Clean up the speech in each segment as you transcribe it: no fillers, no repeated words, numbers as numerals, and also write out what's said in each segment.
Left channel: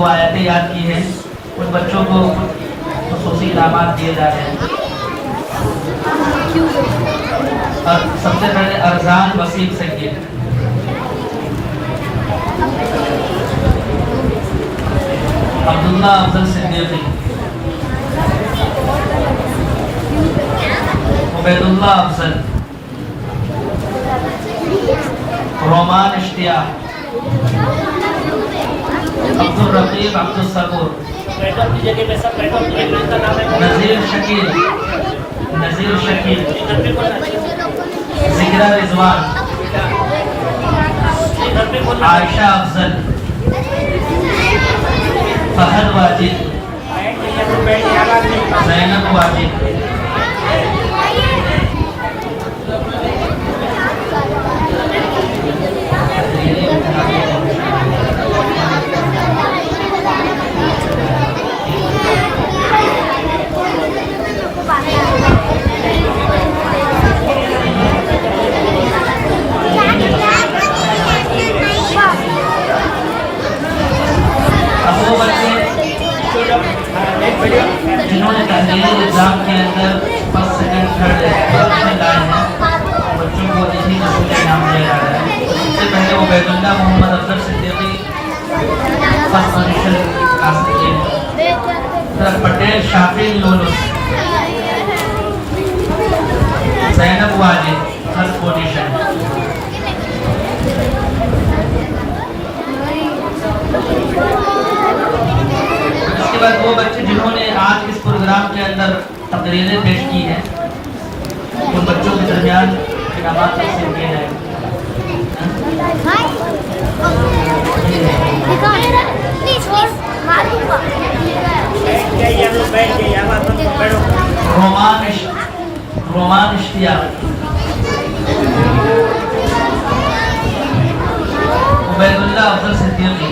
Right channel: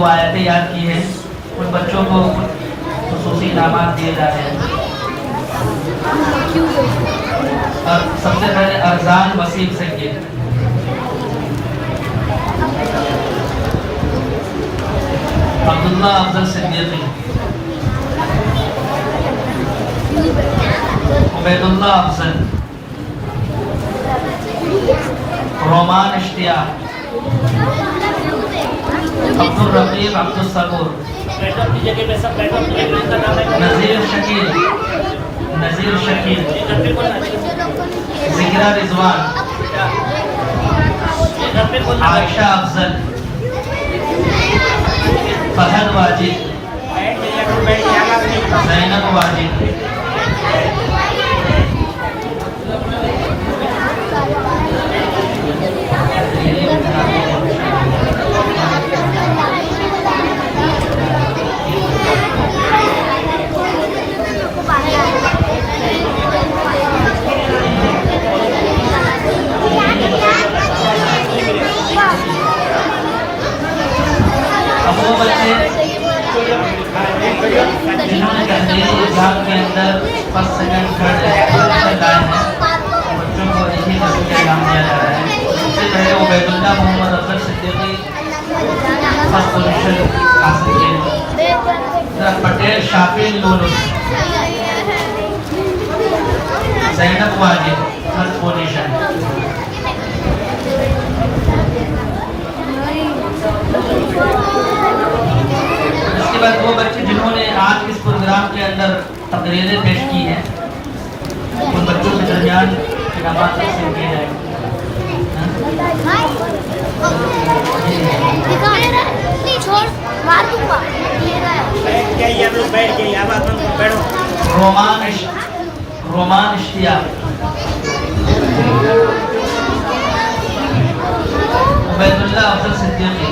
جو آیتیں یاد کی ہیں ان بچوں کو خصوصی انعامات دیے جا رہے ہیں. اور سب سے پہلے ارزان وسیم سید، عبداللہ افضل صدیقی، عبید اللہ افضل، رومان اشتیاق، عبدالرقیب عبدالصبور، نذیر شکیل، ذکرہ رضوان، عائشہ افضل، فہد واجد، زینب واجد، اب وہ بچے جنہوں نے تحریری ایگزام کے اندر فرسٹ سیکنڈ تھرڈ پوزیشن لائے ہیں بچوں کو اسی قسم کا انعام دیا جا رہا ہے. سب سے پہلے عبید اللہ محمد افضل صدیقی فرسٹ پوزیشن حاصل کیے ہیں. پٹیل شافی لولس، زینب واجد تھرڈ پوزیشن. اس کے بعد وہ بچے جنہوں نے آج اس پروگرام کے اندر تقریریں پیش کی ہیں ان بچوں کے درمیان انعامات تقسیم کیے جائیں گے. رومان اشتیاق، عبید اللہ افضل صدیقی،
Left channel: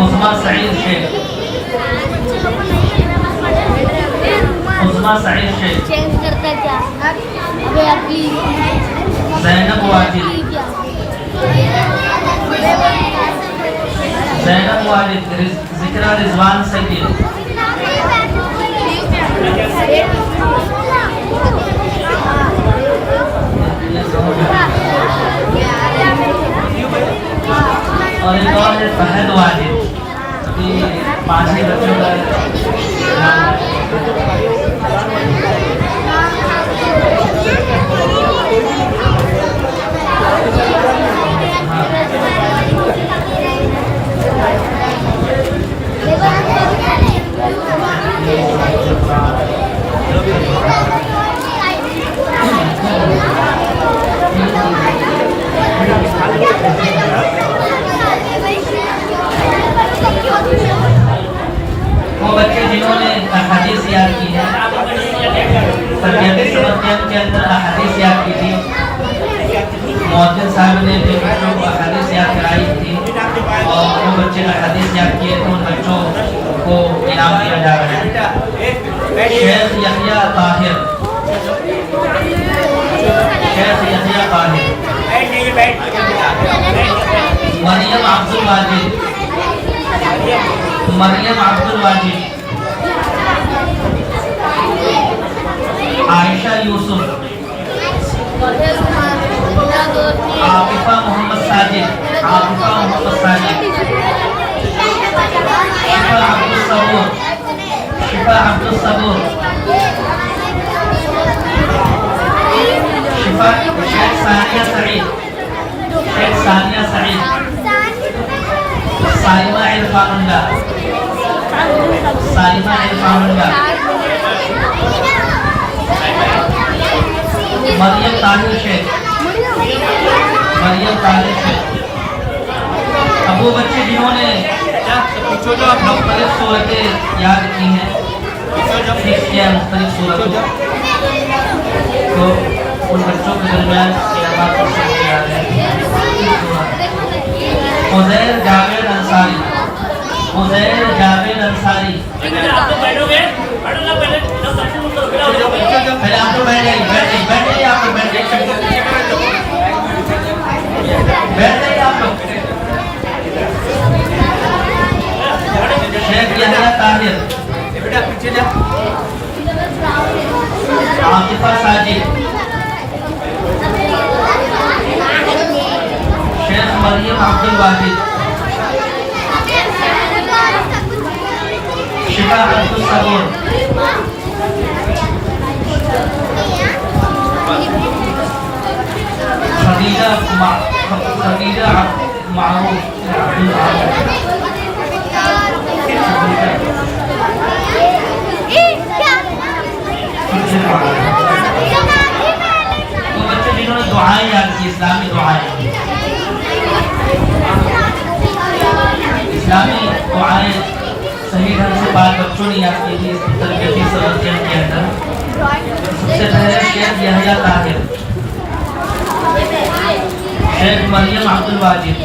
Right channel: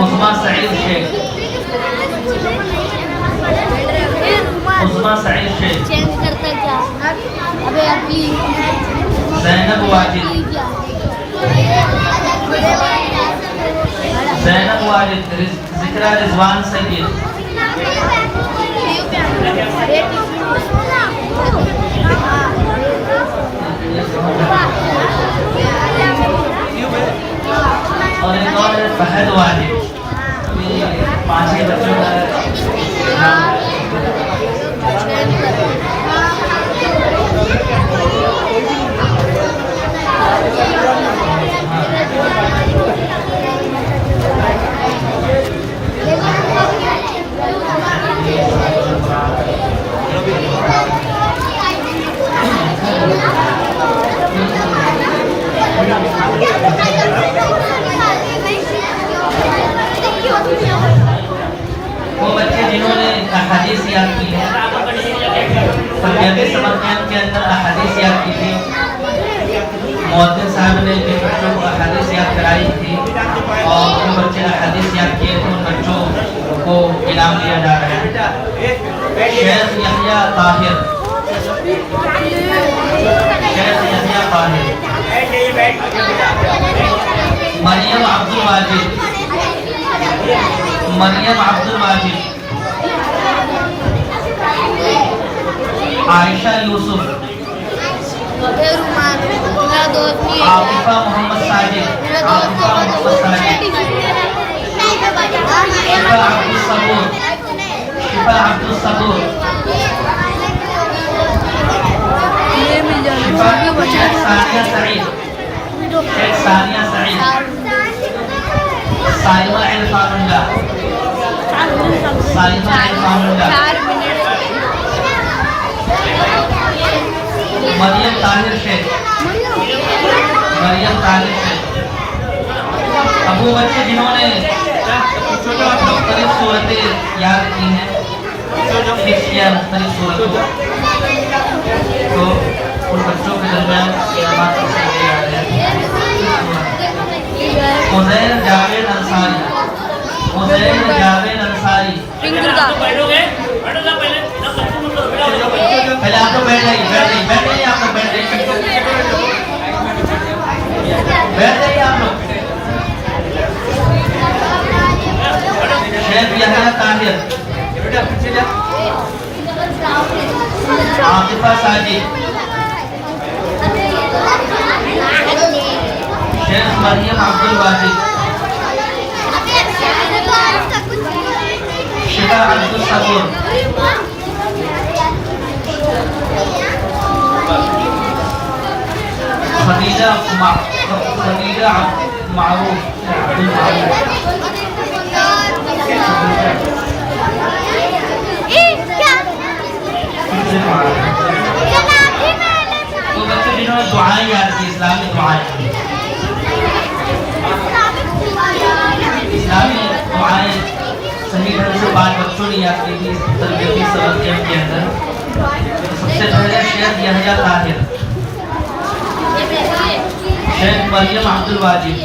عظمیٰ سعید شیخ، عظمیٰ سعید شیخ، زینب واجد، ذکرہ رضوان سید، اور ایک اور ہے فہد واجد. پانچ ہی بچوں کا نام وہ بچے جنہوں نے احادیث یاد کی ہے تربیتی سبق کیمپ کے اندر احادیث یاد کی تھی. مؤذن صاحب نے جو بچوں کو احادیث یاد کرائی تھی اور جو بچے نے احادیث یاد کیے تھے ان بچوں کو انعام دیا جا رہا ہے. شیخ یحییٰ طاہر، شیخ یحییٰ طاہر، مریم عبد الواجد، مریم عبد الواجد، عائشہ یوسف، عاطفہ محمد ساجد، عاطفہ محمد ساجد، شفا عبد الصبور، شفا عبد الصبور، شفا شیخ ثانیہ سعید، شیخ ثانیہ سعید، سائمہ عرفان اللہ، سائمہ عرفان اللہ، مریم طاہر شیخ، مریم طاہر شیخ. اب وہ بچے جنہوں نے مختلف صورتیں یاد کی ہیں، حفظ کیا مختلف صورتوں، تو ان بچوں کے درمیان انعامات تقسیم کیے جا رہے ہیں. عزیر جاوید انصاری، عزیر جاوید انصاری، پہلے آپ لوگ بیٹھ جائیے، بیٹھ جائیے آپ لوگ، بیٹھ جائیے آپ لوگ. طاہر، عاطفہ ساجد، شیخ مریم عبد الواجد، شفا عبد الصبور، خدیجہ معروف عبد المعروف، تو بچے جنہوں نے دعائیں یاد کی، اسلامی دعائیں، اسلامی دعائیں صحیح ڈھنگ سے بات بچوں نے یاد کی تھی تربیتی سبق کے اندر. سب سے پہلے شیخ یحییٰ طاہر، شیخ مریم عبد الواجد،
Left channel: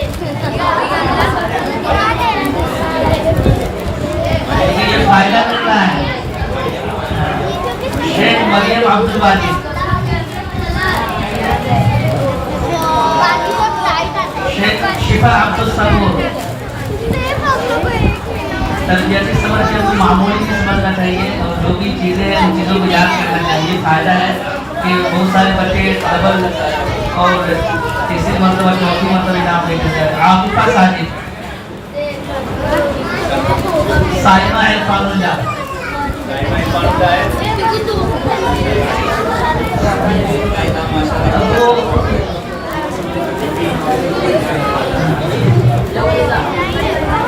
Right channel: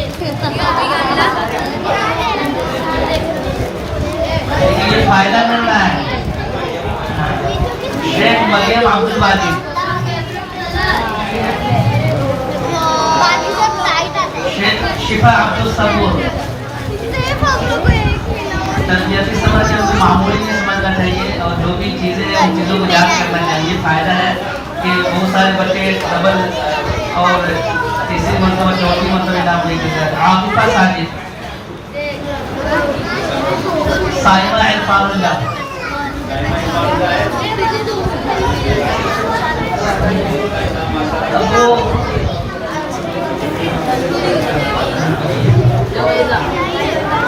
یہ فائدہ مل رہا ہے. شیخ مریم عبد الواجد، شیخ شفا عبد الصبور. تربیتی سبق سے معمولی نہیں سمجھنا چاہیے اور جو بھی چیزیں ہیں ان چیزوں کو یاد کرنا چاہیے. فائدہ ہے کہ بہت سارے بچے ڈبل اور تیسری مرتبہ چوتھی مرتبہ انعام لے کر جاتے. عاطفہ ساجد، سائمہ عرفان اللہ،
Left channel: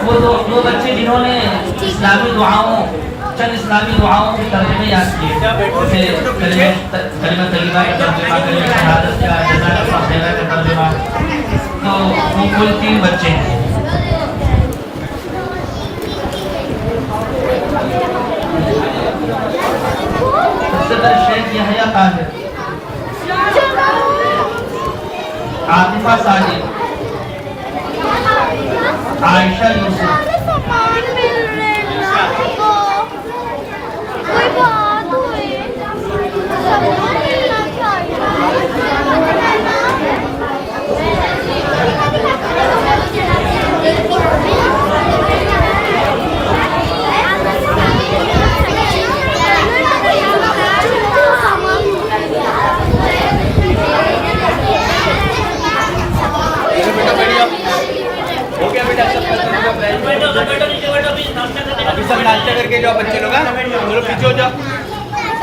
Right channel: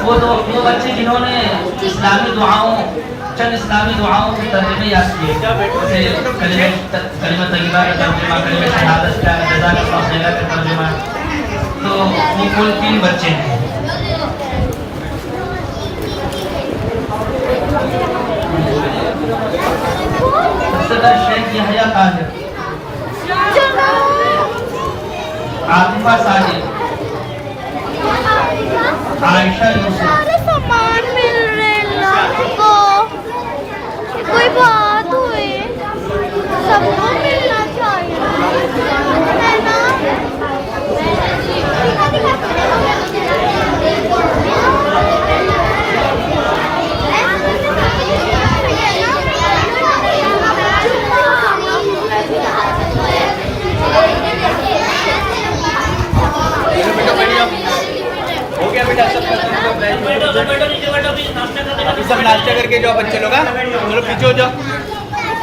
وہ دو بچے جنہوں نے اسلامی دعاؤں، چند اسلامی دعاؤں کے ترجمے یاد کیے، جیسے کلمہ طیبہ کا ترجمہ، کلمہ شہادت کا، جزاک اللہ خیرہ کا ترجمہ. تو وہ کل 3 بچے ہیں. شیخ یحییٰ طاہر، عاطفہ ساجد، عائشہ یوسف،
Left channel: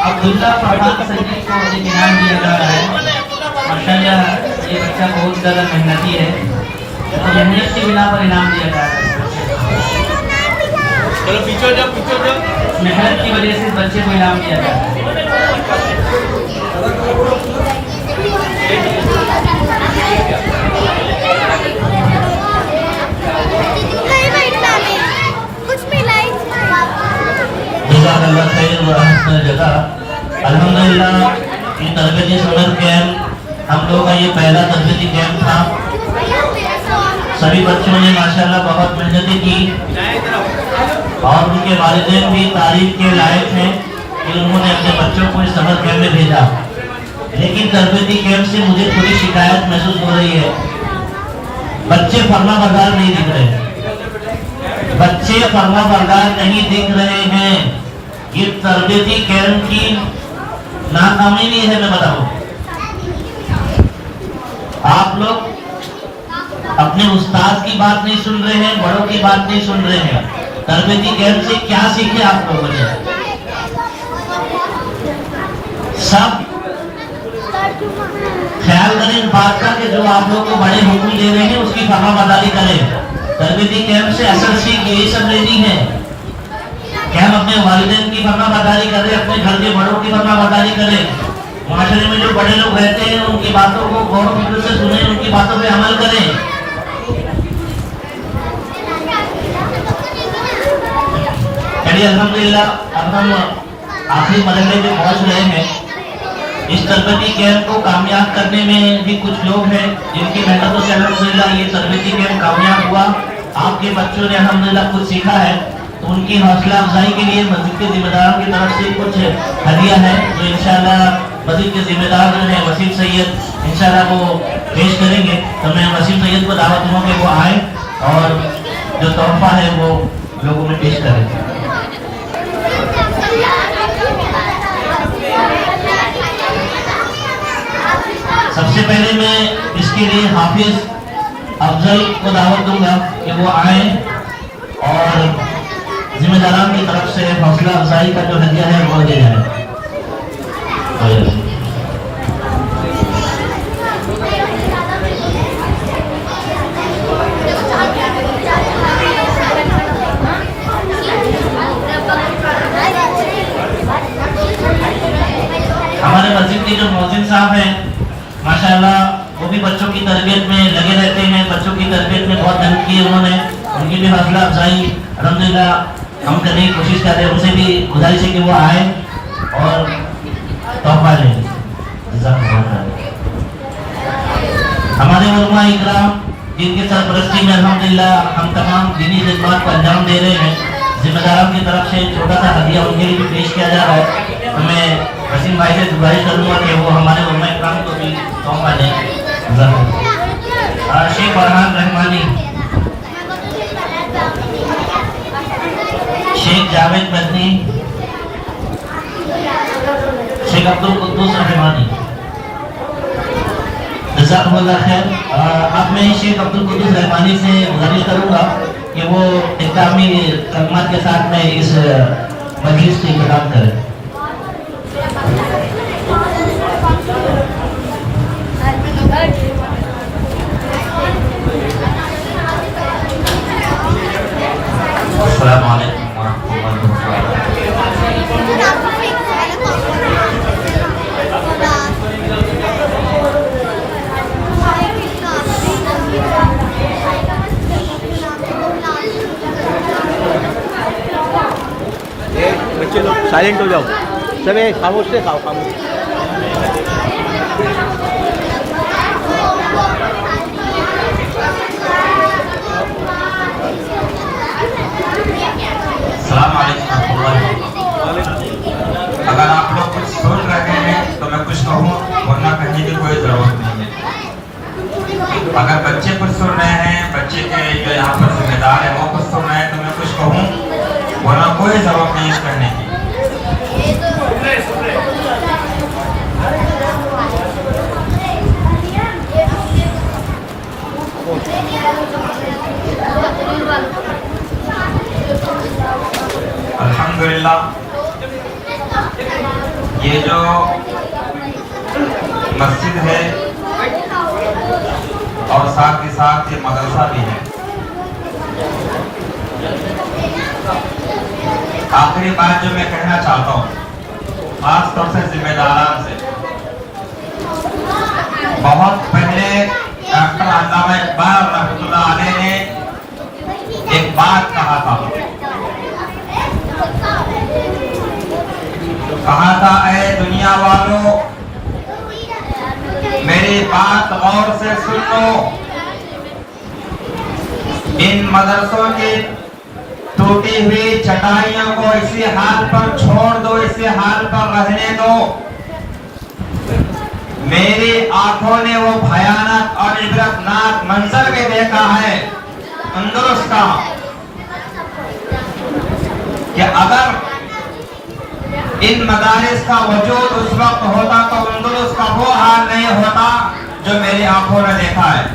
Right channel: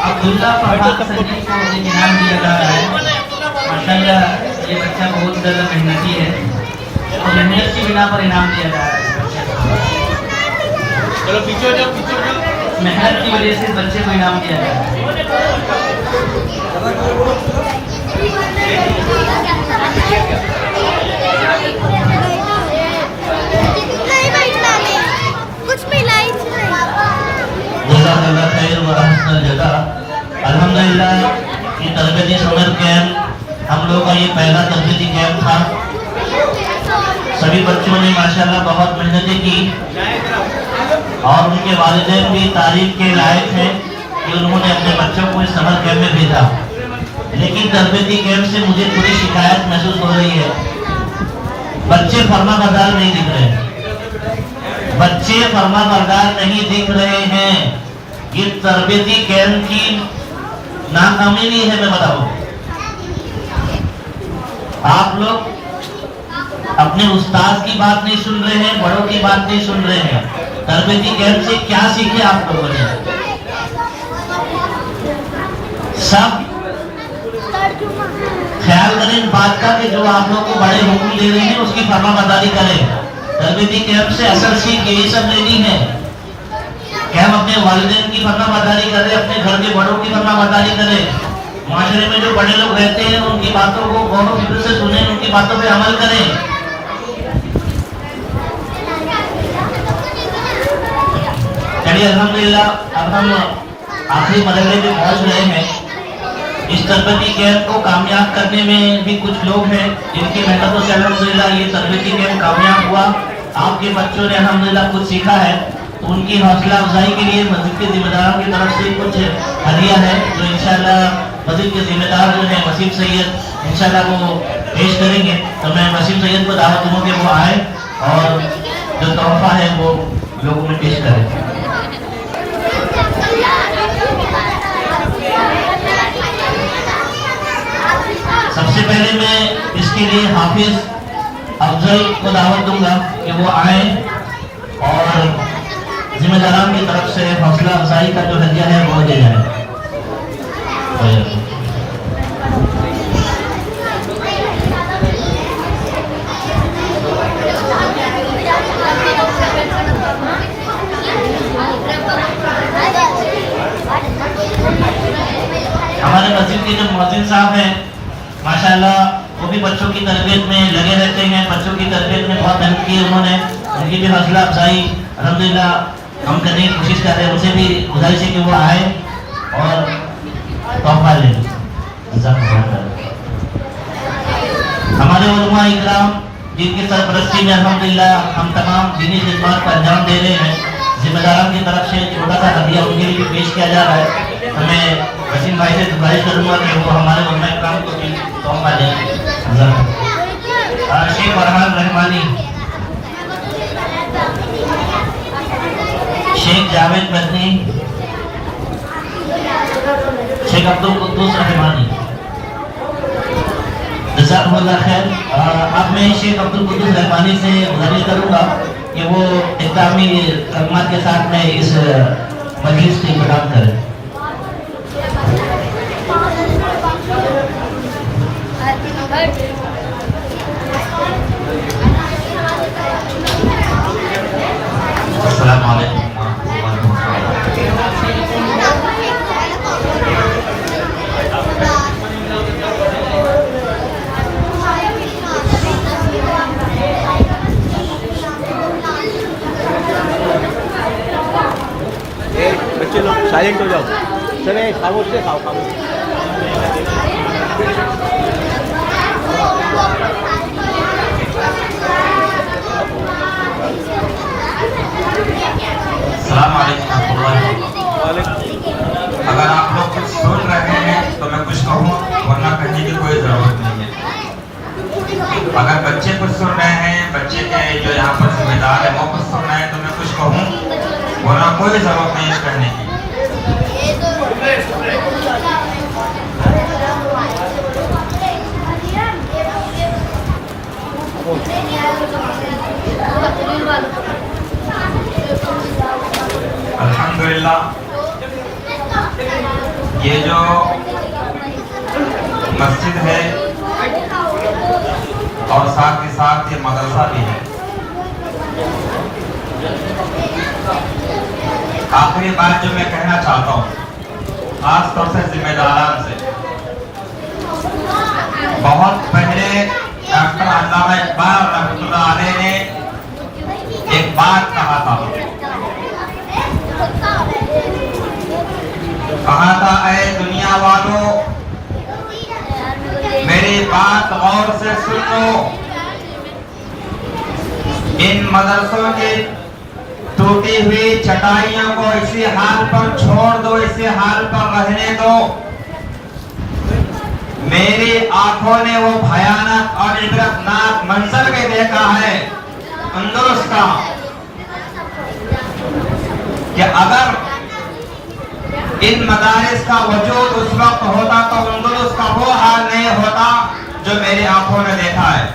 عبداللہ فرحان سید کو انعام دیا جا رہا ہے. ماشاءاللہ یہ بچہ بہت زیادہ محنتی ہے اور محنت کی بنا پر انعام دیا جا رہا ہے. محنت کی وجہ سے اس بچے کو انعام دیا جا رہا ہے. جزاک اللہ خیر و احسن الجزاء. الحمدللہ یہ تربیتی سمر کیمپ ہم لوگ کا یہ پہلا تربیتی کیمپ تھا. سبھی بچوں نے ماشاءاللہ بہت محنتیں کی اور ان کے والدین بھی تعریف کے لائق ہیں کہ انہوں نے اپنے بچوں کو اس سمر کیمپ میں بھیجا. لیکن تربیتی کیمپ سے مجھے تھوڑی شکایت محسوس ہو رہی ہے. بچے فرما بردار نہیں دکھ رہے، بچے فرما بردار نہیں دکھ رہے ہیں. یہ تربیتی کیمپ کی ناکامی نہیں ہے. میں بتاؤں، آپ لوگ اپنے استاد کی بات نہیں سن رہے ہیں، بڑوں کی بات نہیں سن رہے ہیں. تربیتی کیمپ سے کیا سیکھے آپ لوگوں نے؟ سب خیال کریں اس بات کا کہ جو آپ لوگ کو بڑے حکم دے رہے ہیں اس کی فرما برداری کریں. تربیتی کیمپ سے اصل سیکھ یہی سب لینی ہے کہ ہم اپنے والدین کی فرما برداری کریں، اپنے گھر کے بڑوں کی فرما برداری کریں. معاشرے میں جو بڑے لوگ رہتے ہیں ان کی باتوں کو غور و فکر سے سنیں، ان کی باتوں پہ عمل کریں. چلیے الحمدللہ اب ہم آخری مرحلے میں پہنچ رہے ہیں. اس تربیتی کیمپ کو کامیاب کرنے میں بھی کچھ لوگ ہیں جن کی محنتوں سے الحمدللہ یہ تربیتی کیمپ کامیاب ہوا. آپ کے بچوں نے الحمدللہ کچھ سیکھا ہے تو ان کی حوصلہ افزائی کے لیے مسجد کے ذمہ داروں کی طرف سے کچھ ہدیہ ہے جو انشاءاللہ مسجد کے ذمہ دار جو ہیں وسیم سید انشاءاللہ وہ پیش کریں گے. تو میں وسیم سید کو دعوت دوں کہ وہ آئے اور جو تحفہ ہے وہ لوگوں میں پیش کریں. سب سے پہلے میں اس کے لیے حافظ افضل کو دعوت دوں گا کہ وہ آئیں اور ذمہ داران کی طرف سے حوصلہ افزائی کا جو ہدیہ ہے وہ دے جائے. ہمارے مسجد کے جو مؤذن صاحب ہیں ماشاءاللہ وہ بھی بچوں کی تربیت میں لگے رہتے ہیں, بچوں کی تربیت میں بہت محنت کی انہوں نے, ان کی بھی حوصلہ افزائی الحمدللہ ہم کرنے کی کوشش کر رہے ہیں. ان سے بھی گزارش ہے کہ وہ آئے اور تحفہ لیں. ہمارے علماء اکرام جن کی سرپرستی میں الحمدللہ ہم تمام دینی خدمات کو انجام دے رہے ہیں, ذمہ داران کی طرف سے چھوٹا سا ہدیہ ان کے لیے بھی پیش کیا جا رہا ہے. تو میں وسیم بھائی سے گزارش کروں گا کہ وہ ہمارے علماء اکرام کو بھی تحفہ دیں. شیخ فرحان رحمانی, شیخ جاوید مدنی, شیخ عبدالقدوس رحمانی, جزاکم اللہ خیر. اب میں شیخ عبدالقدوس رحمانی سے گزارش کروں گا کہ وہ اختتامی کلمات کے ساتھ میں اس مجلس کی افتتاح کریں. السلام علیکم ورحمۃ اللہ وبرکاتہ. بچے لوگ سائلنٹ ہو جاؤ, چلے خاموش سے کھاؤ. السلام علیکم ورحمۃ اللہ وبرکاتہ. اگر آپ لوگ کچھ سن رہے ہیں تو میں کچھ کہوں, ورنہ کہنے کی کوئی ضرورت نہیں ہے. اگر بچے کچھ سن رہے ہیں, بچے کے جو یہاں پر ذمہ دار ہے وہ کچھ سن رہے ہیں تو میں کچھ کہوں, ورنہ کوئی ضرورت نہیں ہے کہنے کی. الحمدللہ یہ جو مسجد ہے اور ساتھ ہی ساتھ یہ مدرسہ بھی ہے. آخری بات جو میں کہنا چاہتا ہوں خاص طور سے ذمہ داران سے, بہت پہلے ڈاکٹر علامہ اقبال رحمۃ اللہ علیہ نے ایک بات کہا تھا, کہا تھا اے دنیا والوں میری بات غور سے سن لو, ان مدرسوں کی ٹوٹی ہوئی چٹائیوں کو اسی حال پر چھوڑ دو, اسی حال پر رہنے دو. میری آنکھوں نے وہ بھیانک اور عبرتناک منظر بھی دیکھا ہے اندلس کا, کہ اگر ان مدارس کا وجود اس وقت ہوتا تو اندلس کا وہ حال نہیں ہوتا جو میری آنکھوں نے دیکھا ہے.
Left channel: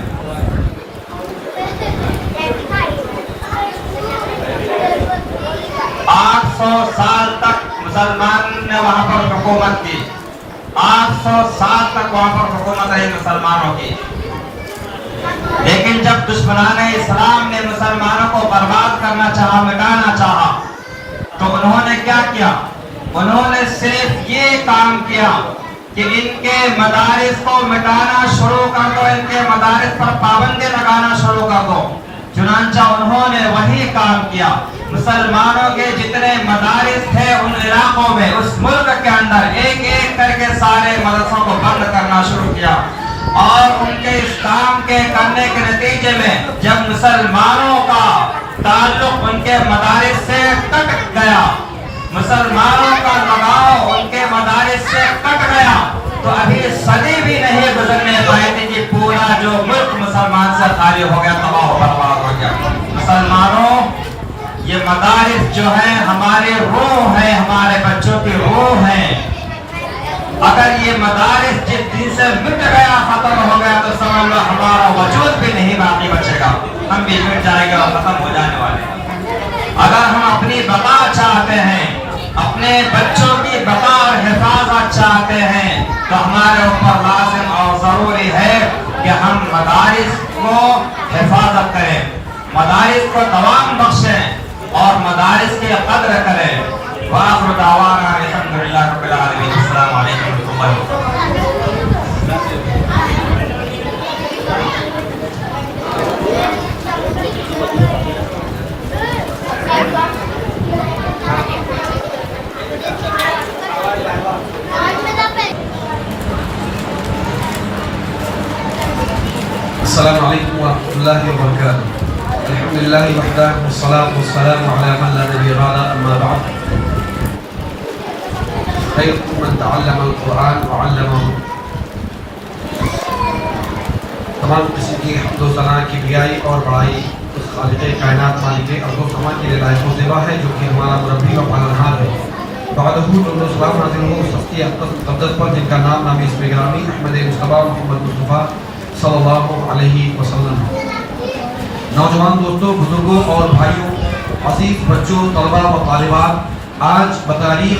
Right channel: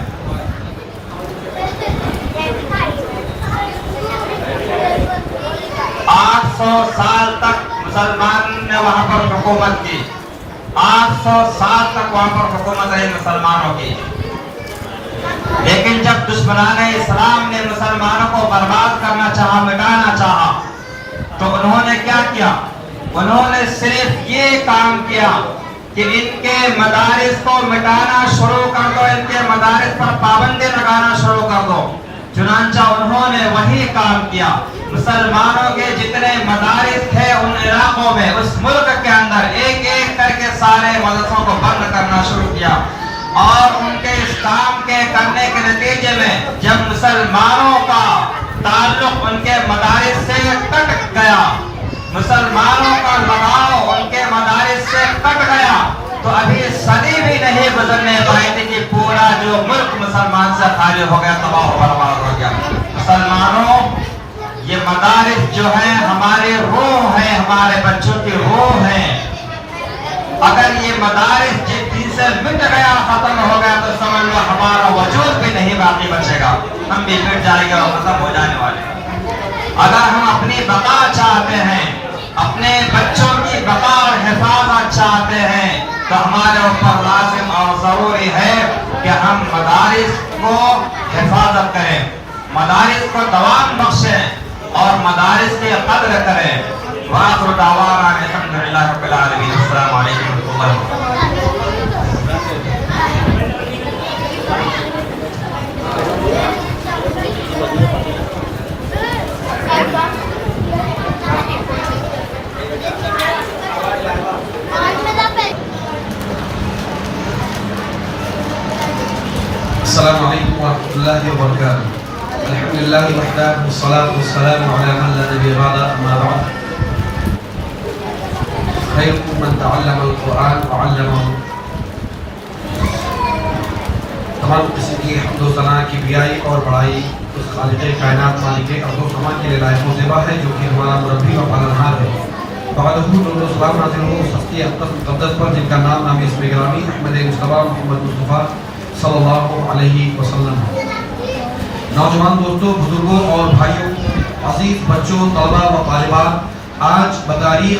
800 سال تک مسلمان نے وہاں پر حکومت کی, 800 سال تک وہاں پر حکومت رہی مسلمانوں کی. لیکن جب دشمنان اسلام نے مسلمانوں کو برباد کرنا چاہا, مٹانا چاہا, تو انہوں نے کیا کیا؟ انہوں نے صرف یہ کام کیا کہ ان کے مدارس کو مٹانا شروع کر دو, ان کے مدارس پر پابندی لگانا شروع کر دو. چنانچہ انہوں نے وہی کام کیا. مسلمانوں کے جتنے مدارس تھے ان علاقوں میں, اس ملک کے اندر ایک ایک کر کے سارے مدرسوں کو بند کرنا شروع کیا. اور ان کے اس کام کے کرنے کے نتیجے میں جب مسلمانوں کا تعلق ان کے مدارس سے کٹ گیا, مسلمانوں کا لگاؤ ان کے مدارس سے کٹ گیا, تو ابھی صدی بھی نہیں گزرنے پائی تھی کہ پورا جو ملک مسلمان سے خالی ہو گیا, تباہ و برباد ہو گیا. مسلمانوں, یہ مدارس جو ہیں ہماری روح ہے, ہمارے بچوں کی روح ہے. اگر یہ مدارس جس دن سے مٹ گیا ختم ہو گیا تو سمجھ لو ہمارا وجود بھی نہیں باقی بچے گا، ہم بھی مٹ جائے گا، ختم ہو جانے والے ہیں۔ اگر ہم اپنی بقا چاہتے ہیں، اپنے بچوں کی بقا اور حفاظت چاہتے ہیں تو ہمارے اوپر لازم اور ضروری ہے کہ ہم مدارس کو حفاظت کریں، مدارس کو دوام بخشیں اور مدارس کی قدر کریں۔ وآخر دعوانا الحمدللہ رب العالمین۔ السلام علیکم ورحمۃ اللہ وبرکاتہ۔ السلام علیکم ورحمۃ اللہ وبرکاتہ۔ الحمدللہ وحدہ والصلاة والسلام علی من لا نبی بعدہ، اما بعد۔ خیرکم من تعلم القرآن وعلمہ۔ تمام قسم کی حمد و ثنا، کبریائی اور بڑائی اس خالق کائنات مالک ارض و سما کے لیے لائق و زیبا ہے جو کہ ہمارا مربی و پالنہار ہے۔ بعدہ درود و سلام نازل ہو اس ہستی اقدس مقدس پر جن کا نام نام اسم گرامی احمد مصطفیٰ محمد مصطفیٰ صلی اللہ علیہ وسلم۔ نوجوان دوستوں، بزرگوں اور بھائیوں، عزیز بچوں، طلباء و طالبات، آج بتاریخ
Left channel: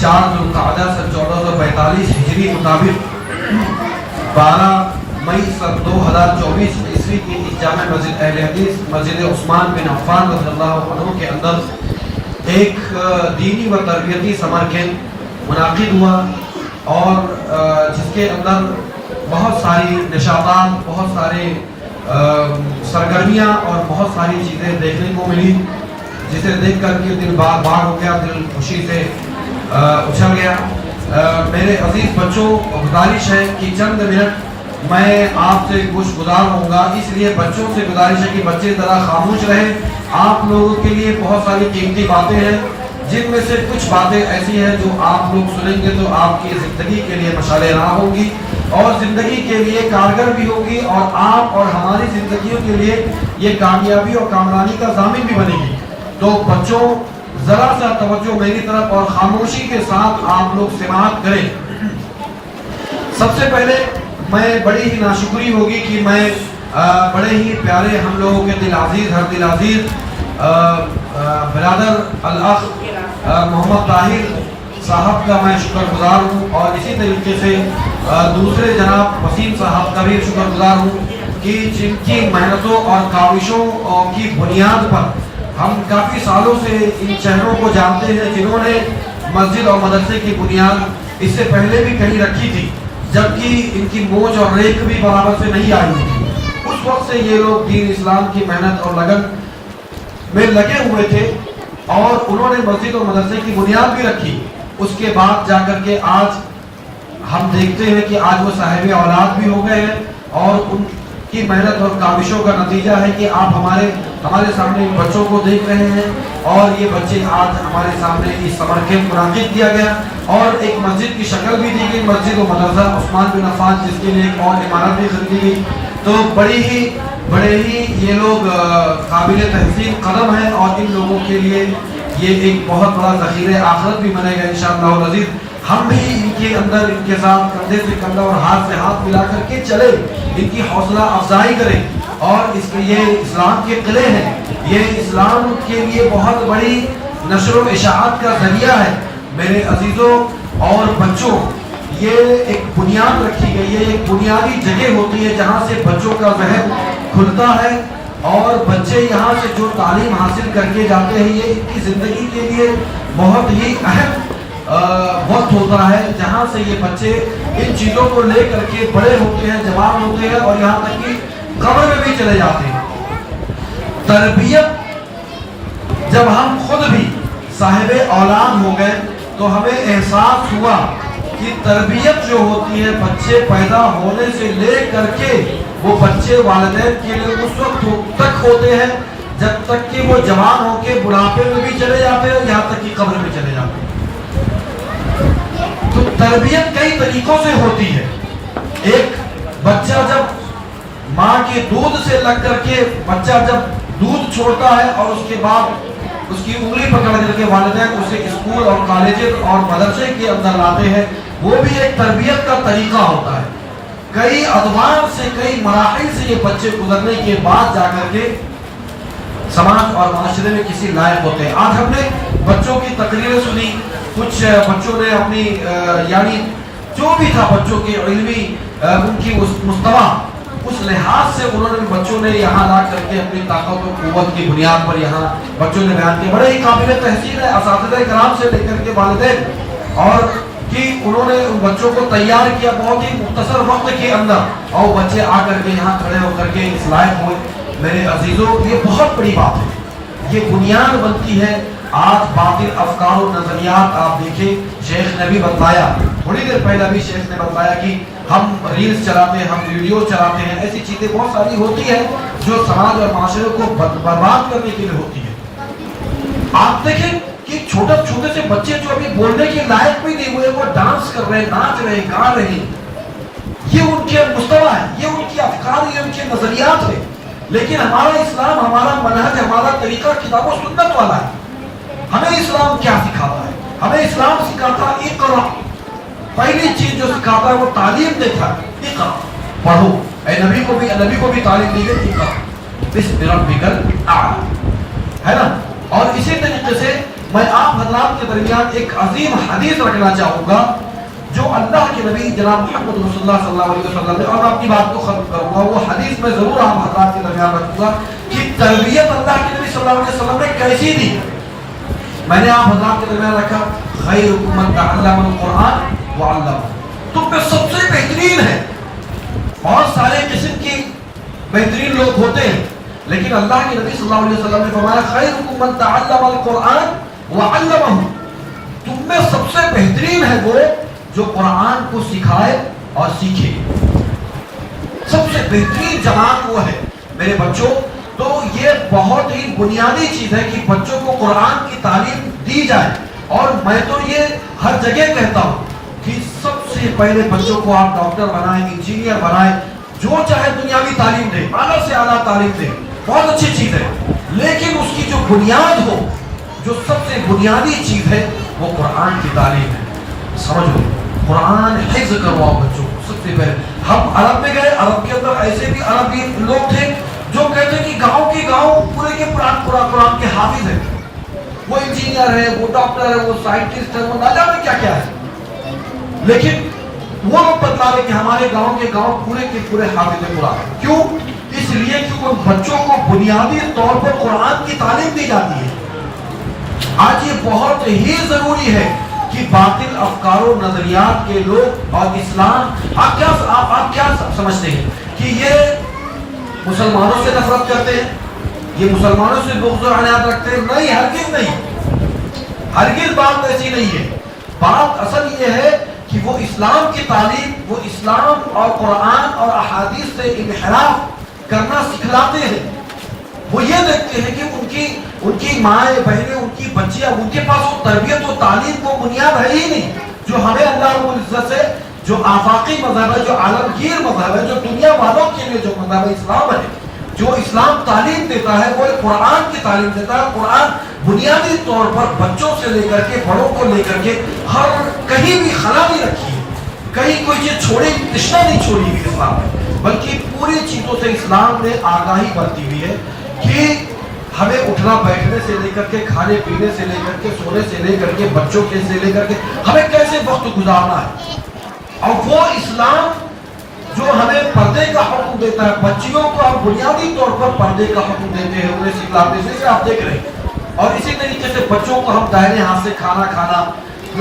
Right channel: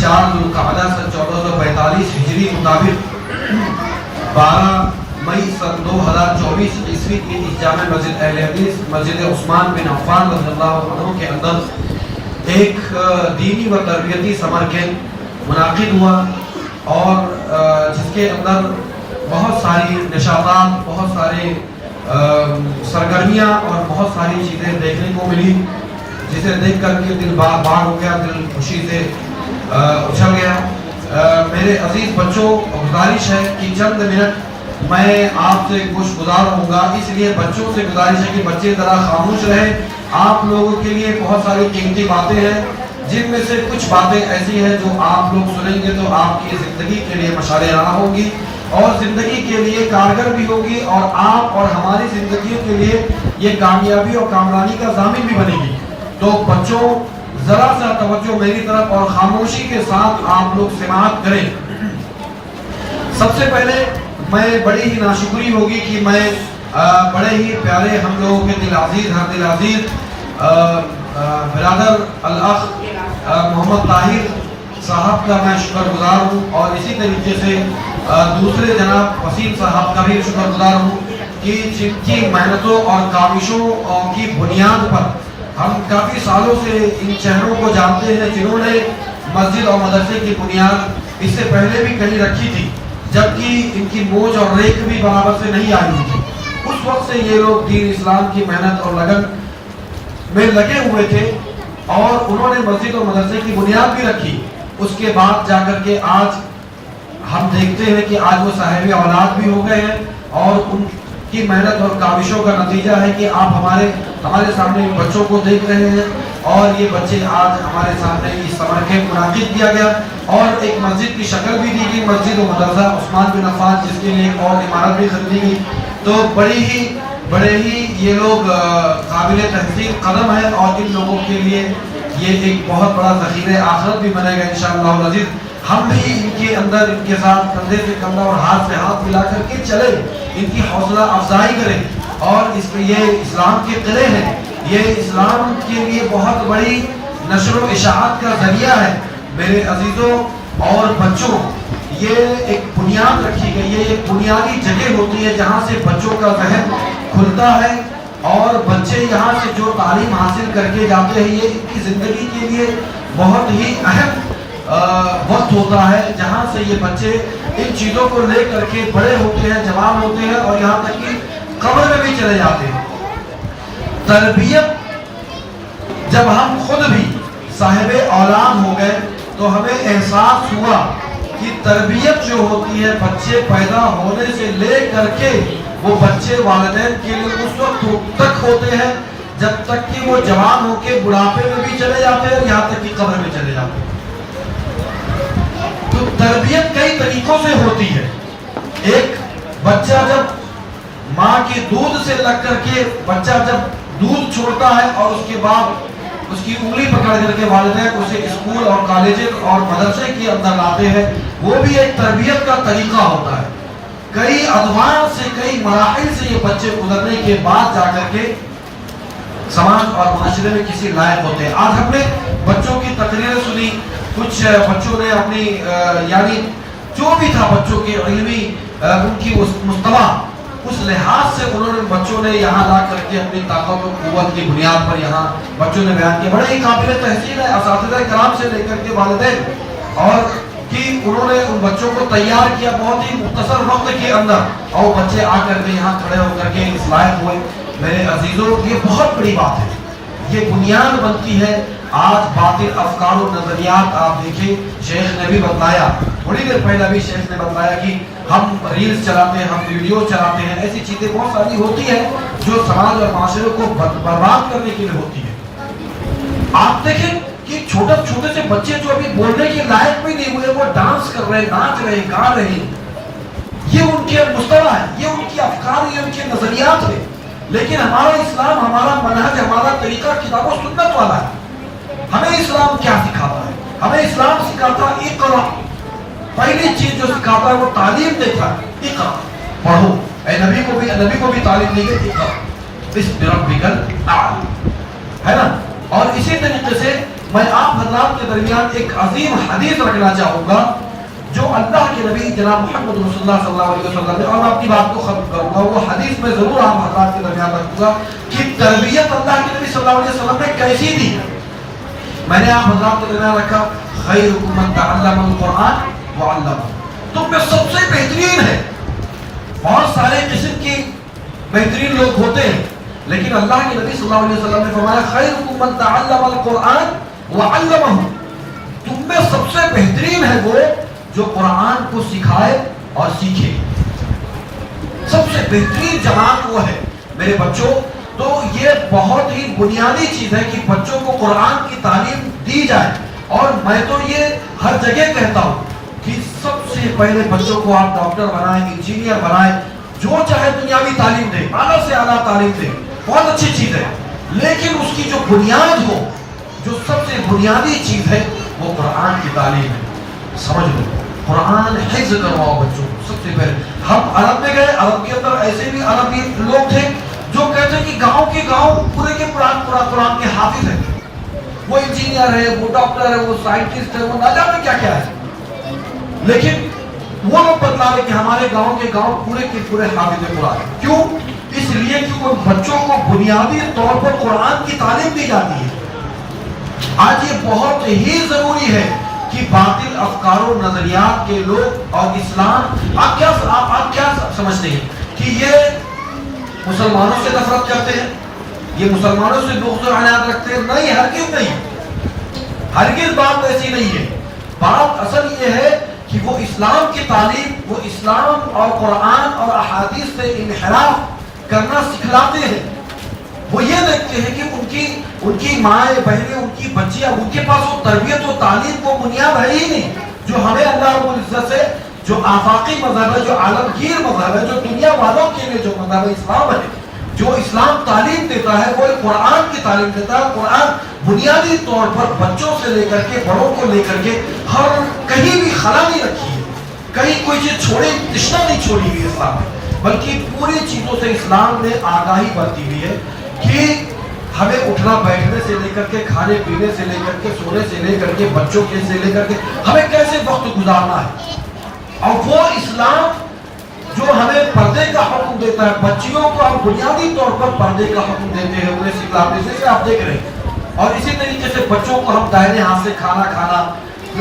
4 ذوالقعدہ سن 1445 ہجری مطابق 12 مئی سن 2024 عیسوی کی اس جامع مسجد اہل حدیث مسجد عثمان بن عفان رضی اللہ عنہ کے اندر ایک دینی و تربیتی سمر کیمپ منعقد ہوا اور جس کے اندر بہت ساری نشاطات، بہت سارے سرگرمیاں اور بہت ساری چیزیں دیکھنے کو ملی، جسے دیکھ کر کے دل باغ ہو گیا، دل خوشی سے اچھل گیا۔ میرے عزیز بچوں، گزارش ہے کہ چند منٹ میں آپ سے گوش گزار ہوں گا، اس لیے بچوں سے گزارش ہے کہ بچے ذرا خاموش رہیں۔ آپ لوگوں کے لیے بہت ساری قیمتی باتیں ہیں، جن میں سے کچھ باتیں ایسی ہیں جو آپ لوگ سنیں گے تو آپ کی زندگی کے لیے مشعل راہ ہوگی اور زندگی کے لیے کارگر بھی ہوگی، اور آپ اور ہماری زندگیوں کے لیے یہ کامیابی اور کامرانی کا ضامن بھی بنے گی۔ تو بچوں، ذرا سا توجہ میری طرف اور خاموشی کے ساتھ آپ لوگ سماعت کریں۔ سب سے پہلے میں بڑی ہی ناشکری ہوگی کہ میں بڑے ہی پیارے ہم لوگوں کے دل عزیز، ہر دل عزیز برادر الاخ محمد طاہر صاحب کا میں شکر گزار ہوں، اور اسی طریقے سے دوسرے جناب وسیم صاحب کا بھی شکر گزار ہوں کہ جن کی محنتوں اور کاوشوں کی بنیاد پر ہم کافی سالوں سے ان چہروں کو جانتے ہیں، جنہوں نے مسجد اور مدرسے کی بنیاد اس سے پہلے بھی کہیں رکھی تھی، جبکہ ان کی موج اور ریکھ بھی برابر سے نہیں آئی ہوئی تھی۔ اس وقت سے یہ لوگ دین اسلام کی محنت اور لگن میں لگے ہوئے تھے، اور انہوں نے مسجد اور مدرسے کی بنیاد بھی رکھی۔ اس کے بعد جا کر کے آج ہم دیکھتے ہیں کہ آج وہ صاحب اولاد بھی ہو گئے ہیں، اور ان کی محنت اور کاوشوں کا نتیجہ ہے کہ آپ ہمارے سامنے بچوں کو دیکھ رہے ہیں، اور یہ بچے آج ہمارے سامنے اس سمر کیمپ منعقد کیا گیا اور ایک مسجد کی شکل بھی دی گئی، مسجد و مدرسہ عثمان بن عفان، جس کے لیے ایک اور عمارت بھی خریدی گئی۔ تو بڑے ہی یہ لوگ قابل تحسین قدم ہیں، اور ان لوگوں کے لیے یہ ایک بہت بڑا ذخیرہ آخرت بھی بنے گا انشاءاللہ العزیز۔ ہم بھی ان کے اندر، ان کے ساتھ کندھے سے کندھا اور ہاتھ سے ہاتھ ملا کر کے چلے، ان کی حوصلہ افزائی کریں، اور یہ اسلام کے قلعے ہیں، یہ اسلام کے لیے بہت بڑی نشر و اشاعت کا ذریعہ ہے۔ میرے عزیزوں اور بچوں، یہ ایک بنیاد رکھی گئی ہے، ایک بنیادی جگہ ہوتی ہے جہاں سے بچوں کا ذہن کھلتا ہے، اور بچے یہاں سے جو تعلیم حاصل کر کے جاتے ہیں، یہ ان کی زندگی کے لیے بہت ہی اہم وقت ہوتا ہے، جہاں سے یہ بچے ان چیزوں کو لے کر کے بڑے ہوتے ہیں، جوان ہوتے ہیں، اور یہاں تک کہ قبر میں بھی چلے جاتے ہیں۔ تربیت، جب ہم خود بھی صاحب اولاد ہو گئے تو ہمیں احساس ہوا کہ تربیت جو ہوتی ہے بچے پیدا ہونے سے لے کر کے وہ بچے والدین کے لیے اس وقت تک ہوتے ہیں جب تک کہ وہ جوان ہو کے بڑھاپے میں بھی چلے جاتے ہیں، یہاں تک کہ قبر میں چلے جاتے ہیں۔ تو تربیت کئی طریقوں سے ہوتی ہے۔ ایک، بچہ جب ماں کے دودھ سے لگ کر کے بچہ جب دودھ چھوڑتا ہے اور اس کے بعد اس کی انگلی پکڑ کر کے والدین اسے اسکول اور کالج اور مدرسے کے اندر لاتے ہیں، وہ بھی ایک تربیت کا طریقہ ہوتا ہے. کئی ادوار سے، کئی مراحل سے یہ بچے گزرنے کے بعد جا کر کے سماج اور معاشرے میں کسی لائق ہوتے ہیں. آج ہم نے بچوں کی تقریریں سنی، کچھ بچوں نے اپنی یعنی جو بھی تھا بچوں کے علمی ان کی مستوی، اس لحاظ سے انہوں نے بچوں نے یہاں لا کر کے اپنی طاقت و قوت کی بنیاد پر یہاں بچوں نے بیان کیا. بڑے ہی قابل تحسین ہے اساتذہ کرام سے لے کر کے والدین، اور کہ انہوں نے ان بچوں کو تیار کیا بہت ہی مختصر وقت کے اندر، اور بچے آ کر کے یہاں کھڑے ہو کر کے اس لائق ہوئے. میرے عزیزوں، یہ بہت بڑی بات ہے، یہ بنیاد بنتی ہے. آج باطل افکار و نظریات آپ دیکھیں، شیخ نے بھی بتلایا، تھوڑی دیر پہلے بھی شیخ نے بتلایا کہ ہم ریلز چلاتے ہیں، ہم ویڈیو چلاتے ہیں، ایسی چیزیں بہت ساری ہوتی ہیں جو سماج اور معاشرے کو برباد کرنے کے لیے ہوتی ہے. آپ دیکھیں کہ چھوٹے سے بچے جو ابھی بولنے کے لائق بھی نہیں ہوئے، وہ ڈانس کر رہے ہیں، ناچ رہے ہیں، گا رہے ہیں. یہ ان کے مستوی ہے، یہ ان کی افکار، یہ ان کے نظریات ہے. لیکن ہمارا اسلام، ہمارا منہج، ہمارا طریقہ کتاب و سنت والا ہے. ہمیں اسلام کیا سکھاتا ہے؟ ہمیں اسلام سکھاتا ہے اقرا. پہلی چیز جو سکھاتا ہے وہ تعلیم دیتا ہے، اقرا پڑھو. اے نبی کو بھی تعلیم دی گئی، اقرا بسم ربک الاعلی، ہے نا. اور اسی طریقے سے میں آپ حضرات کے درمیان ایک عظیم حدیث رکھنا چاہوں گا جو اللہ کے نبی جناب محمد رسول اللہ صلی اللہ علیہ وسلم نے، اور میں اپنی بات کو ختم کروں گا، وہ حدیث میں ضرور آپ حضرات کے درمیان رکھوں گا کہ تربیت اللہ کے نبی صلی اللہ علیہ وسلم نے کیسی دی. میں نے آپ حضرات کے درمیان رکھا خیرکم من تعلم القرآن وعلمہ. تم میں سب سے بہترین ہے. بہت سارے قسم کی بہترین لوگ ہوتے ہیں، لیکن اللہ کے نبی صلی اللہ علیہ وسلم نے فرمایا خیرکم من تعلم القرآن وعلمہ. تم میں سب سے بہترین ہے وہ جو قرآن کو سکھائے اور سیکھے. سب سے بہترین جماعت وہ ہے میرے بچوں. تو یہ بہت ہی بنیادی چیز ہے کہ بچوں کو قرآن کی تعلیم دی جائے. اور میں تو یہ ہر جگہ کہتا ہوں کہ سب سے پہلے بچوں کو آپ ڈاکٹر بنائیں، انجینئر بنائیں، جو چاہے دنیاوی تعلیم دیں، اعلیٰ سے اعلیٰ تعلیم دیں، بہت اچھی چیز ہے. لیکن اس کی جو بنیاد ہو، جو سب سے بنیادی چیز ہے وہ قرآن کی تعلیم ہے. سمجھ لو، قرآن حفظ کرواؤ بچوں کو. سب سے پہلے ہم عرب میں گئے، عرب کے اندر ایسے بھی عربی لوگ تھے جو کہتے ہیں کہ گاؤں کے گاؤں پورے کے قرآن کے حافظ ہیں. وہ انجینئر ہے، وہ ڈاکٹر ہے، وہ سائنٹسٹ ہے، وہ نہ جانے کیا کیا ہے. لیکن وہ لوگ بتلا رہے کہ ہمارے گاؤں کے گاؤں پورے کے پورے حافظ قرآن. کیوں؟ اس لیے کہ ان بچوں کو بنیادی طور پر قرآن کی تعلیم دی جاتی ہے. آج یہ بہت ہی ضروری ہے کہ باطل افکار و نظریات کے لوگ اور اسلام، آپ کیا سمجھتے ہیں کہ یہ مسلمانوں سے نفرت کرتے ہیں، یہ مسلمانوں سے بغض و عناد رکھتے ہیں؟ نہیں، ہرگز نہیں، ہرگز بات ایسی نہیں ہے. بات اصل یہ ہے کہ وہ اسلام کی تعلیم، وہ اسلام اور قرآن اور احادیث سے انحراف کرنا سکھلاتے ہیں. وہ یہ دیکھتے ہیں کہ ان کی مائیں بہنیں، ان کی بچیاں، ان کے پاس وہ تربیت و تعلیم کو بنیاد ہے ہی نہیں جو ہمیں اللہ رب العزت سے، جو آفاقی مذہب ہے، جو عالمگیر مذہب ہے، جو دنیا والوں کے لیے جو مذہب اسلام ہے، جو اسلام تعلیم دیتا ہے وہ قرآن کی تعلیم دیتا ہے. قرآن بنیادی طور پر بچوں سے لے کر کے بڑوں کو لے کر کے ہر کہیں بھی خلا نہیں رکھی ہے، کہیں کوئی چیز چھوڑی، تشنا نہیں چھوڑی ہوئی اسلام میں، بلکہ پوری چیزوں سے اسلام نے آگاہی برتی ہوئی ہے کہ ہمیں اٹھنا بیٹھنے سے لے کر کے، کھانے پینے سے لے کر کے، سونے سے لے کر کے، بچوں کے سے لے کر کے ہمیں کیسے وقت گزارنا ہے. اور وہ اسلام جو ہمیں پردے کا حکم دیتا ہے، بچیوں کو ہم بنیادی طور پر پردے کا حکم دیتے ہیں، انہیں سکھلاتے ہیں، جیسے آپ دیکھ رہے ہیں. اور اسی طریقے سے بچوں کو ہم دائرے ہاتھ سے کھانا کھانا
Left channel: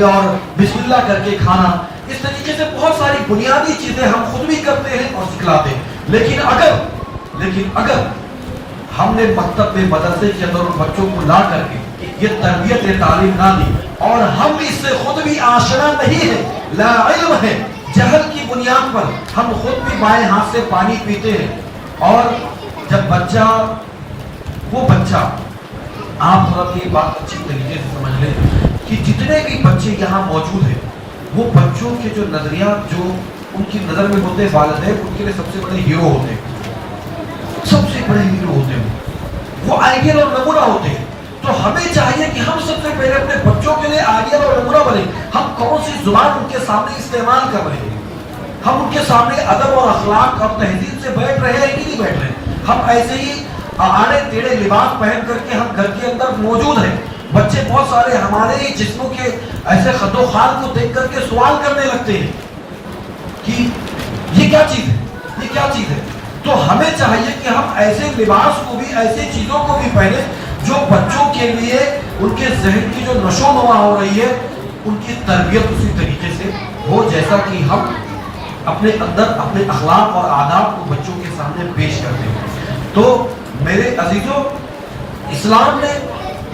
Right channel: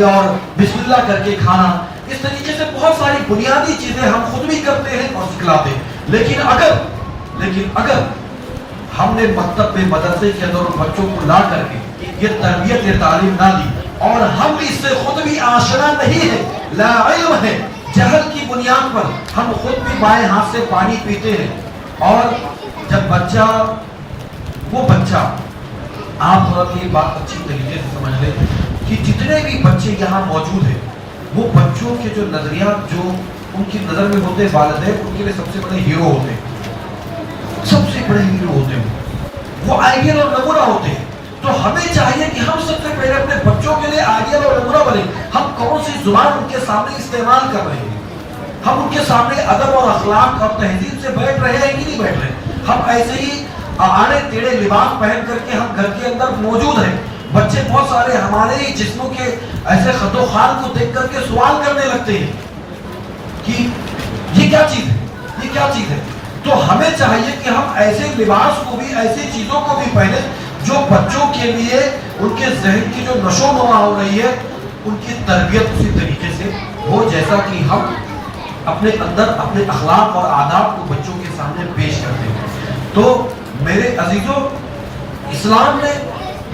اور بسم اللہ کر کے کھانا، اس طریقے سے بہت ساری بنیادی چیزیں ہم خود بھی کرتے ہیں اور سکھلاتے ہیں. لیکن اگر ہم نے مکتب میں، مدرسے کے اندر بچوں کو لا کر کے یہ تربیت تعلیم نہ دی، اور ہم اس سے خود بھی آشنا نہیں ہے، لا علم ہے، جہل کی بنیاد پر ہم خود بھی بائیں ہاتھ سے پانی پیتے ہیں. اور جب وہ بچہ آپ تھوڑا یہ بات اچھی طریقے سے سمجھ لیں کہ جتنے بھی بچے یہاں موجود ہیں، وہ بچوں کے جو نظریات جو ان کی نظر میں ہوتے ہیں، والدین ان کے لیے سب سے بڑے ہیرو ہوتے ہیں، سب سے بڑے ہیرو ہوتے ہیں، وہ آئیڈیل اور نمونہ ہوتے ہیں. تو تو ہمیں چاہیے کہ ہم سب سے پہلے اپنے بچوں کے لیے آئیڈیل اور نمونہ بنے. ہم کون سی زبان ان کے سامنے استعمال کر رہے ہیں, ہم ان کے سامنے ادب اور اخلاق اور تہذیب سے بیٹھ رہے ہیں کہ نہیں بیٹھ رہے. ہم ایسے ہی آڑے ٹیڑھے لباس پہن کر کے ہم گھر کے اندر موجود ہیں. بچے بہت سارے ہمارے ہی جسموں کے ایسے خد و خال کو دیکھ کر کے سوال کرنے لگتے ہیں کہ یہ کیا چیز ہے, یہ کیا چیز ہے. تو ہمیں چاہیے کہ ہم ایسے لباس کو بھی, ایسی چیزوں کو بھی پہنے جو بچوں کے لیے ان کے ذہن کی جو نشو نما ہو رہی ہے ان کی تربیت اسی طریقے سے ہو جیسا کہ ہم اپنے اندر اپنے اخلاق اور آداب کو بچوں کے سامنے پیش کرتے ہیں. تو میرے عزیزوں, اسلام نے,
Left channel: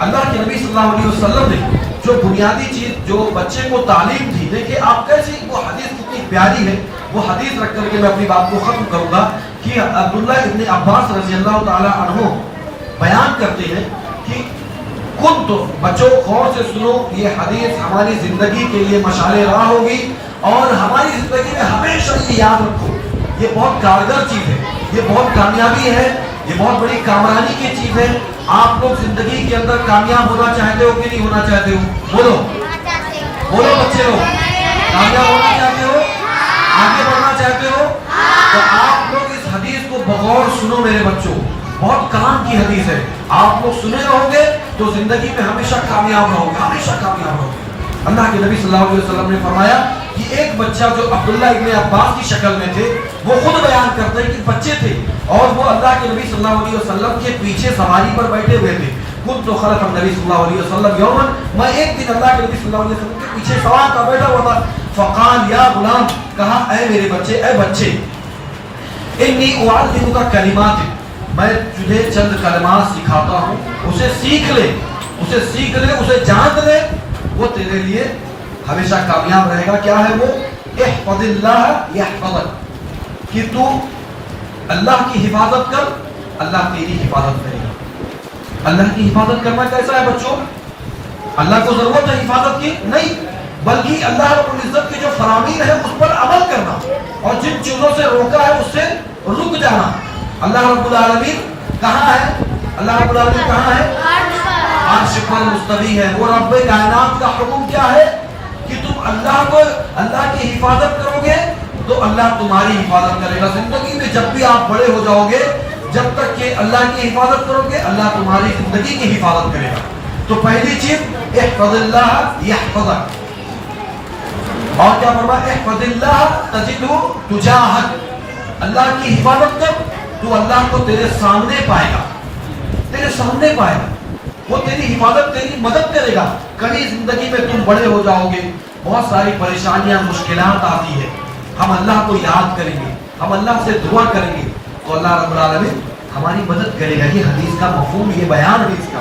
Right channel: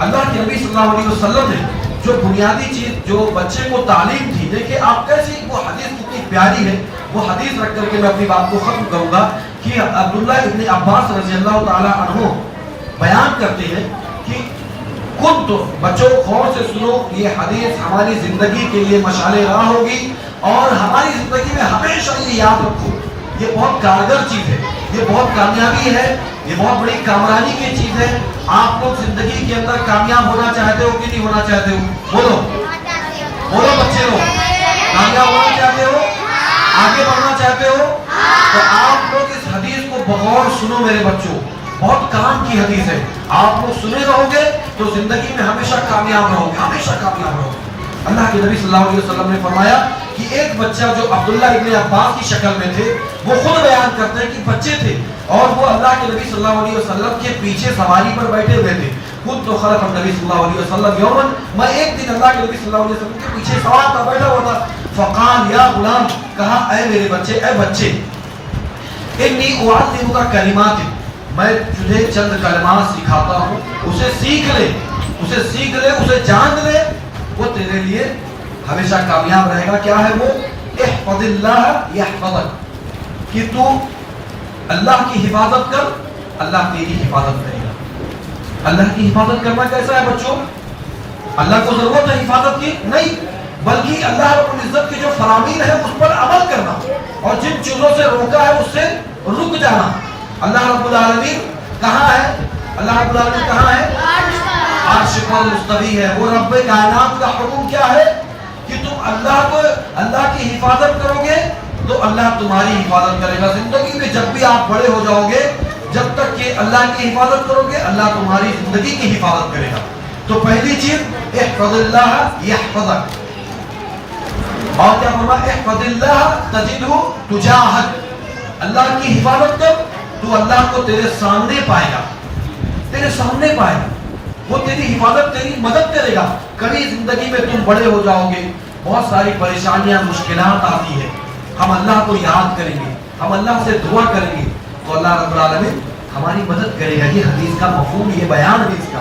اللہ کے نبی صلی اللہ علیہ وسلم نے جو بنیادی چیز جو بچے کو تعلیم دی, دیکھیں آپ کیسی, وہ حدیث کتنی پیاری ہے. وہ حدیث رکھ کر کے میں اپنی بات کو ختم کروں گا کہ عبداللہ ابن عباس رضی اللہ تعالی عنہ بیان کرتے ہیں کہ تو بچوں غور سے سنو, یہ حدیث ہماری زندگی کے لیے مشعل راہ ہوگی اور ہماری زندگی میں ہمیشہ یہ یاد رکھو, یہ بہت کارگر چیز ہے, یہ بہت کامیابی ہے, یہ بہت بڑی کامرانی کی چیز ہے. آپ لوگ زندگی کے اندر کامیاب ہونا چاہتے ہو کہ نہیں ہونا چاہتے ہو؟ بولو بولو بچے لوگ, کامیاب ہونا چاہتے ہو, آگے بڑھنا چاہتے ہو؟ تو آپ لوگ اس حدیث کو بغور سنو میرے بچوں, بہت کام کی حدیث ہے. آپ لوگ سنے رہو گے تو زندگی میں ہمیشہ کامیاب رہو گے, ہمیشہ کامیاب رہو گے. اللہ کے نبی صلی اللہ علیہ وسلم نے فرمایا کہ ایک بچہ جو عبداللہ ابن عباس کی شکل میں تھے, وہ خود بیان کرتے ہیں کہ بچے تھے اور وہ اللہ کے نبی صلی اللہ علیہ وسلم کے پیچھے سواری پر بیٹھے ہوئے تھے. خود تو خلف النبی صلی اللہ علیہ وسلم یومن, میں ایک دن اللہ کے نبی صلی اللہ علیہ وسلم کے پیچھے سوار تھا, بیٹھا ہوا تھا. فقال یا غلام, کہا اے میرے بچے, اے بچے, انی اعلمک کلمات, میں تجھے چند کلمات سکھاتا ہوں, اسے سیکھ لے, اسے سیکھ لے, اسے جان لے, وہ تیرے لیے ہمیشہ کامیاب رہے گا. کیا ہے وہ؟ احفظ اللہ یحفظک, کہ تو اللہ کی حفاظت کر, اللہ تیری حفاظت کرے گا. اللہ کی حفاظت کرنا کیسا ہے بچوں؟ اللہ کو ضرورت ہے حفاظت کی نہیں, بلکہ اللہ رب العزت کی جو فرامین ہے اس پر عمل کرنا اور جن چیزوں سے روکا ہے اس سے رک جانا. اللہ رب العالمین کہاں ہے؟ اللہ رب العالمین کہاں ہے؟ عرش پر مستوی ہے. وہ رب کائنات کا حکم کیا ہے کہ تم اللہ کی حفاظت کرو گے تو اللہ تمہاری حفاظت کرے گا. زندگی میں جب بھی آپ بڑے ہو جاؤ گے, جب تک کہ اللہ کی حفاظت کرو گے, اللہ تمہاری زندگی کی حفاظت کرے گا. تو پہلی چیز احفظ اللہ یحفظک, اور کیا فرمایا؟ احفظ اللہ تجدہ تجاہک, اللہ کی حفاظت کر تو اللہ کو تیرے سامنے پائے گا, تیرے سامنے پائے گا. وہ تیری حفاظت, تیری مدد کرے گا. کبھی زندگی میں تم بڑے ہو جاؤ گے, بہت ساری پریشانیاں مشکلات آتی ہے, ہم اللہ کو یاد کریں گے, ہم اللہ سے دعا کریں گے تو اللہ رب العالمین ہماری مدد کرے گا. یہ حدیث کا مفہوم, یہ بیان حدیث کا.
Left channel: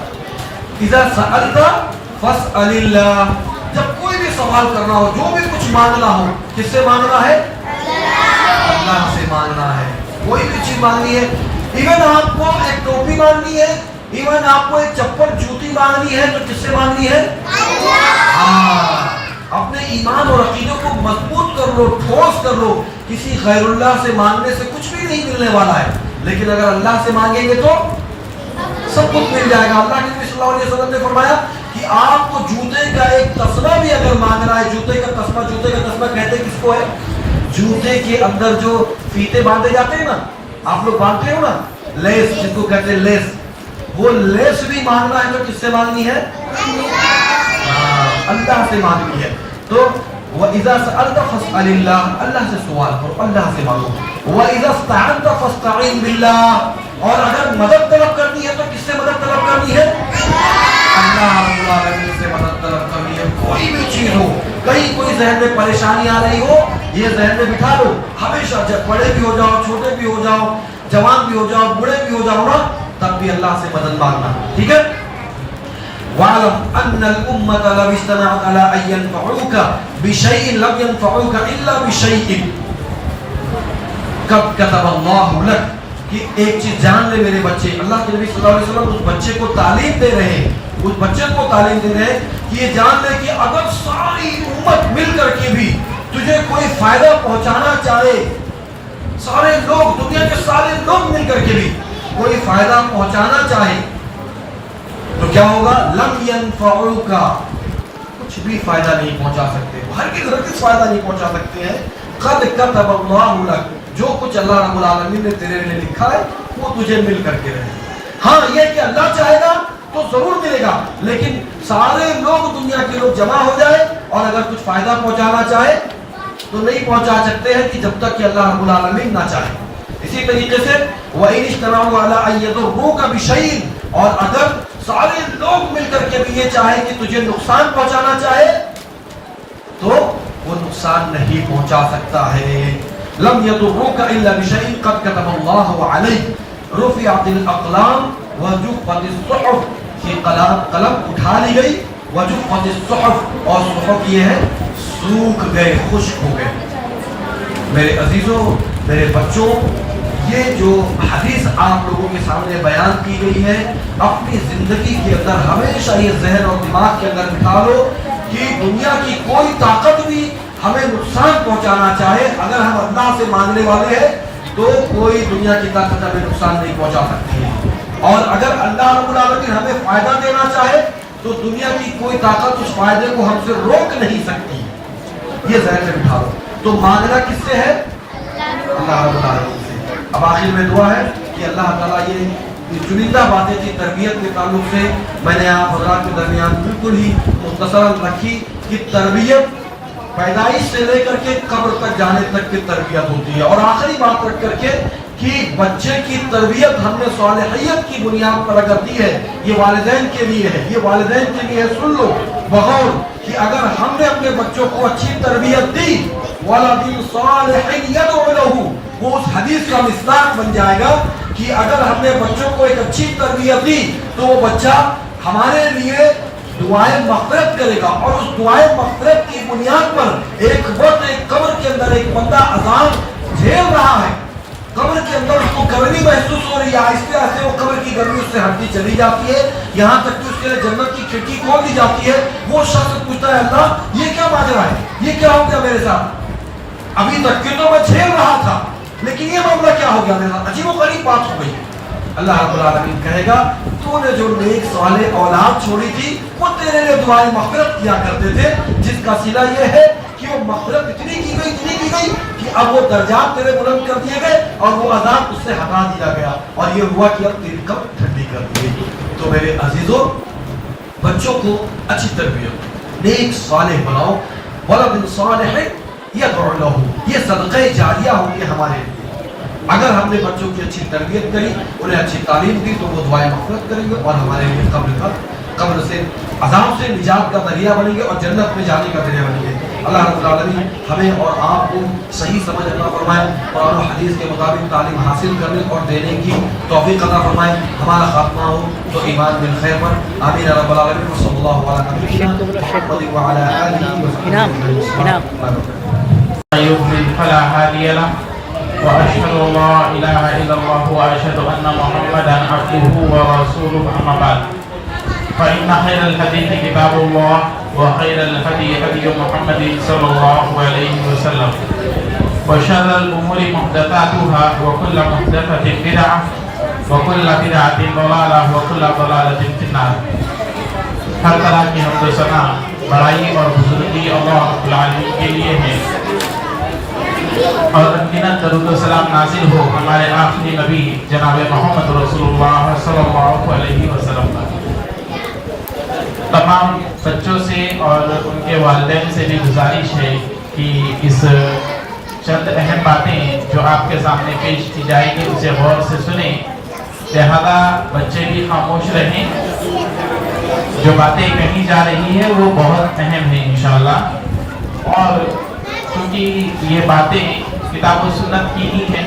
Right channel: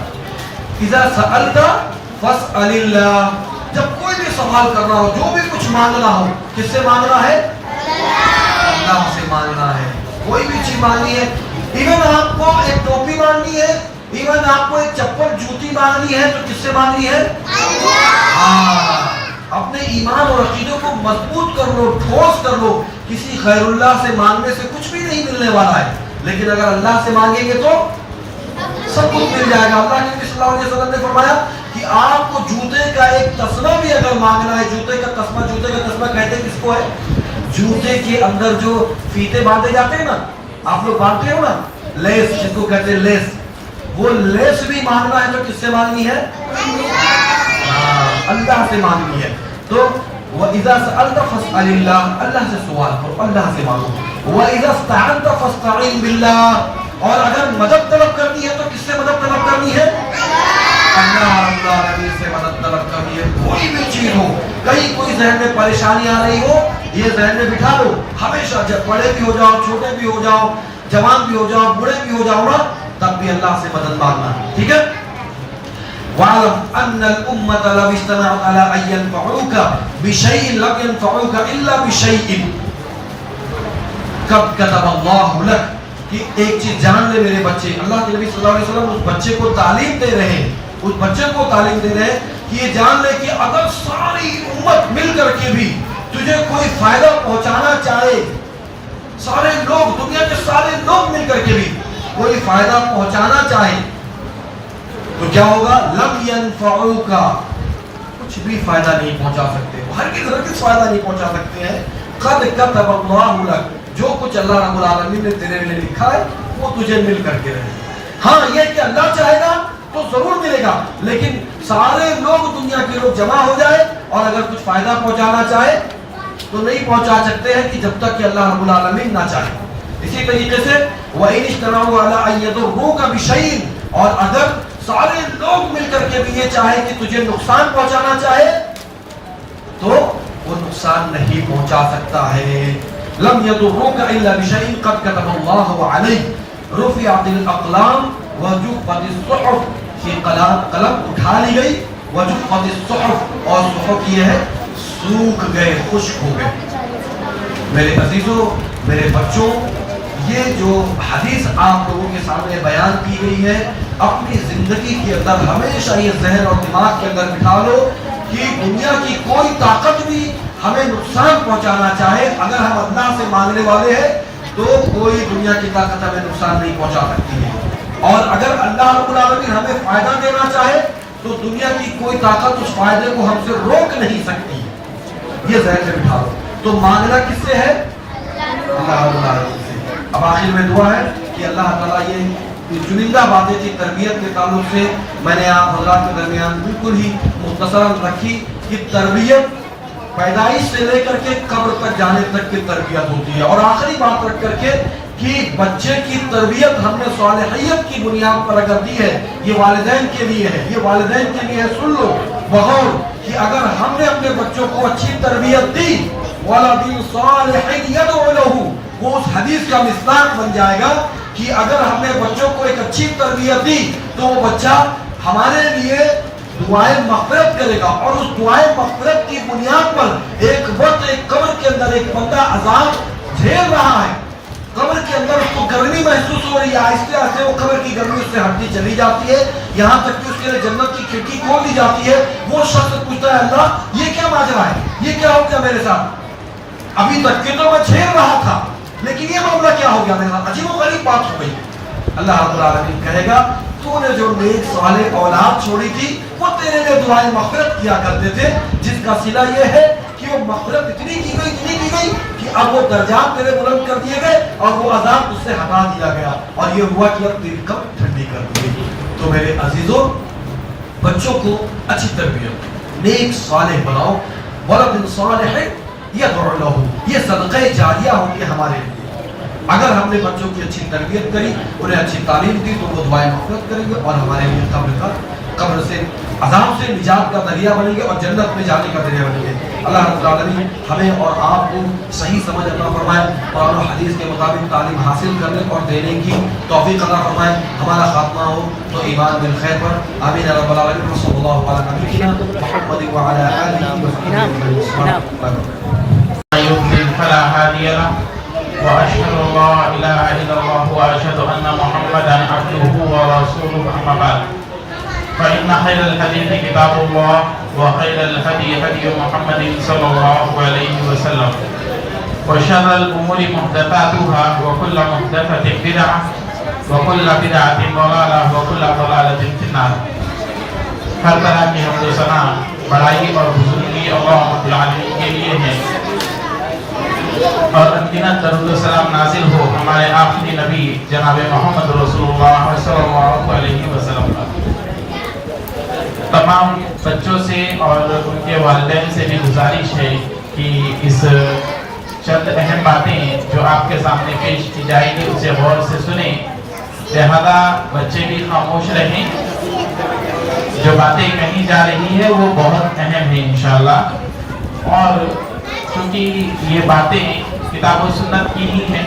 اذا سألت فاسأل اللہ, جب کوئی بھی سوال کرنا ہو, جو بھی کچھ مانگنا ہو, کس سے مانگنا ہے؟ اللہ سے مانگنا ہے. کوئی بھی چیز مانگنی ہے, ایون آپ کو ایک ٹوپی مانگنی ہے, ایون آپ کو ایک چپل جوتی مانگنی ہے, تو کس سے مانگنی ہے؟ ہاں, اپنے ایمان اور عقیدوں کو مضبوط کر لو, ٹھوس کر لو. کسی غیر اللہ سے مانگنے سے کچھ بھی نہیں ملنے والا ہے, لیکن اگر اللہ سے مانگیں گے تو سب کچھ مل جائے گا. اللہ کے نبی صلی اللہ علیہ وسلم نے فرمایا کہ آپ کو جوتے کا ایک تسمہ بھی اگر مانگنا ہے, جوتے کا تسمہ کہتے کس کو ہے؟ جوتے کے اندر جو فیتے باندھے جاتے ہیں نا, آپ لوگ باندھتے ہو نا, لیس جس کو کہتے ہیں لیس, وہ لیس بھی مانگنا ہے تو کس سے مانگنی ہے؟ اللہ سے مانگنی ہے. تو وَإِذَا سَأَلْتَ فَاسْأَلِ اللَّهِ, اللہ سے سوال کرو, اللہ سے مانگو. وَإِذَا اسْتَعَنْتَ فَاسْتَعِنْ بِاللَّهِ, اور اگر مدد طلب کرنی ہے تو کس سے مدد طلب کرنی ہے؟ اللہ رب العالمین سے مدد طلب کرنی ہے. کوئی بھی چیز ہو, کہیں کوئی ذہن میں پریشانی آ رہی ہو, یہ ذہن میں بٹھا لو, ہمیشہ جب بڑے بھی ہو جاؤ, چھوٹے بھی ہو جاؤ, جوان بھی ہو جاؤ, بوڑھے بھی ہو جاؤ نا, تب بھی اللہ سے مدد مانگنا. ٹھیک ہے؟ وَعَلَمْ أَنَّ الْأُمَّةَ لَوْ اجْتَمَعَتْ عَلَىٰ أَن يَنفَعُوكَ بِشَيْءٍ لَمْ يَنفَعُوكَ إِلَّا بِشَيْءٍ قَدْ كَتَبَ اللَّهُ لَكَ. کہ ایک چیز جان لے میرے بچے, اللہ کے نبی صلی اللہ علیہ وسلم اس بچے کو تعلیم دے رہے ہیں, اس بچے کو تعلیم دے رہے ہیں کہ یہ جان لے کہ اگر ساری امت مل کر کے بھی تجھے کوئی فائدہ پہنچانا چاہے, سارے لوگ, دنیا کے سارے لوگ مل کر کے بھی کوئی فائدہ پہنچانا چاہے, تو کیا ہوگا؟ لم ينفعوکا، کچھ بھی فائدہ نہیں پہنچا سکتے، ہرگز فائدہ نہیں پہنچا سکتے ہیں. قد كتب اللہ لک، جو کچھ اللہ رب العالمین نے تیرے لیے لکھا ہے وہ تجھے مل کر کے رہے. ہاں یہ کہ اللہ چاہے گا تو ضرور ملے گا، لیکن سارے لوگ دنیا کے لوگ جمع ہو جائے اور اگر کچھ فائدہ پہنچانا چاہے تو نہیں پہنچا سکتے ہیں کہ جب تک کہ اللہ رب العالمین نہ چاہے. اسی طریقے سے وَإِنِ اجْتَمَعُوا عَلَىٰ أَن يَضُرُّوكَ بِشَيْءٍ، اور اگر سارے لوگ مل کر کے بھی یہ چاہے کہ تجھے نقصان پہنچانا چاہے تو وہ نقصان نہیں پہنچا سکتا ہے. لم يضروك الا بشيء قد كتب الله عليك، رفعت الاقلام وجفت الصحف، کی قلم اٹھا لی گئی، وجفت الصحف، اور صحف یہ ہے سوکھ گئے، خشک ہو گئے. میرے عزیزوں، میرے بچوں، یہ جو حدیث آپ لوگوں کے سامنے بیان کی گئی ہے، اپنی زندگی کے اندر ہمیشہ یہ ذہن اور دماغ کے اندر بٹھا لو کہ دنیا کی کوئی طاقت بھی ہمیں نقصان پہنچانا چاہے، اگر ہم اللہ سے مانگنے والے ہیں تو کوئی دنیا کی طاقت ہمیں نقصان نہیں پہنچا سکتی ہے. اور اگر اللہ رب العالمین ہمیں فائدہ دینا چاہے تو دنیا کی کوئی طاقت اس فائدے کو ہم سے روک نہیں سکتی. یہ ذہن میں بٹھا لو. تو مانگنا کس سے ہے؟ اللہ رب العالمین سے. اب آخر میں دعا ہے کہ اللہ تعالیٰ یہ چنندہ باتیں تھی تربیت کے تعلق سے میں نے آپ حضرات کے درمیان بالکل ہی مختصراً رکھی کہ تربیت پیدائش سے لے کر کے قبر تک جانے تک کی تربیت ہوتی ہے. اور آخری بات رکھ کر کے کہ بچے کی تربیت ہم نے صالحیت کی بنیاد پر اگر دی ہے، یہ والدین کے لیے ہے، یہ والدین کے لیے. سن لو بغور کہ اگر ہم نے اپنے بچوں کو اچھی تربیت دی، وَلَدٍ صَالِحٍ يَدْعُ لَهُ، وہ اس حدیث کا مصداق بن جائے گا کہ اگر ہم نے بچوں کو ایک اچھی تربیت دی تو وہ بچہ ہمارے لیے دعائیں مغفرت کرے گا. اور اس دعائیں مغفرت کی بنیاد پر ایک وقت ایک قبر کے اندر ایک بندہ عذاب جھیل رہا ہے، قبر کے اندر اس کو گرمی محسوس ہو رہی ہے، آہستہ آہستہ وہ قبر کی گرمی اس سے ہٹتی چلی جاتی ہے، یہاں تک کہ اس کے لیے جنت کی کھڑکی کھول دی جاتی ہے. وہ شخص پوچھتا ہے اللہ یہ کیا ماجرا ہے، یہ کیا ہو گیا میرے ساتھ؟ ابھی تک کہ تو میں جھیل رہا تھا لیکن یہ معاملہ کیا ہو گیا میرے ساتھ؟ عجیب و غریب بات ہو گئی. اللہ رب العالمین کہے گا تو نے جو نیک صالح اولاد چھوڑی تھی وہ تیرے لیے دعائیں مغفرت کیا کرتے تھے، جس کا صلہ یہ ہے کہ وہ مغفرت اتنی کی گئی کہ اب وہ درجات تیرے بلند کر دیے گئے اور وہ عذاب اس سے ہٹا دیا گیا، اور یہ ہوا کہ اب تیری قبر ٹھنڈی کر دی گئی. تو میرے عزیزوں، بچوں کو اچھی تربیت، نیک صالح بناؤ. ولد صالح یدعو لہ، یہ صدقہ جاریہ ہوں گے ہمارے لیے. اگر ہم نے بچوں کی اچھی تربیت کری، انہیں اچھی تعلیم دی تو وہ دعائیں مغفرت کریں گے اور ہمارے لیے قبر سے عذاب سے نجات کا ذریعہ بنیں گے اور جنت میں جانے کا ذریعہ بنیں گے. اللہ رب العالمین ہمیں اور آپ کو صحیح سمجھ عطا فرمائے، قرآن و حدیث کے مطابق تعلیم حاصل کرنے اور دینے کی توفیق عطا فرمائے. ہمارا خاتمہ ہو تو ایمان بالخیر پر. آمین رب العالمین. صلی اللہ علیہ نبینا محمد وعلی آلہ وصحبہ. يضلل فلا هادي له وأشهد أن لا إله إلا الله وأشهد أن محمدا عبده ورسوله أما بعد فإن خير الحديث كتاب الله وخير الهدي هدي محمد صلى الله عليه وسلم وشر الأمور محدثاتها وكل محدثة بدعة وكل بدعة ضلالة وكل ضلالة في النار. ہر طرح کی حمد و ثنا بڑائی اور بزرگی اللہ رب العالمین کے لیے ہے، اور انگنت درود و سلام نازل ہو ہمارے آخری نبی جناب محمد رسول اللہ صلی اللہ علیہ وسلم کا. تمام بچوں سے اور ان کے والدین سے بھی گزارش ہے کہ اس چند اہم باتیں جو آپ کے سامنے پیش کی جائے گی اسے غور سے سنیں، لہذا بچے بھی خاموش رہیں. جو باتیں کہی جا رہی ہے وہ بہت اہم ہیں انشاءاللہ، اور چونکہ یہ باتیں کتاب و سنت کی ہی ہیں،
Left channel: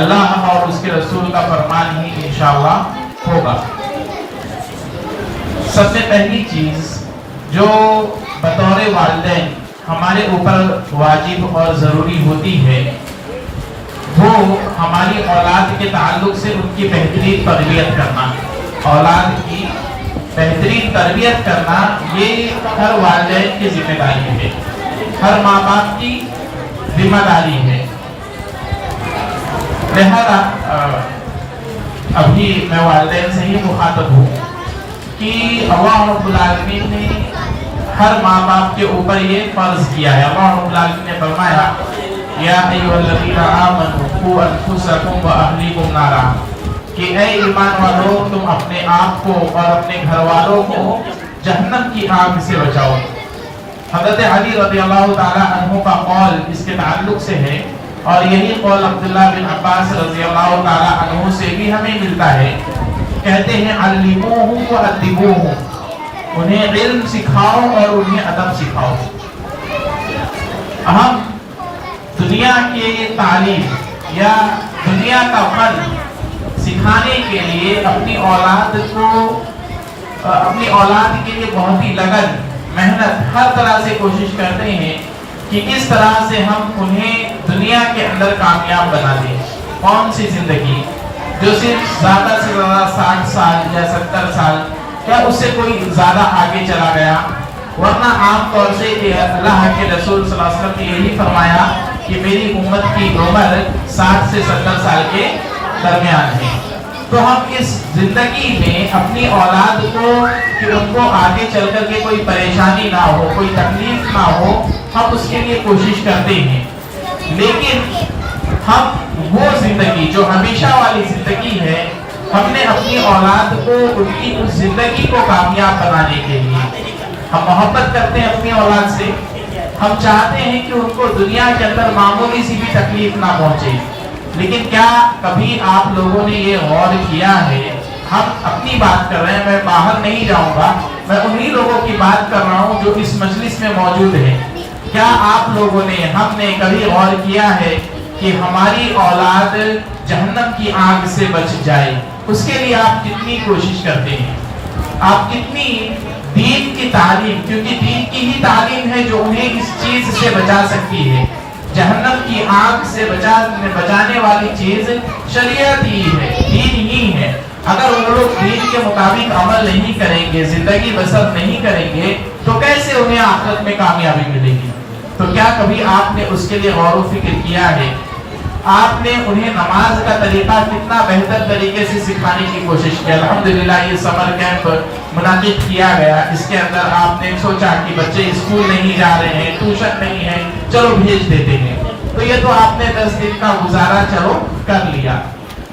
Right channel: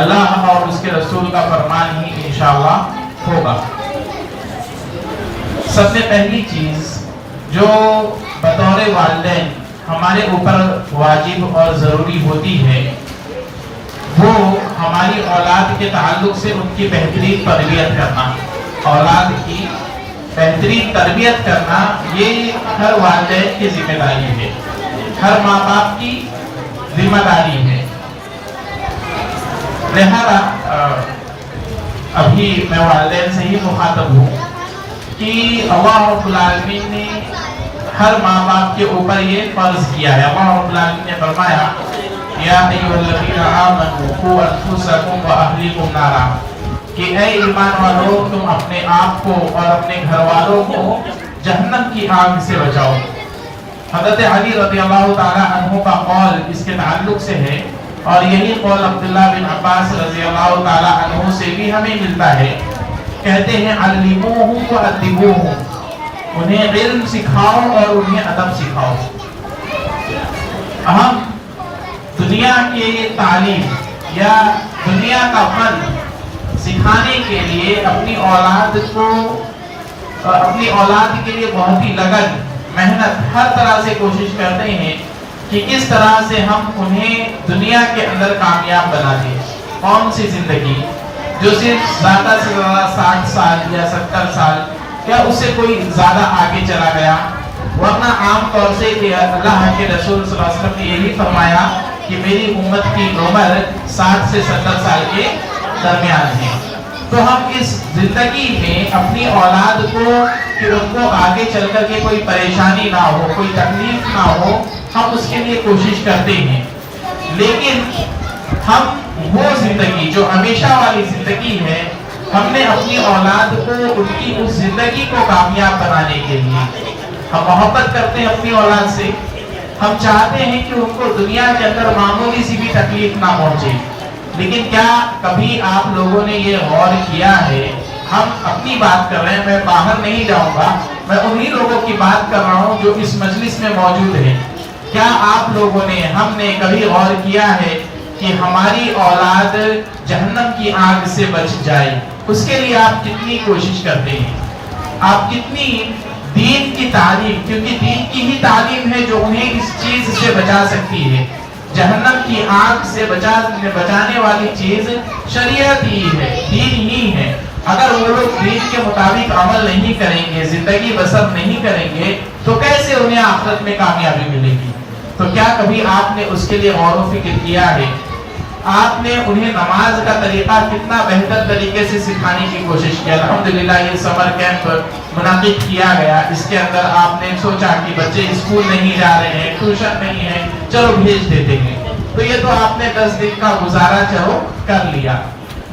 اللہ اور اس کے رسول کا فرمان ہی انشاءاللہ ہوگا. سب سے پہلی چیز جو بطور والدین ہمارے اوپر واجب اور ضروری ہوتی ہے وہ ہماری اولاد کے تعلق سے ان کی بہترین تربیت کرنا. اولاد کی بہترین تربیت کرنا یہ ہر والدین کی ذمہ داری ہے، ہر ماں باپ کی ذمہ داری ہے. لہذا ابھی میں والدین سے ہی مخاطب ہوں. کہ اللہ رب العالمین نے ہر ماں باپ کے اوپر یہ فرض کیا ہے. اللہ رب العالمین نے فرمایا یا ایھا الذین آمنوا قوا انفسکم واہلیکم نارا، کہ اے ایمان والو تم اپنے آپ کو اور اپنے گھر والوں کو جہنم کی آگ سے بچاؤ. حضرت علی رضی اللہ تعالی عنہ کا قول اس کے تعلق سے ہے، اور یہی قول عبداللہ بن عباس رضی اللہ تعالی عنہ سے بھی ہمیں ملتا ہے. کہتے ہیں علموہ وادبوہ، انہیں علم سکھاؤ اور انہیں ادب سکھاؤ. ہم دنیا کی تعلیم یا دنیا کا فن سکھانے کے لیے اپنی اولاد کے لیے بہت ہی لگن محنت ہر طرح سے کوشش کرتے ہیں کہ کس طرح سے ہم انہیں دنیا کے اندر کامیاب بنا دیں. کون سی زندگی جو صرف زیادہ سے زیادہ 60 سال یا 70 سال یا اس سے کوئی زیادہ آگے چلا گیا، ورنہ عام طور سے اللہ کے رسول صلی اللہ علیہ وسلم نے یہی فرمایا کہ میری امت کی عمر 60 سے 70 سال کے درمیان ہے. تو ہم اس زندگی میں اپنی اولاد کو کہ ان کو آگے چل کر کے کوئی پریشانی نہ ہو، کوئی تکلیف نہ ہو، ہم اس کے لیے کوشش کرتے ہیں. لیکن ہم وہ زندگی جو ہمیشہ والی زندگی ہے، ہم نے اپنی اولاد کو ان کی اس زندگی کو کامیاب بنانے کے لیے ہم محبت کرتے ہیں اپنی اولاد سے. ہم چاہتے ہیں کہ ان کو دنیا کے اندر معمولی سی بھی تکلیف نہ پہنچے. لیکن کیا کبھی آپ لوگوں نے یہ غور کیا ہے، ہم اپنی بات کر رہے ہیں، میں باہر نہیں جاؤں گا، میں انہی لوگوں کی بات کر رہا ہوں جو اس مجلس میں موجود ہیں. کیا آپ لوگوں نے، ہم نے کبھی غور کیا ہے کہ ہماری اولاد جہنم کی آگ سے بچ جائے؟ اس کے لیے آپ کتنی کوشش کرتے ہیں، آپ کتنی دین کی تعلیم، کیونکہ دین کی ہی تعلیم ہے جو انہیں اس چیز سے بچا سکتی ہے. جہنم کی آگ سے بچانے والی چیز شریعت ہی ہے، دین ہی ہے. اگر وہ لوگ دین کے مطابق عمل نہیں کریں گے، زندگی بسر نہیں کریں گے، تو کیسے انہیں آخرت میں کامیابی ملے گی؟ تو کیا کبھی آپ نے اس کے لیے غور و فکر کیا ہے؟ آپ نے انہیں نماز کا طریقہ کتنا بہتر طریقے سے سکھانے کی کوشش کی. الحمدللہ یہ سمر کیمپ منعقد کیا گیا، اس کے اندر آپ نے سوچا کہ بچے اسکول نہیں جا رہے ہیں، ٹیوشن نہیں ہے، چلو بھیج دیتے ہیں، تو یہ تو آپ نے 10 دن کا گزارا چلو کر لیا.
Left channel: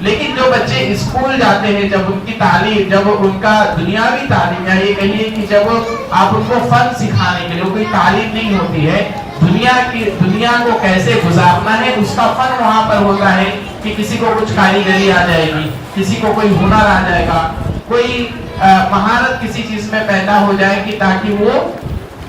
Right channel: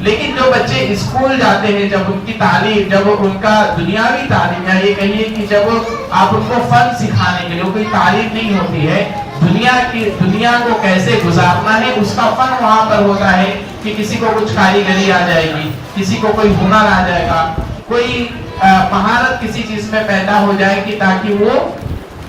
لیکن جو بچے اسکول جاتے ہیں، جب ان کی تعلیم، جب ان کا دنیاوی تعلیم، یا یہ کہیے کہ جب آپ ان کو فن سکھانے کے لیے، کوئی تعلیم نہیں ہوتی ہے، دنیا کو کیسے گزارنا ہے اس کا فن وہاں پر ہوتا ہے کہ کسی کو کچھ کاریگری آ جائے گی، کسی کو کوئی ہنر آ جائے گا، کوئی مہارت کسی چیز میں پیدا ہو جائے گی تاکہ وہ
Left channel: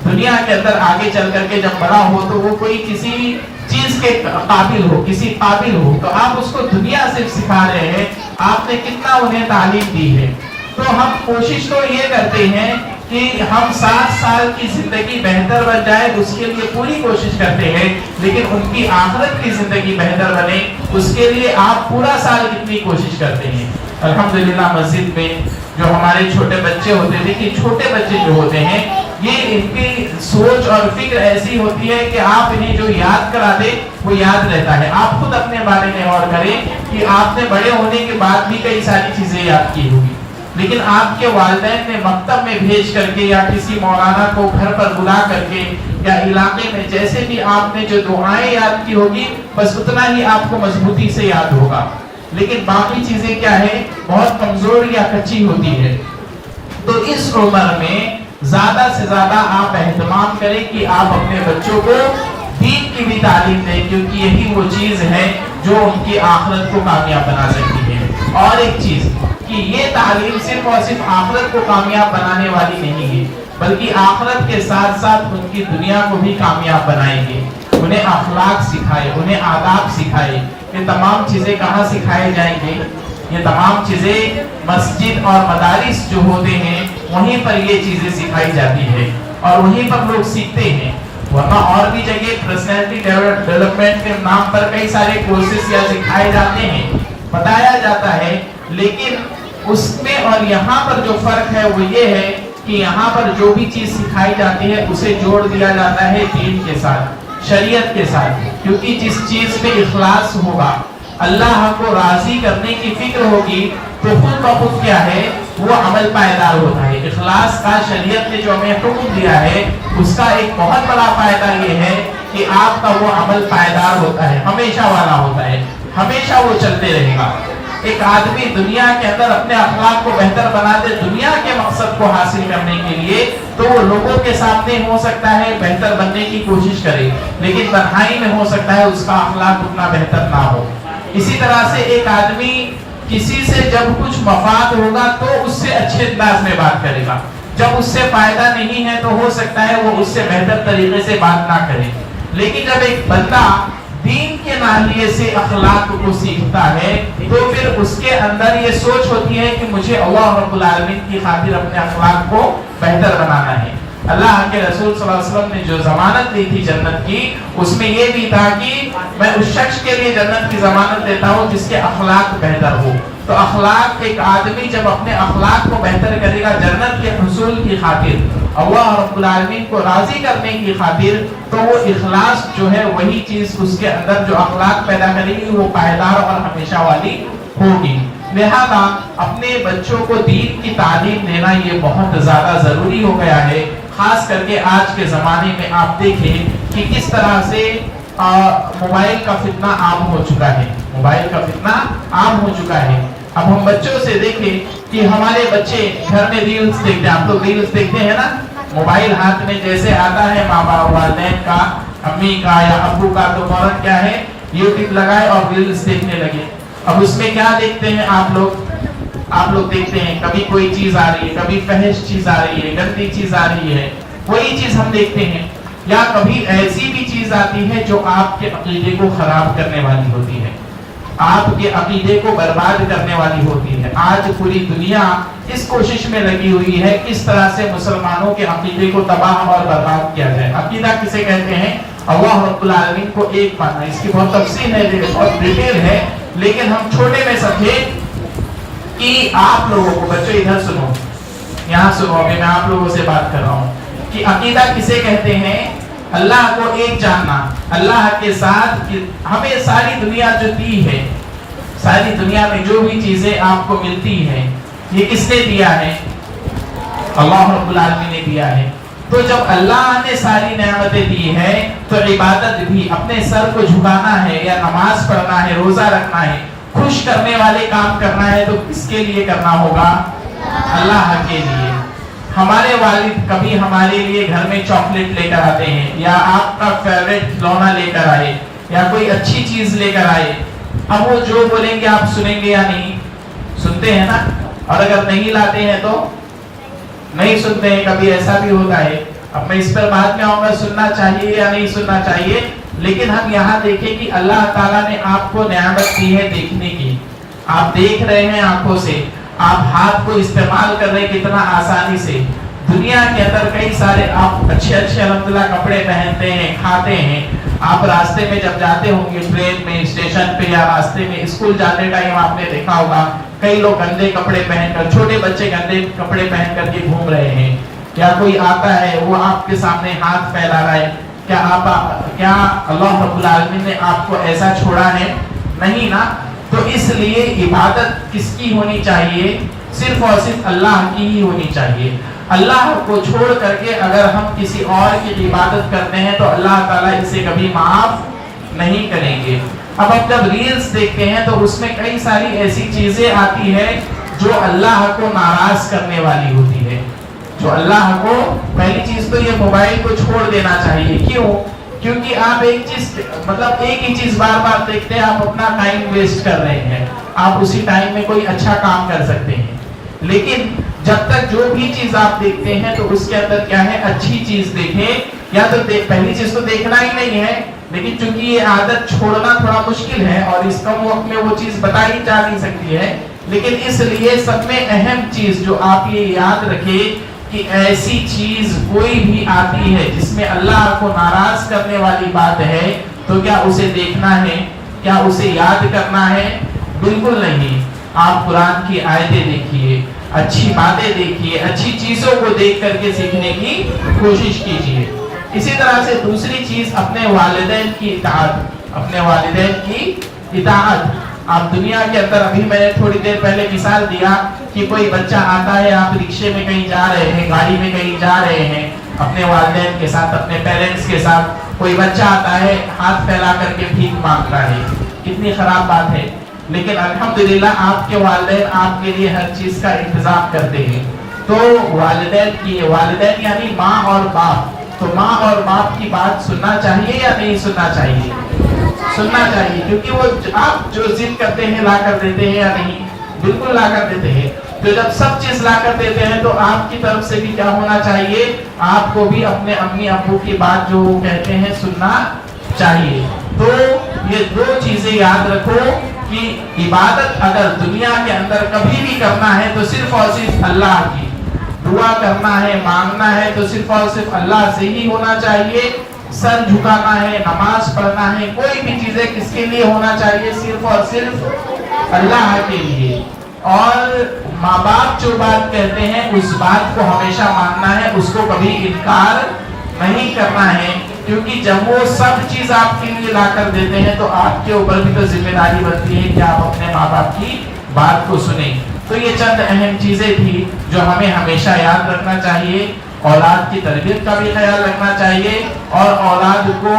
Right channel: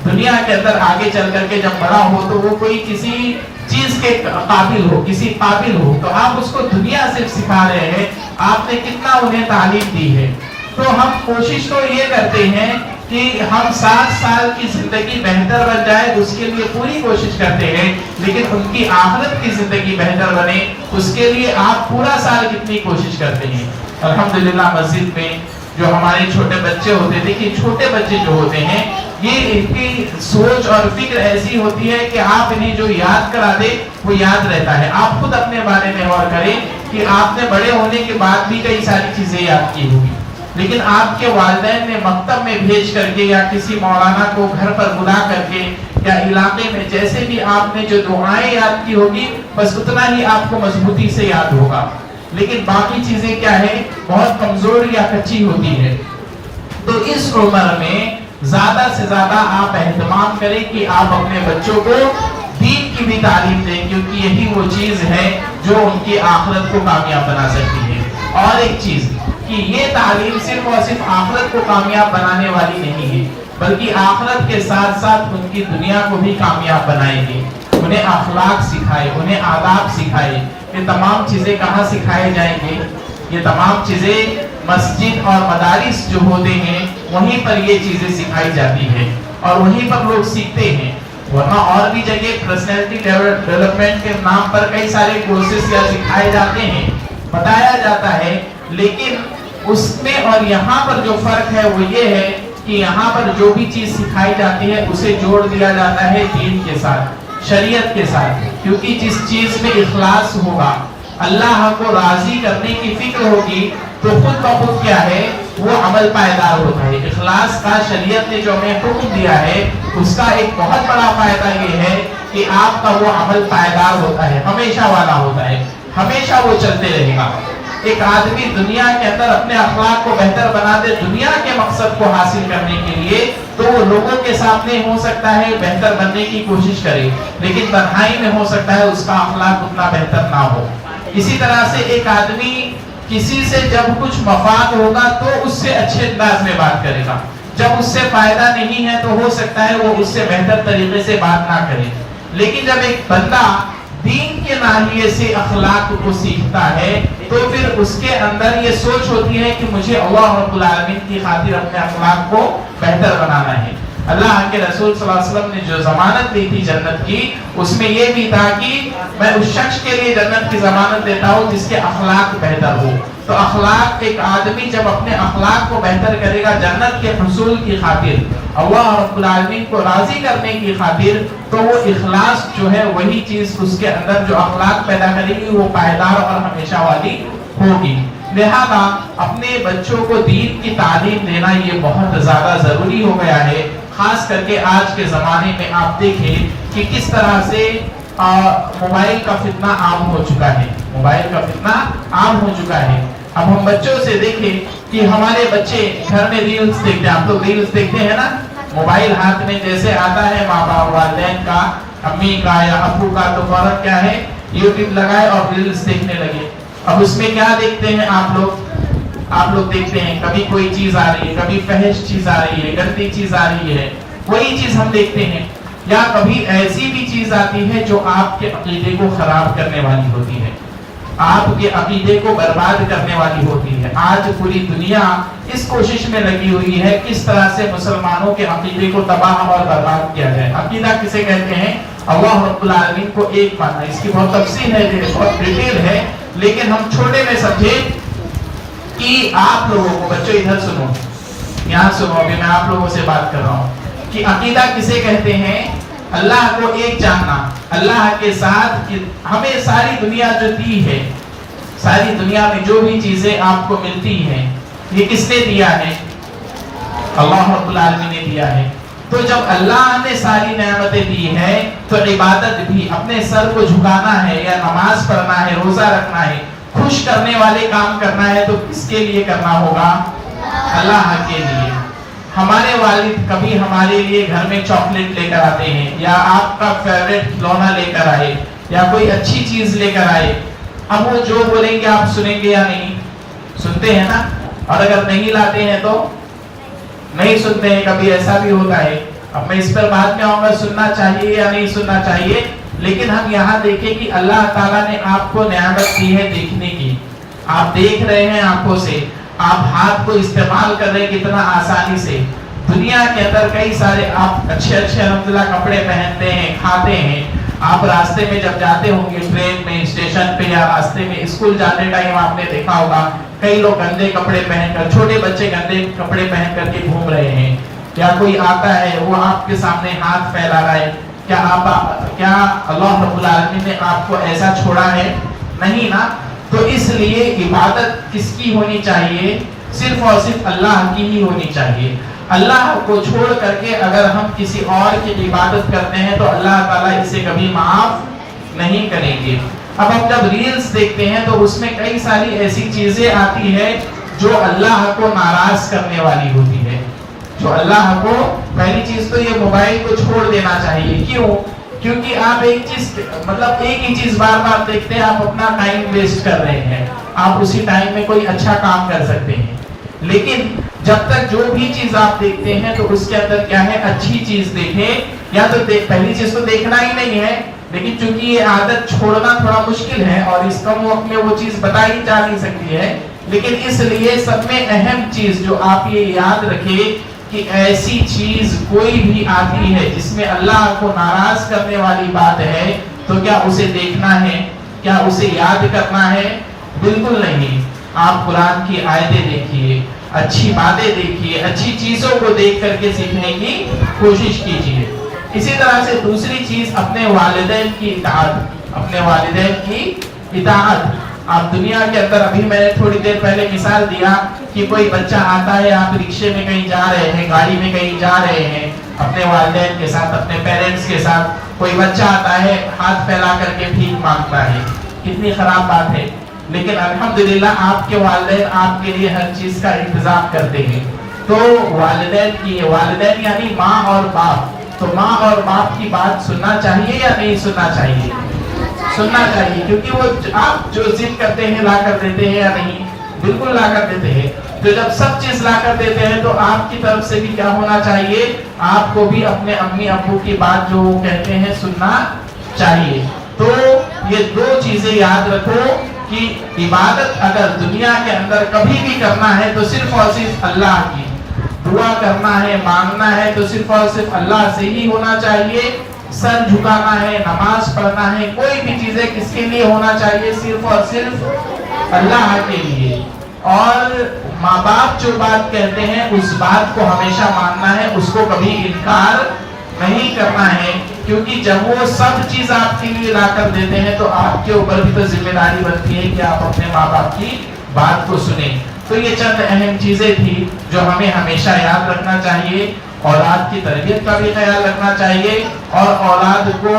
دنیا کے اندر آگے چل کر کے جب بڑا ہو تو وہ کوئی کسی چیز کے قابل ہو، کسی قابل ہو. تو آپ اس کو دنیا سے سکھا رہے ہیں، آپ نے کتنا انہیں تعلیم دی ہے. تو ہم کوشش تو یہ کرتے ہیں کہ ہم 60 سال کی زندگی بہتر بن جائے، اس کے لیے پوری کوشش کرتے ہیں، لیکن ان کی آخرت کی زندگی بہتر بنے اس کے لیے آپ پورا سال کتنی کوشش کرتے ہیں. الحمدللہ مسجد میں جو ہمارے چھوٹے بچے ہوتے ہیں، دیکھیے چھوٹے بچے جو ہوتے ہیں، یہ ان کی سوچ اور فکر ایسی ہوتی ہے کہ آپ انہیں جو یاد کرا دے وہ یاد رہتا ہے. آپ خود اپنے بارے میں غور کریں کہ آپ نے بڑے ہونے کے بعد بھی کئی ساری چیزیں یاد کی ہوگی، لیکن آپ کے والدین نے مکتب میں بھیج کر کے یا کسی مولانا کو گھر پر بلا کر کے یا علاقے میں جیسے بھی آپ نے جو دعائیں یاد کی ہوگی بس اتنا ہی آپ کو مضبوطی سے یاد ہوگا. لیکن باقی چیزیں کیا ہے، بہت کمزور یا کچی ہوتی ہے. تو اس عمر میں زیادہ سے زیادہ آپ اہتمام کریں کہ آپ اپنے بچوں کو دین کی بھی تعلیم دیں، کیونکہ یہی وہ چیز ہے جو ان کی آخرت کو کامیاب بنا سکتی ہے. اور ایک چیز کہ یہ تعلیم صرف اور صرف آخرت کو کامیاب بنانے والی نہیں ہے، بلکہ آخرت کے ساتھ ساتھ ان کی دنیا کو بھی کامیاب بنائیں گے. انہیں اخلاق سکھائے، انہیں آداب سکھائے. یہ تمام چیزیں کہاں سکھائے جائیں گے؟ یہ تمام چیزیں مسجد اور مدارس جو ہوتے ہیں وہیں پر یہ چیزیں سکھائی جاتی ہے اور وہیں پر لوگ سیکھتے ہیں. ورنہ اور بھی جگہ پرسنالٹی ڈیولپمنٹ کے نام پر کئی سارے کورسز یا سکھائے جاتے ہیں، بتایا جاتا ہے، لیکن اس میں اور یہاں پر جو فرق ہے وہ یہ ہے کہ یہاں پر جو بھی چیز سکھائی جاتی ہے اسے جوڑ دیا جاتا ہے دین کے ساتھ، شریعت کے ساتھ. کیونکہ جس چیز میں اخلاص ہوگا، اللہ کو راضی کرنے کی فکر ہوگی، تو خود بخود کیا ہے وہ عمل پائیدار ہوتا ہے۔ اخلاص کا شریعت نے جو ہمیں حکم دیا ہے اس کا ایک بہت بڑا فائدہ یہ ہے کہ آپ کا وہ عمل پائیدار ہوتا ہے، ہمیشہ والا ہوتا ہے، ہمیشہ وہ چلتے رہے گا۔ ایک آدمی دنیا کے اندر اپنے اخلاق کو بہتر بنا دے دنیا کے مقصد کو حاصل کرنے کے لیے، تو وہ لوگوں کے سامنے ہو سکتا ہے بہتر بننے کی کوشش کرے، لیکن تنہائی میں ہو سکتا ہے اس کا اخلاق اتنا بہتر نہ ہو۔ اسی طرح سے ایک آدمی کسی سے جب کچھ مفاد ہوگا تو اس سے اچھے انداز میں بات کرے گا، جب اس سے فائدہ نہیں ہے تو ہو سکتا ہے وہ اس سے بہتر طریقے سے بات نہ کرے۔ لیکن جب ایک بندہ دین کے ناحیے سے اخلاق کو سیکھتا ہے تو پھر اس کے اندر یہ سوچ ہوتی ہے کہ مجھے اللہ رب العالمین کی خاطر اپنے اخلاق کو بہتر بنانا ہے۔ اللہ کے رسول صلی اللہ علیہ وسلم نے جو ضمانت دی تھی جنت کی، اس میں یہ بھی تھا کہ میں اس شخص کے لیے جنت کی ضمانت دیتا ہوں جس کے اخلاق بہتر ہو۔ تو اخلاق، ایک آدمی جب اپنے اخلاق کو بہتر کرے گا جنت کے حصول کی خاطر، اللہ رب العالمین کو راضی کرنے کی خاطر، تو وہ اخلاص جو ہے وہی چیز اس کے اندر جو اخلاق پیدا کرے گی وہ پائیدار اور ہمیشہ والی ہوگی۔ لہذا اپنے بچوں کو دین کی تعلیم دینا یہ بہت زیادہ ضروری ہو گیا ہے، خاص کر کے آج کے زمانے میں آپ دیکھیں کہ کس طرح سے موبائل کا فتنہ عام ہو چکا ہے، موبائل کا فتنہ عام ہو چکا ہے۔ اب ہم بچوں سے دیکھیں کہ ہمارے بچے گھر میں ریلز دیکھتے ہیں، آپ لوگ ریلز دیکھتے ہیں نا، موبائل ہاتھ میں جیسے آتا ہے ماں باپ والدین کا، امی کا یا ابو کا، تو فوراً کیا ہے یوٹیوب لگائے اور ریلز دیکھنے لگے۔ اب اس میں کیا دیکھتے ہیں آپ لوگ دیکھتے ہیں کبھی کوئی چیز آ رہی ہے، کبھی فحش چیز آ رہی ہے، گندی چیز آ رہی ہے، وہی چیز ہم دیکھتے ہیں، یا کبھی ایسی بھی چیز آتی ہے جو آپ کے عقیدے کو خراب کرنے والی ہوتی ہے، آپ کے عقیدے کو برباد کرنے والی ہوتی ہے۔ آج پوری دنیا اس کوشش میں لگی ہوئی ہے کس طرح سے مسلمانوں کے عقیدے کو تباہ اور برباد کیا جائے۔ عقیدہ کسے کہتے ہیں؟ اللہ رب العالمین کو ایک ماننا۔ اس کی بہت تفصیل ہے، بہت ڈیٹیل ہے، لیکن ہم چھوٹے میں سمجھے کہ آپ لوگوں کو، بچوں ادھر سنو، یہاں سنو، ابھی میں آپ لوگوں سے بات کر رہا ہوں کہ عقیدہ کسے کہتے ہیں؟ اللہ کو ایک جاننا، اللہ کے ساتھ ہمیں ساری دنیا جو دی ہے، ساری دنیا میں جو بھی چیزیں آپ کو ملتی ہیں یہ کس نے دیا ہے؟ اللہ رب العالمین نے دیا ہے۔ تو جب اللہ نے ساری نعمتیں دی ہیں تو عبادت بھی، اپنے سر کو جھکانا ہے یا نماز پڑھنا ہے، روزہ رکھنا ہے، خوش کرنے والے کام کرنا ہے تو کس کے لیے کرنا ہوگا؟ اللہ کے لیے۔ ہمارے والد کبھی ہمارے لیے گھر میں چاکلیٹ لے کر آتے ہیں، یا آپ کا فیوریٹ کھلونا لے کر آئے، یا کوئی اچھی چیز لے کر آئے، اب وہ جو بولیں گے آپ سنیں گے یا نہیں؟ سنتے ہیں نا؟ اور اگر نہیں لاتے ہیں تو نہیں سنتے ہیں، کبھی ایسا بھی ہوتا ہے۔ اب میں اس پر بعد میں آؤں گا، سننا چاہیے یا نہیں سننا چاہیے، لیکن ہم یہاں دیکھیں کہ اللہ تعالیٰ نے آپ کو نعمت دی ہے دیکھنے کی، آپ دیکھ رہے ہیں آنکھوں سے، آپ ہاتھ کو استعمال کر رہے ہیں کتنا آسانی سے۔ دنیا کے اندر کئی سارے آپ اچھے الحمدللہ کپڑے پہنتے ہیں، کھاتے ہیں۔ آپ راستے میں جب جاتے ہوں گے، ٹرین میں، اسٹیشن پہ، یا راستے میں اسکول جاتے ٹائم آپ نے دیکھا ہوگا کئی لوگ گندے کپڑے پہن کر، چھوٹے بچے گندے کپڑے پہن کر کے گھوم رہے ہیں، یا کوئی آتا ہے وہ آپ کے سامنے ہاتھ پھیلا رہا ہے۔ کیا اللہ رب العالمین نے آپ کو ایسا چھوڑا ہے؟ نہیں نا۔ تو اس لیے عبادت کس کی ہونی چاہیے؟ صرف اور صرف اللہ کی ہی ہونی چاہیے۔ اللہ کو چھوڑ کر کے اگر ہم کسی اور کی عبادت کرتے ہیں تو اللہ تعالیٰ اسے کبھی معاف نہیں کریں گے۔ اب ہم جب ریلز دیکھتے ہیں تو اس میں کئی ساری ایسی چیزیں آتی ہے جو اللہ کو ناراض کرنے والی ہوتی ہے، جو اللہ کو، پہلی چیز تو یہ موبائل کو چھوڑ دینا چاہیے۔ کیوں؟ کیونکہ آپ ایک ہی چیز بار بار دیکھتے ہیں، آپ اپنا ٹائم ویسٹ کر رہے ہیں، آپ اسی ٹائم میں کوئی اچھا کام کر سکتے ہیں۔ لیکن جب تک جو بھی چیز آپ دیکھتے ہیں تو اس کے اندر کیا ہے، اچھی چیز دیکھیں، یا تو پہلی چیز تو دیکھنا ہی نہیں ہے، لیکن چونکہ یہ عادت چھوڑنا تھوڑا مشکل ہے اور اس کم وقت میں وہ چیز بتائی جا نہیں سکتی ہے، لیکن اس لیے سب میں اہم چیز جو آپ یہ یاد رکھیں کہ ایسی چیز کوئی بھی آتی ہے جس میں اللہ کو ناراض کرنے والی بات ہے تو کیا اسے دیکھنا ہے؟ کیا اسے یاد کرنا ہے؟ بالکل نہیں۔ آپ قرآن کی آیتیں دیکھیے، اچھی باتیں دیکھیے، اچھی چیزوں کو دیکھ کر کے سیکھنے کی کوشش کیجیے۔ اسی طرح سے دوسری چیز، اپنے والدین کی اطاعت، اپنے والدین کی اطاعت۔ آپ دنیا کے اندر ابھی میں نے تھوڑی دیر پہلے مثال دیا کہ کوئی بچہ آتا ہے, آپ رکشے میں کہیں جا رہے ہیں, گاڑی میں کہیں جا رہے ہیں اپنے والدین کے ساتھ, اپنے پیرنٹس کے ساتھ, کوئی بچہ آتا ہے ہاتھ پھیلا کر کے بھیک مانگتا ہے, کتنی خراب بات ہے. لیکن الحمدللہ آپ کے والدین آپ کے لیے ہر چیز کا انتظام کرتے ہیں. تو والدین یعنی ماں اور باپ, تو ماں اور باپ کی بات سننا چاہیے یا نہیں سننا چاہیے؟ سننا چاہیے, کیونکہ وہ آپ جو ضد کرتے ہیں لا کر دیتے ہیں یا نہیں؟ بالکل لا کر دیتے ہیں. تو جب سب چیز لا کر دیتے ہیں تو آپ کی طرف سے بھی کیا ہونا چاہیے؟ آپ کو بھی اپنے امی ابو کی بات جو وہ کہتے ہیں سننا چاہیے. تو یہ دو چیزیں یاد رکھو کہ عبادت اگر دنیا کے اندر کبھی بھی کرنا ہے تو صرف اور صرف اللہ کی, دعا کرنا ہے, مانگنا ہے تو صرف اور صرف اللہ سے ہی ہونا چاہیے. سر جھکانا ہے, نماز پڑھنا ہے, کوئی بھی چیزیں کس کے لیے ہونا چاہیے؟ صرف اور صرف اللہ کے لیے. اور ماں باپ جو بات کہتے ہیں اس بات کو ہمیشہ ماننا ہے, اس کو کبھی انکار نہیں کرنا ہے, کیونکہ جب وہ سب چیز آپ کے لیے لا کر دیتے ہیں تو آپ کے اوپر بھی تو ذمہ داری بنتی ہے کہ آپ اپنے ماں باپ کی بات کو سنیں. تو یہ چند اہم چیزیں تھی جو ہمیں ہمیشہ یاد رکھنا چاہیے. اولاد کی تربیت کا بھی خیال رکھنا چاہیے اور اولاد کو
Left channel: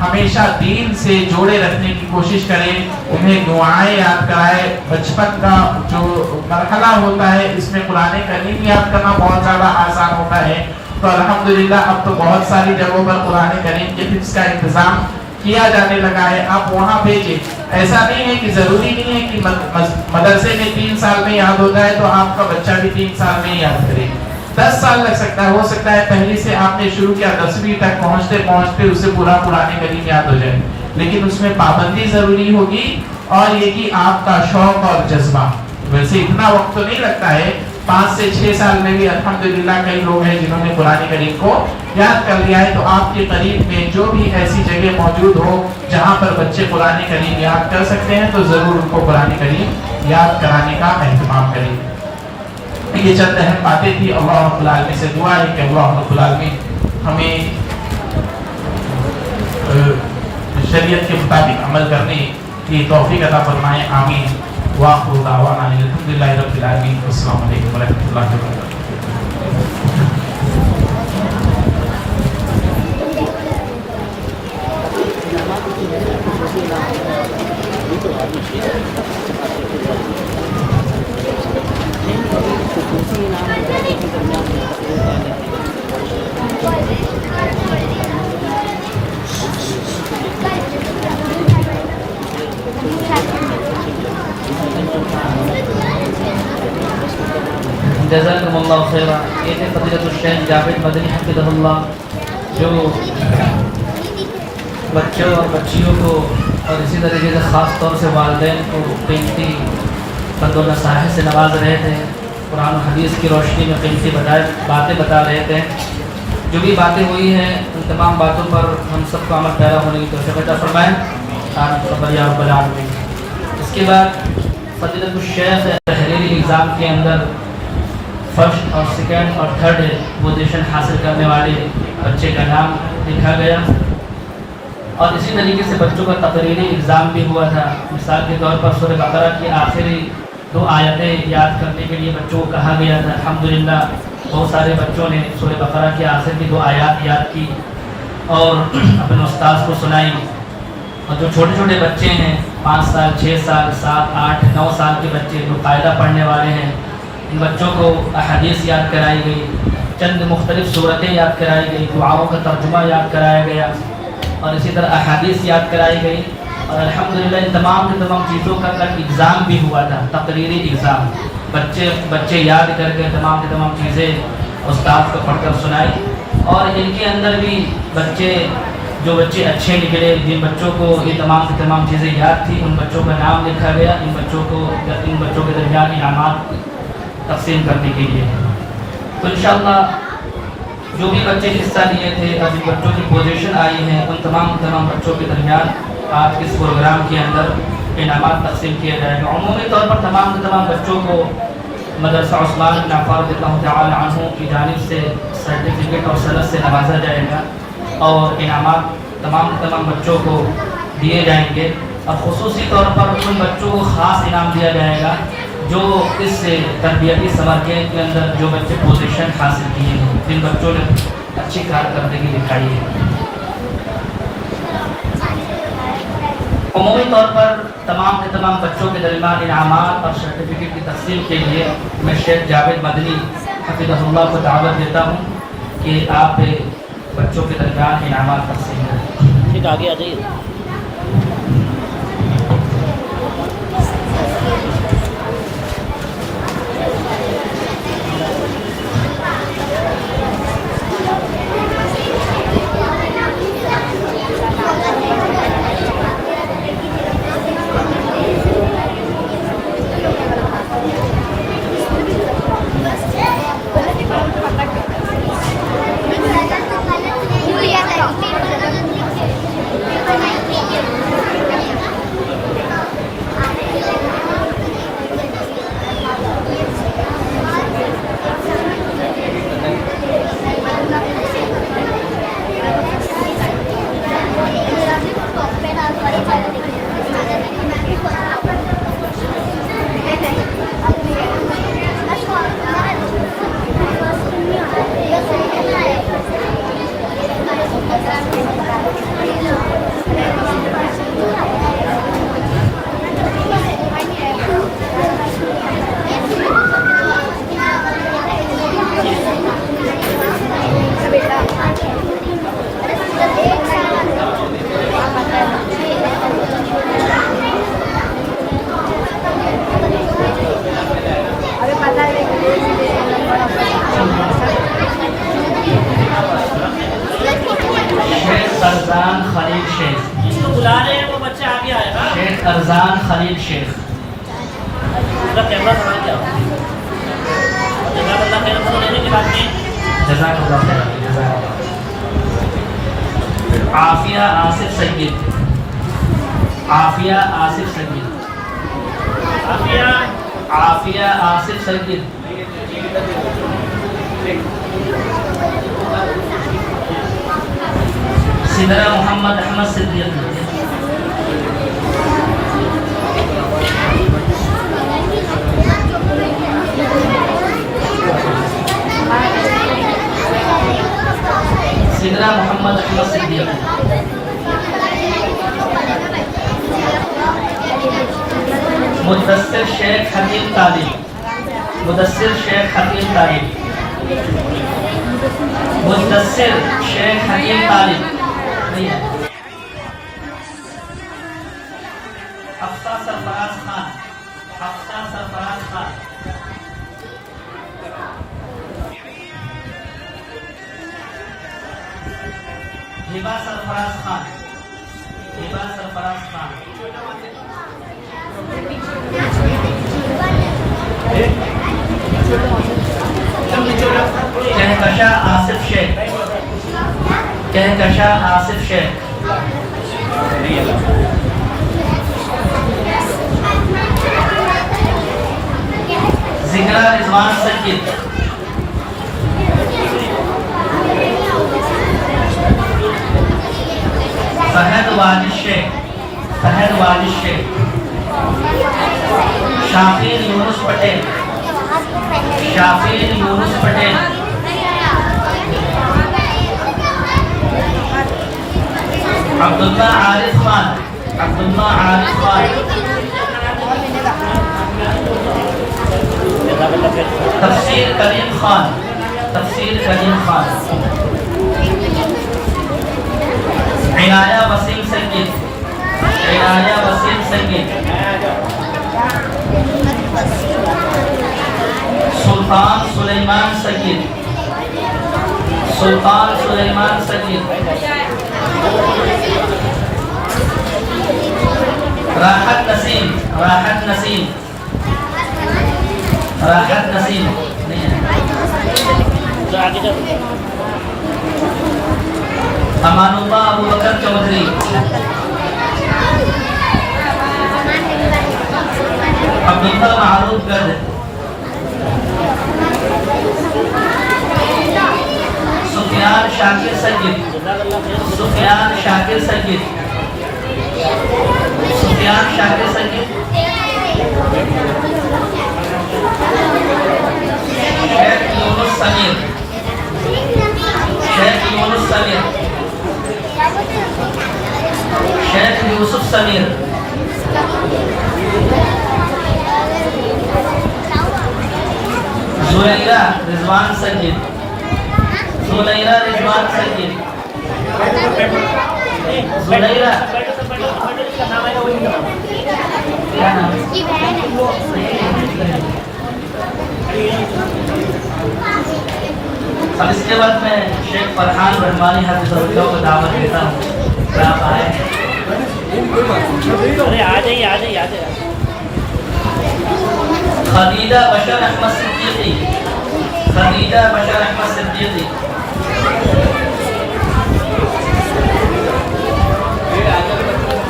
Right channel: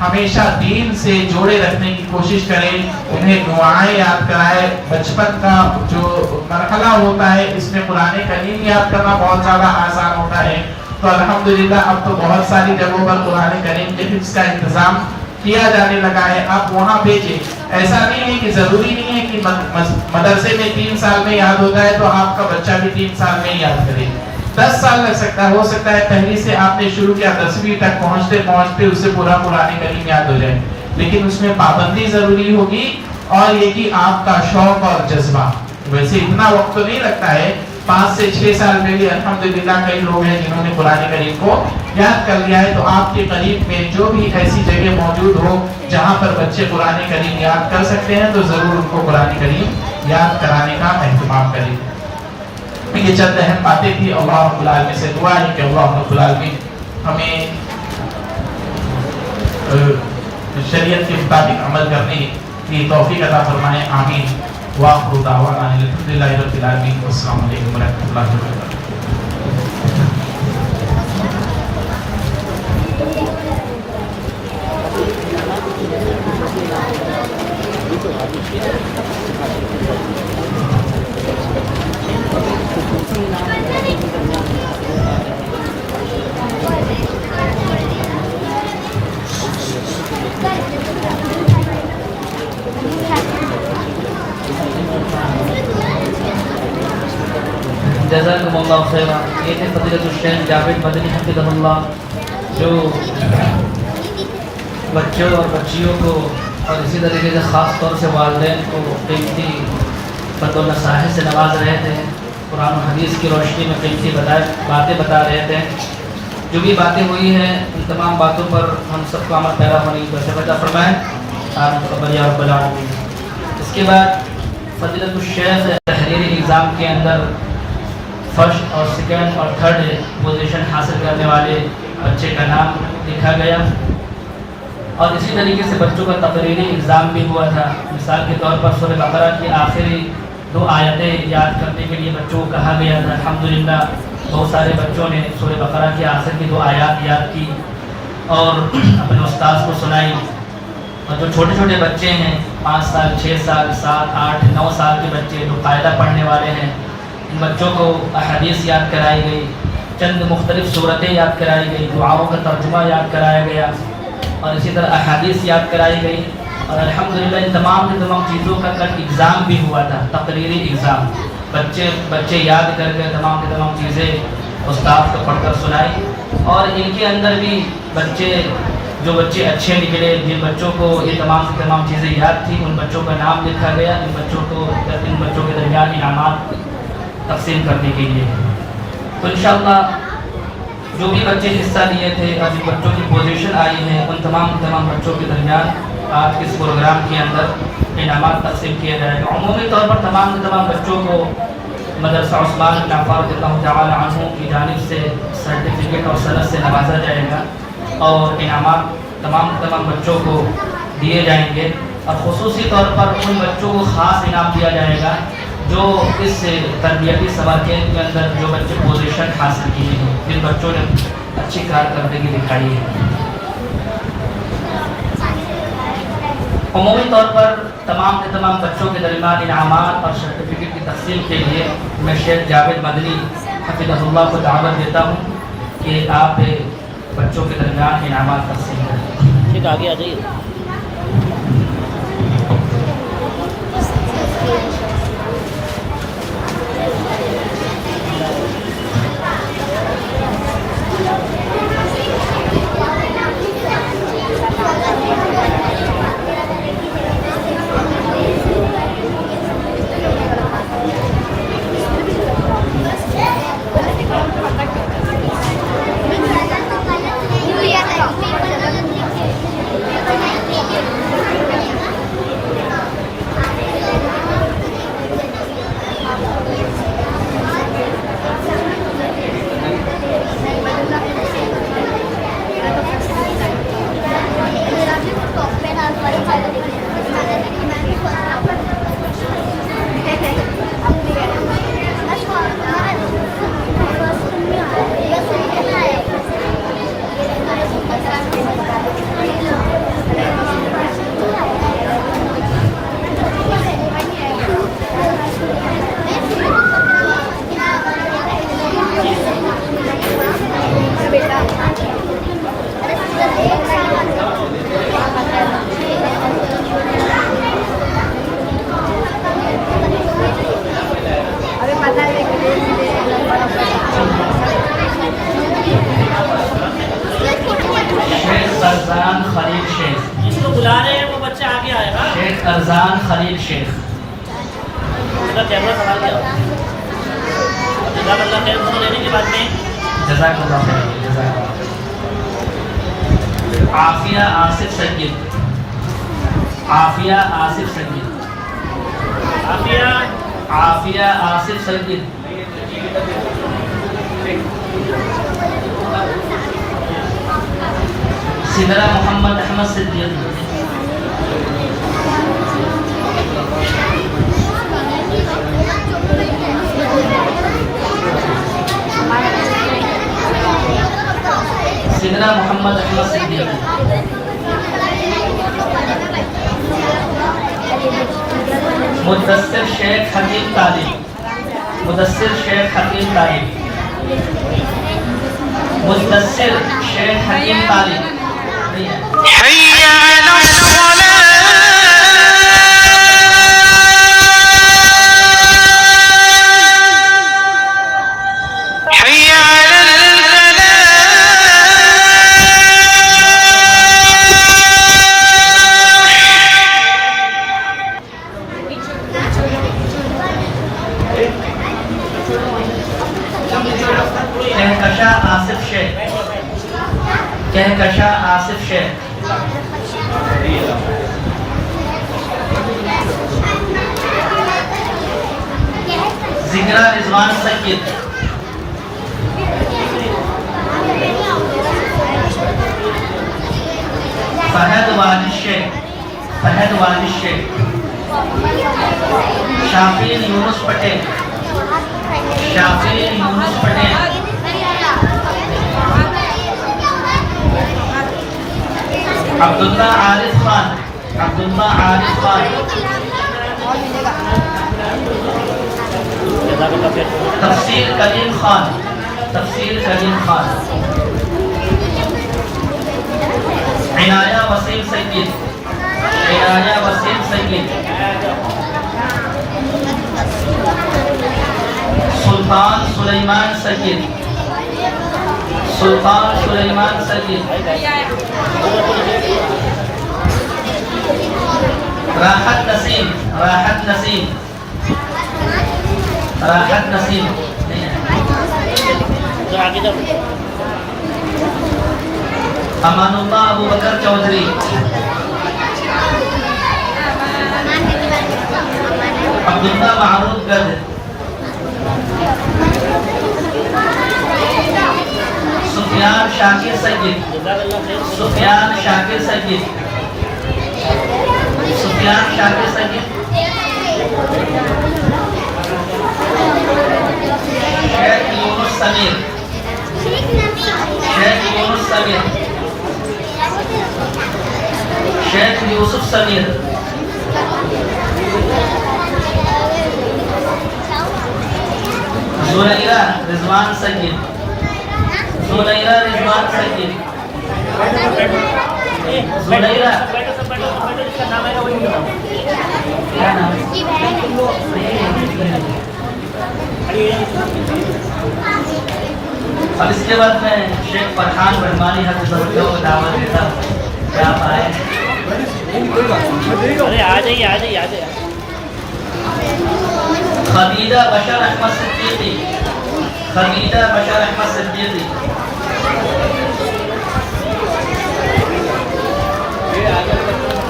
ہمیشہ دین سے جوڑے رکھنے کی کوشش کریں, انہیں دعائیں یاد کرائے. بچپن کا جو مرحلہ ہوتا ہے اس میں قرآن کریم یاد کرنا بہت زیادہ آسان ہوتا ہے. تو الحمدللہ اب تو بہت ساری جگہوں پر قرآن کریم کے حفظ کا انتظام کیا جانے لگا ہے, آپ وہاں بھیجیں. ایسا نہیں ہے کہ ضروری نہیں ہے کہ مدرسے میں 3 سال میں یاد ہوتا ہے تو آپ کا بچہ بھی 3 سال میں یاد کرے. 10 سال لگ سکتا ہے, ہو سکتا ہے پہلی سے آپ نے شروع کیا 10ویں تک پہنچتے پہنچتے اسے پورا قرآن کریم یاد ہو جائے, لیکن اس میں پابندی ضروری ہوگی اور یہ کہ آپ کا شوق اور جذبہ. ویسے اتنا وقت تو نہیں لگتا ہے, 5 سے 6 سال میں بھی الحمدللہ کئی لوگ ہیں جنہوں نے قرآن کریم کو یاد کر لیا ہے. تو آپ کے قریب میں جو بھی ایسی جگہ موجود ہو جہاں پر بچے قرآن کریم یاد کر سکتے ہیں تو ضرور ان کو قرآن کریم یاد کرانے کا اہتمام کریں. یہ چند اہم باتیں تھی. اللہ رب العالمین سے دعا ہے کہ اللہ رب العالمین ہمیں شریعت کے مطابق عمل کرنے کی توفیق عطا فرمائے. آمین. وآخر دعوانا الحمدللہ رب العالمین. السلام علیکم ورحمۃ اللہ وبرکاتہ. جزاکم اللہ خیرہ. یہ تھے فضیلت الشیخ جاوید مدنی حفظہ اللہ, جو بچوں اور بچیوں کو اور اسی طریقے سے خاص طور سے والدین کو قیمتی بند و نصائح سے نواز رہے تھے. قرآن و حدیث کی روشنی میں قیمتی باتیں بتا رہے تھے. جو بھی باتیں ہوئی ہیں ان تمام باتوں پر ہم سب کو عمل پیرا ہونے کی توفیق عطا فرمائیں. آمین تقبل یا رب العالمین. اس کے بعد فضیلت الشیخ تحریری ایگزام کے اندر فرسٹ اور سیکنڈ اور تھرڈ پوزیشن حاصل کرنے والے بچے کا نام لکھا گیا, اور اسی طریقے سے بچوں کا تقریری ایگزام بھی ہوا تھا. مثال کے طور پر سورہ بقرہ کی آخری 2 آیتیں یاد کرنے کے لیے بچوں کو کہا گیا تھا. الحمدللہ بہت سارے بچوں نے سورہ بقرہ کی آخر کی 2 آیات یاد کی اور اپنے استاذ کو سنائی. اور جو چھوٹے چھوٹے بچے ہیں 5 سال 6 سال 7 8 9 سال کے بچے جو قاعدہ پڑھنے والے ہیں, ان بچوں کو احادیث یاد کرائی گئی, چند مختلف صورتیں یاد کرائی گئی, دعاؤں کا ترجمہ یاد کرایا گیا اور اسی طرح احادیث یاد کرائی گئی. اور الحمدللہ ان تمام چیزوں کا کل ایگزام بھی ہوا تھا, تقریری ایگزام. بچے یاد کر کے تمام چیزیں استاد کو پڑھ کر سنائی. اور ان کے اندر بھی جو بچے اچھے نکلے, جن بچوں کو یہ تمام چیزیں یاد تھی, ان بچوں کا نام لکھا گیا. ان بچوں کے درمیان انعامات تقسیم کرنے کے لیے. تو انشاءاللہ جو بھی بچے حصہ لیے تھے اور جن بچوں کی پوزیشن آئی ہیں ان تمام بچوں کے درمیان آج کے اس پروگرام کے اندر انعامات تقسیم کیے جائے گا. عمومی طور پر تمام بچوں کو مدرسہ عثمان بن عفان رضی اللہ تعالی عنہ کی جانب سے سرٹیفکیٹ اور سند سے نوازا جائے گا اور انعامات تمام بچوں کو دیے جائیں گے. اب خصوصی طور پر ان بچوں کو خاص انعام دیا جائے گا جو اس تربیتی سمر کیمپ کے اندر جو بچے پوزیشن حاصل کیے ہیں، جن بچوں نے اچھی کارکردگی دکھائی ہے۔ عمومی طور پر تمام کے تمام بچوں کے درمیان انعامات اور سرٹیفکیٹ کی تقسیم کے لیے میں شیخ جاوید مدنی حفظہ اللہ کو دعوت دیتا ہوں کہ آپ بچوں کے درمیان انعامات تقسیم کریں۔ ٹھیک، آگے آ جائیے۔ ارزان خلیل شیخ، جس کو بلا رہے ہیں وہ بچہ آگے آئے گا۔ شیخ ارزان خلیل شیخ۔ اس کا کیمرہ سنبھال لیا۔ جزاک اللہ خیر، ہم لینے کے بعد میں جزاک اللہ خیر، جزاک اللہ۔ عافیہ آصف سید، عافیہ آصف سید، عافیہ آصف سید، سدرہ محمد احمد صدیق، سدرہ محمد احمد صدیق، مدثر شیخ حکیم طالب، مدثر شیخ حکیم طالب، مدثر شیخ حکیم طالب نہیں ہے۔ کہکشاں آصف شیخ، کہکشاں آصف شیخ، زگرہ رضوان سید، فہد والد شیخ، فہد والد شیخ، شافین یونس پٹیل، شافین یونس پٹیل، عبداللہ عارف خان، عبداللہ عارف خان، تفسیر کریم خان، تفسیر کریم خان، عنایہ وسیم سید، عنایہ وسیم سید، سلطان سلیمان سید، سلطان سلیمان سید، راحت نسیم، راحت نسیم، راحت نسیم نہیں ہے۔ امان اللہ ابو بکر چودھری، عبداللہ معروف گرد، سفیان شاکر سید، سفیان شاکر سید، اشتیاق شاکر سید، شیخ یونس سمیر، شیخ یونس سمیر، شیخ یوسف سمیر، زلیرہ رضوان سید، زلیرہ رضوان سید، زلیرہ کیا نام ہے؟ اب اس کے بعد میں شیخ فرحان رحمانی حفظہ اللہ کو دعوت دیتا ہوں کہ آپ آئے. ارے آ جائیے آ جائیے آ جائیے. خدیجہ بشر احمد صدیقی، خدیجہ بشر احمد صدیقی،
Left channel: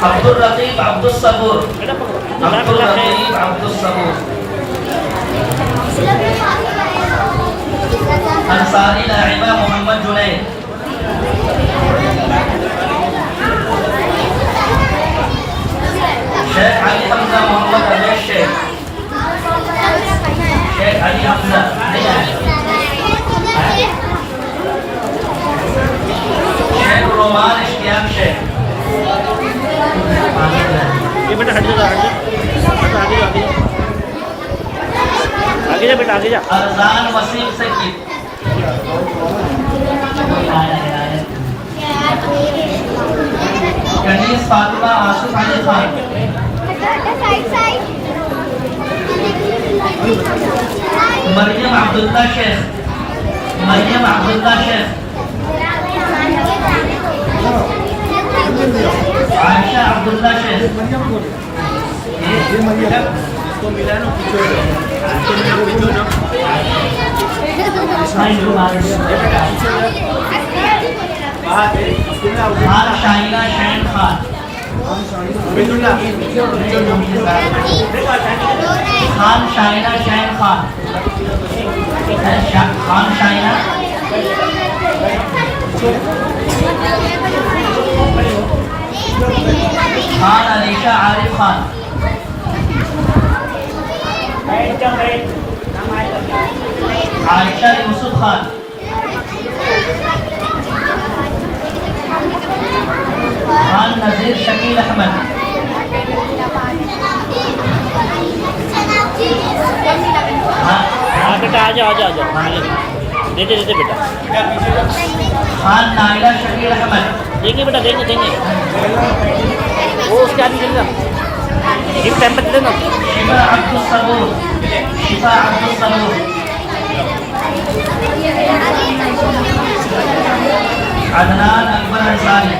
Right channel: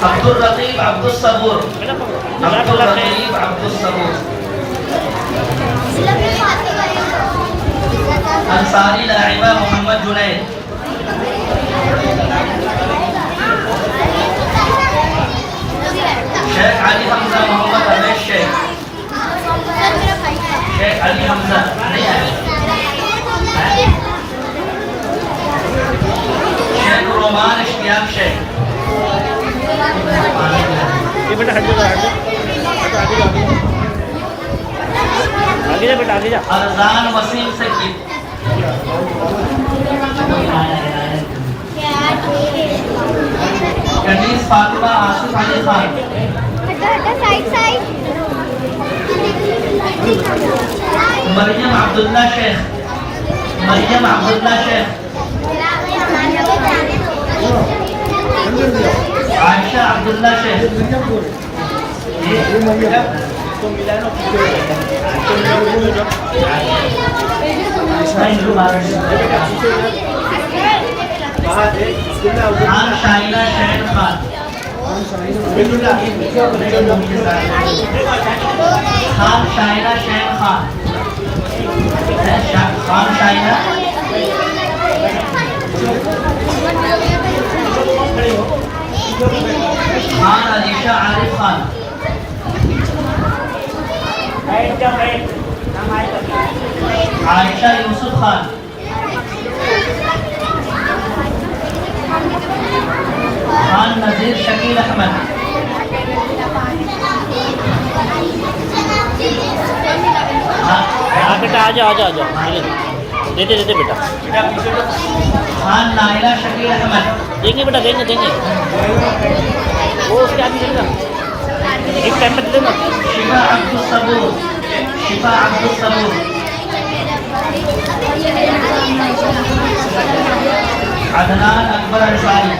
عبد الرقیب عبد الصبور، عبد الرقیب عبد الصبور، انصاری لاعبہ محمد جنید، شیخ علی حمزہ محمد اویس شیخ، شیخ علی حمزہ نہیں آئے، شیخ رومان اشتیاق شیخ، یہ بیٹا ہٹ جا ہٹ جا ہٹ آگے جا آگے جا آگے جا بیٹا آگے جا. ارزان وسیم سید، کنیز فاطمہ آصف علی خان، مریم عبداللہ شیخ، مریم عبداللہ شیخ، عائشہ عبداللہ شیخ، خان شاہینہ شین خان، خان شاہینہ شین خان، خان شاہینہ، خان علیشہ عارف خان، عائشہ یوسف خان، خان نذیر شکیل احمد، ہاں بیٹا آ جا آ جا آ جا دیتے دیتے بیٹا خان نائلہ شکیل احمد، دیں گے بیٹا دیں گے وہ اس کے آدمی دیں گا ایک ٹائم پہ دے دینا. شفا عبد الصبور، شفا عبد الصبور، عدنان اکبر انصاری،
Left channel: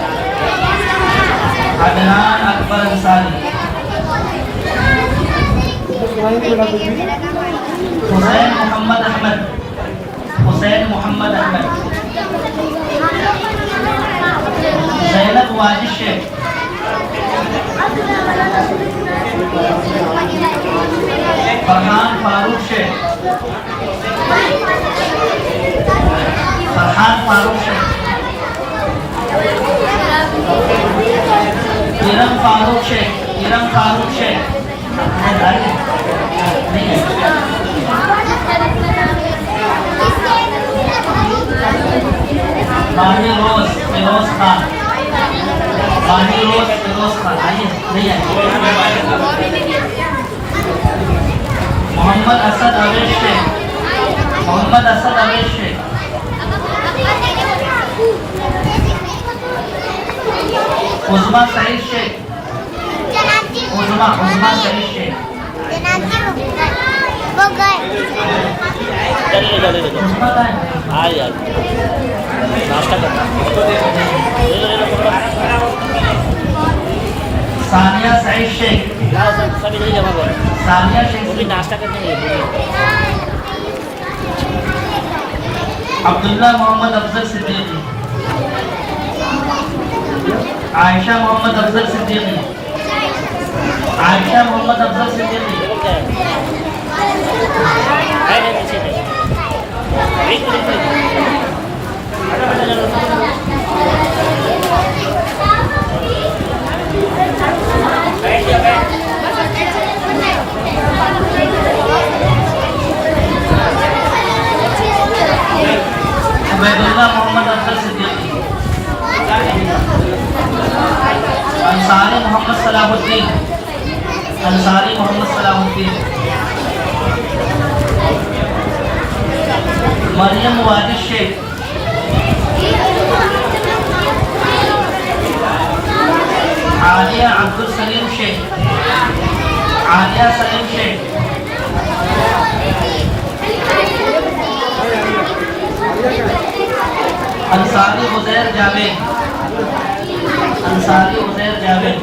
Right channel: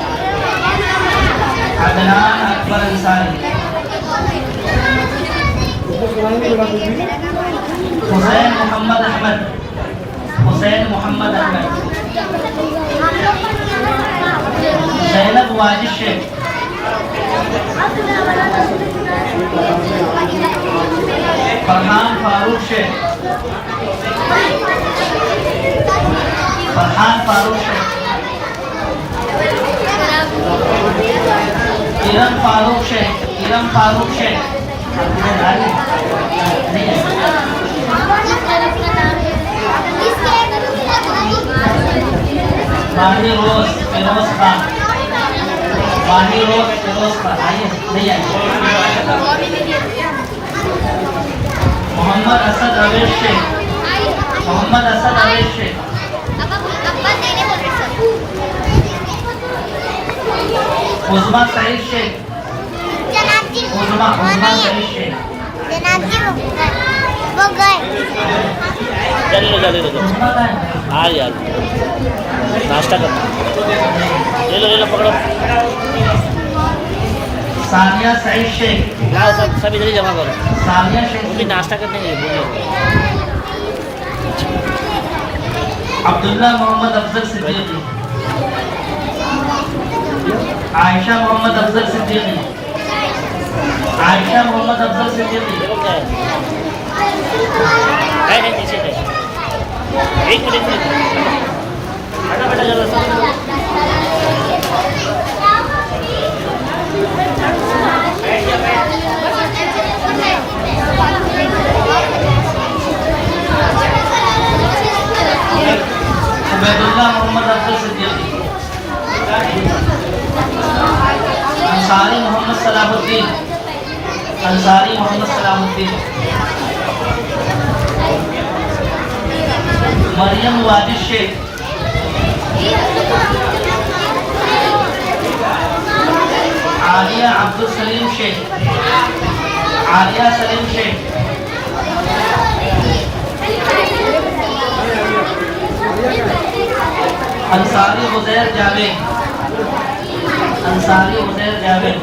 عدنان اکبر انصاری، حسین محمد احمد، حسین محمد احمد، زینب واجد شیخ، فرحان فاروق شیخ، فرحان فاروق شیخ، ارم فاروق شیخ، ارم فاروق شیخ، ماہی روز فیروز خان، ماہی روز فیروز خان، آئیے نہیں آئیے. محمد اسد اویس شیخ، محمد اسد اویس شیخ، عظما سعید شیخ، عظما سعید شیخ، چلے عظما کا ہے آ جا ناشتہ کرنا لے لو پکڑو ثانیہ سعید شیخ، سب ادھر ہی جمع کرو ثانیہ شیخ، بولیے ناشتہ کرنے کے لیے عبداللہ محمد افضل صدیقی، عائشہ محمد افضل صدیقی، عائشہ محمد افضل صدیقی، کیا ہے ایک منٹ اللہ محمد افضل صدیقی، انصاری محمد صلاح الدین، انصاری محمد صلاح الدین، مریم واجد شیخ، عالیہ عبدالسلیم شیخ، عالیہ سلیم شیخ، انصاری عزیر جاوید، انصاری عزیر جاوید،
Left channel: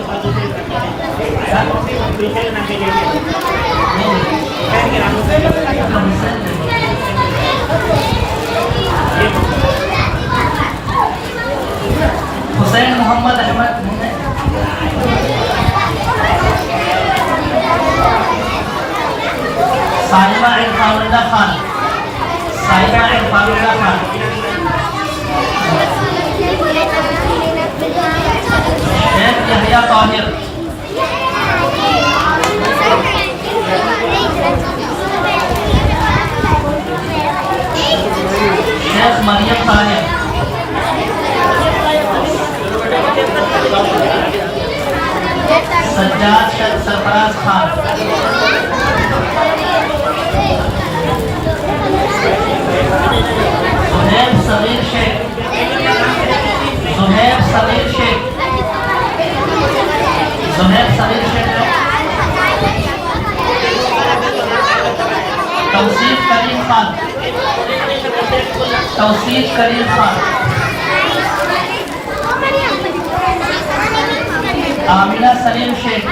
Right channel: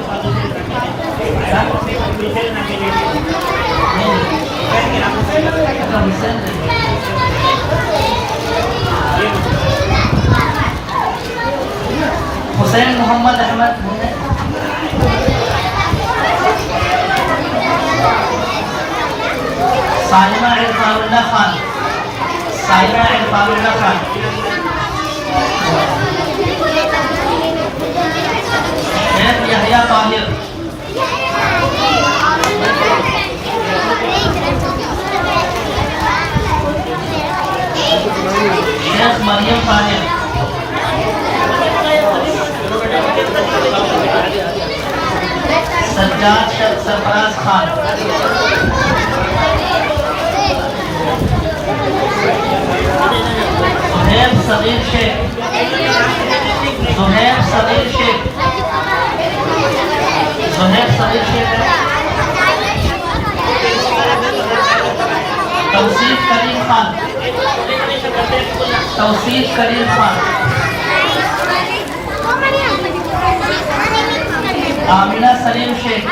حسین محمد احمد، سائمہ عرفان اللہ خان، سائمہ عرفان اللہ خان، شیخ یحییٰ طاہر، شیخ مریم طاہر، سجاد شیخ سرفراز خان، زہیب صغیر شیخ، زہیب صغیر شیخ، زہیب صغیر شیخ، توصیف کریم خان، توصیف کریم خان، آمینہ سلیم شیخ،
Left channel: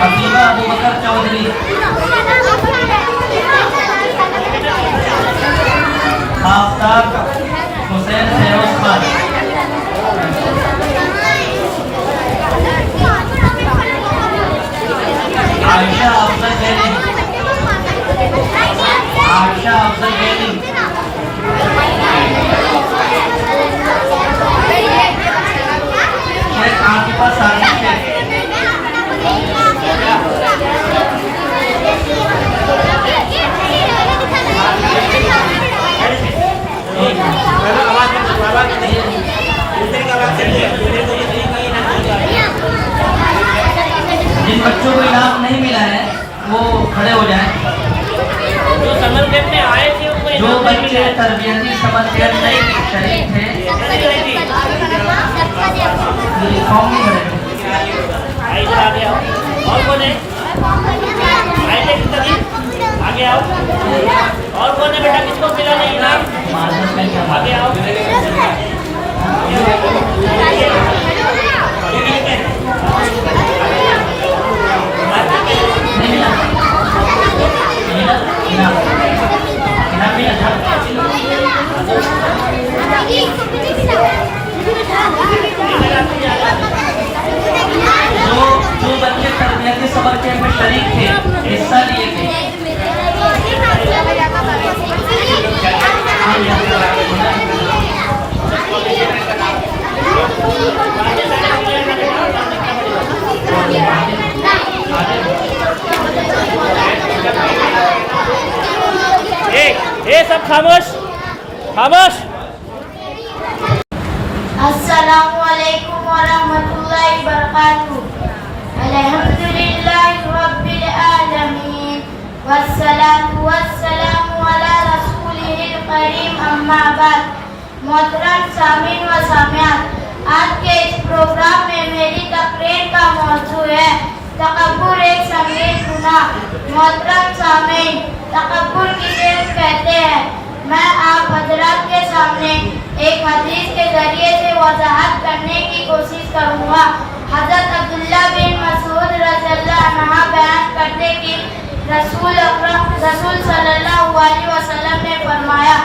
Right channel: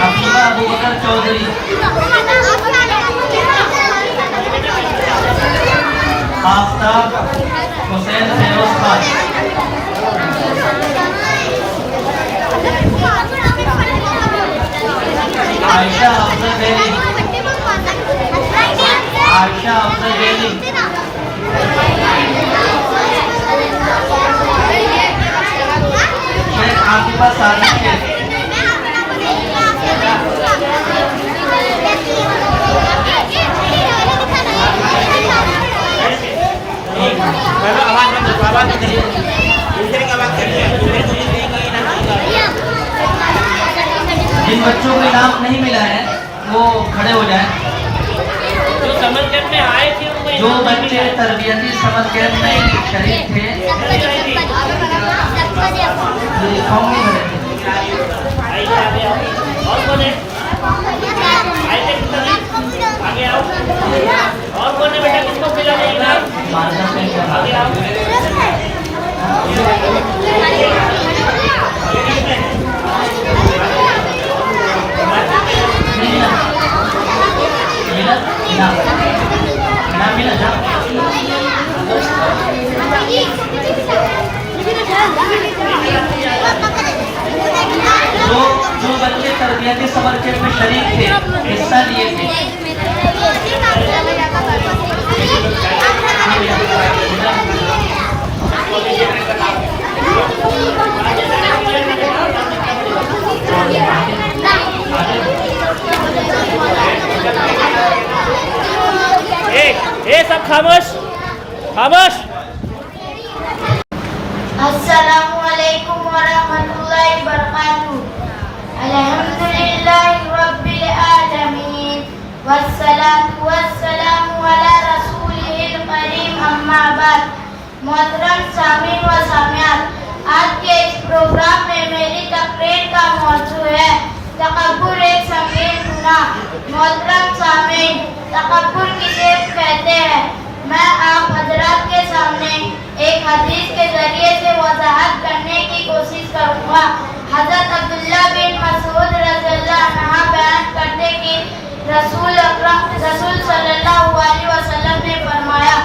حبیبہ ابوبکر چودھری، آفتاب حسین فیروز خان، عائشہ افضل جیلی، عائشہ افضل جیلی، شیخ عاطفہ صادق شیخ، جن بچوں کو انعام نہیں ملا ہے وہ کھڑے ہو جائیں. جو سمر کیمپ میں آئے تھے ان کو جو انعام نہیں بچے ملا. تربیتی سمر کیمپ میں شریک تھے یونیفارم نہیں بھرے تھے. آئیے آگے آؤ. اور کون ہے؟ آئیے آگے آؤ. اور کون ہے بیٹا کس کو ملا نہیں انعام؟ مارکر پہ کیا آگے آؤ. جو بچے تربیتی سمر کیمپ میں شریک تھے حصہ لیے تھے سب خاموش خاموش. السلام علیکم ورحمۃ اللہ وبرکاتہ. الحمدللہ رب العالمین والصلاة والسلام علی رسولہ الکریم اما بعد. محترم سامعین و سامعات، آج کے اس پروگرام میں میری تقریر کا موضوع ہے تکبر ایک سنگین گناہ. محترم سامعین، تکبر کسے کہتے ہیں میں آپ حضرات کے سامنے ایک حدیث کے ذریعے سے وضاحت کرنے کی کوشش کروں گا. حضرت عبداللہ بن مسعود رضی اللہ عنہ بیان کرتے کہ رسول صلی اللہ علیہ وسلم نے فرمایا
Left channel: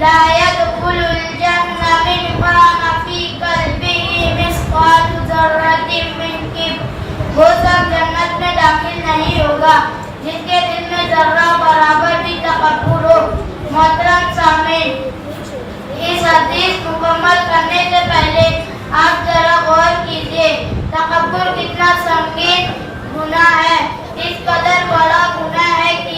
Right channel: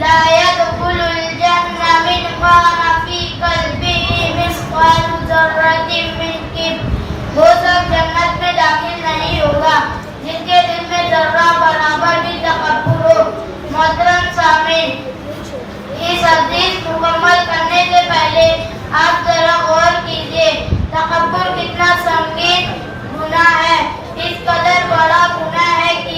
لا يدخل الجنہ من قام فی قلبہ مثقال ذرۃ من کبر. وہ سب جنت میں داخل نہیں ہوگا جن کے دل میں ذرہ برابر بھی تکبر ہو. محترم سامعین، اس حدیث مکمل کرنے سے پہلے آپ ذرا غور کیجیے تکبر کتنا سنگین گناہ ہے. اس قدر بڑا گناہ ہے کہ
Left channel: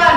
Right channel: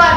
1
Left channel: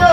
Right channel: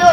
2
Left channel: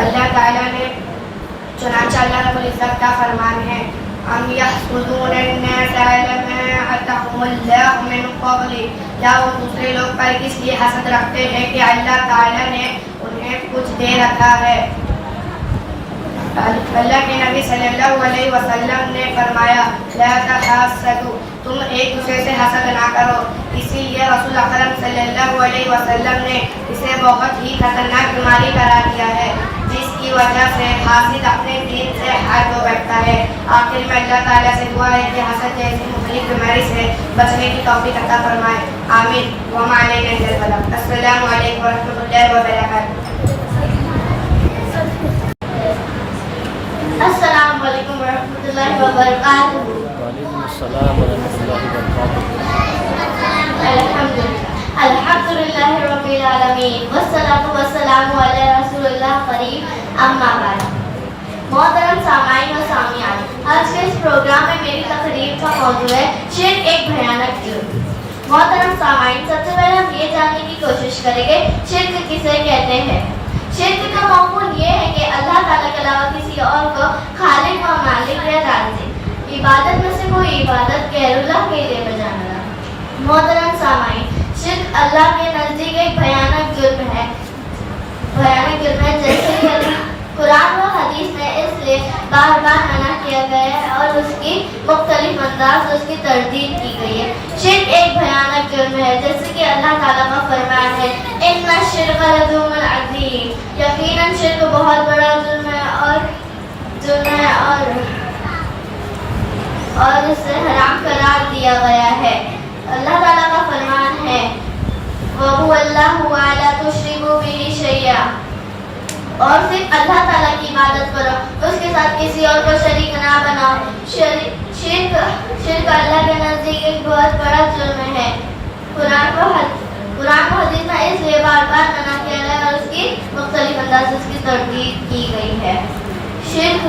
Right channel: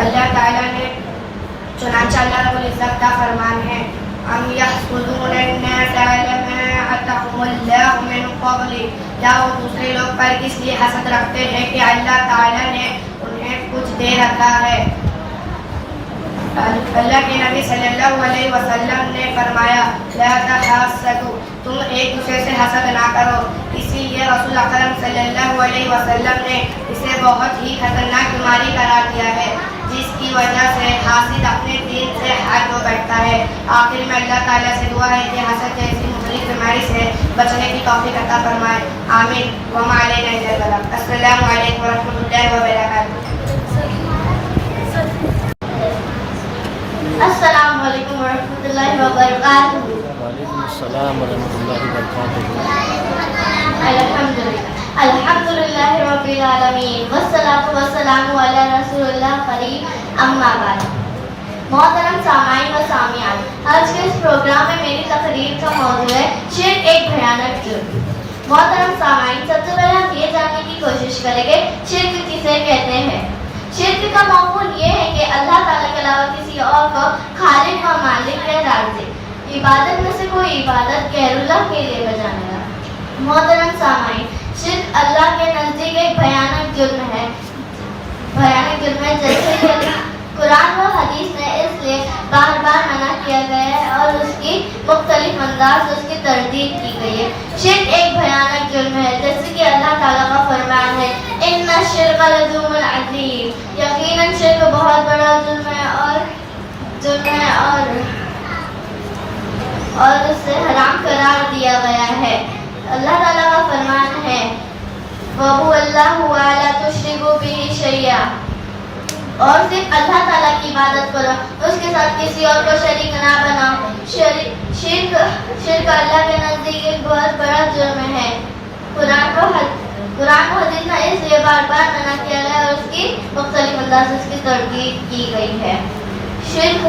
اللہ تعالیٰ نے چنانچہ اللہ رب العزت کا فرمان ہے ام یحسدون الناس علی ما آتاہم اللہ من فضل، کیا وہ دوسرے لوگ پر اس لیے حسد رکھتے ہیں کہ اللہ تعالیٰ نے انہیں کچھ دے رکھا ہے۔ اللہ کے نبی صلی اللہ علیہ وسلم نے فرمایا لا تحاسدوا، تم ایک دوسرے سے حسد نہ کرو۔ اسی لیے رسول اکرم صلی اللہ علیہ وسلم نے اسے بہت ہی خطرناک بیماری قرار دیا ہے، جس کی وجہ سے حاسد اپنے دین سے ہٹ ہو بیٹھتا ہے۔ آخر میں اللہ تعالیٰ سے دعا ہے کہ حسد جیسی مختلف بیماری سے بچنے کی توفیق عطا فرمائے، آمین۔ وما علینا الا البلاغ۔ السلام علیکم ورحمۃ اللہ وبرکاتہ۔ السلام علیکم ورحمۃ اللہ وبرکاتہ۔ وعلیکم السلام ورحمۃ اللہ وبرکاتہ۔ الحمدللہ رب العالمین والصلاة والسلام علی رسول اللہ کریم، اما بعد۔ محترم سامعین و سامعات، آج کے اس پروگرام میں میری تقریر کا موضوع ہے شرک ایک بھیانک جرم۔ محترم سامعین، سب سے پہلے ہم یہ جاننے کی کوشش کریں گے شرک کسے کہتے ہیں۔ شرک کا مفہوم یہ ہے کہ اللہ تعالیٰ کے علاوہ کسی اور کو خالق و مالک یا رازق، عبادت میں سے کوئی عبادت غیر اللہ کے لیے بجانا۔ محترم سامعین، شرک اللہ کے نزدیک ایک بھیانک جرم ہے، جیسے کہ قرآن و حدیث میں اس لیے بار بار منع کیا گیا ہے اور اس کی مختلف انداز اس کی تردید کی گئی ہے۔ شرک ایک بھیانک جرم ہے، جیسے کہ اللہ تعالیٰ کا فرمان ہے ان الشرک لظلم عظیم، یقیناً شرک بہت بڑا جرم ہے اور اسے حرام قرار دیا گیا ہے۔ اللہ تعالیٰ کا فرمان ہے وَهُوَ اللَّهُ وَلَا تُشْرِكُوا بِهِ شَيْئًا، اور صرف اللہ تعالیٰ کی عبادت کرو، اس کے ساتھ کسی اور کو شریک نہ بناؤ۔ شرک اللہ کے نزدیک ایک بہت بڑا جرم ہے۔ قرآن و حدیث میں اس لیے بار بار منع کیا گیا اور اس کی مختلف انداز اس کی تردید کی گئی ہے۔ شرک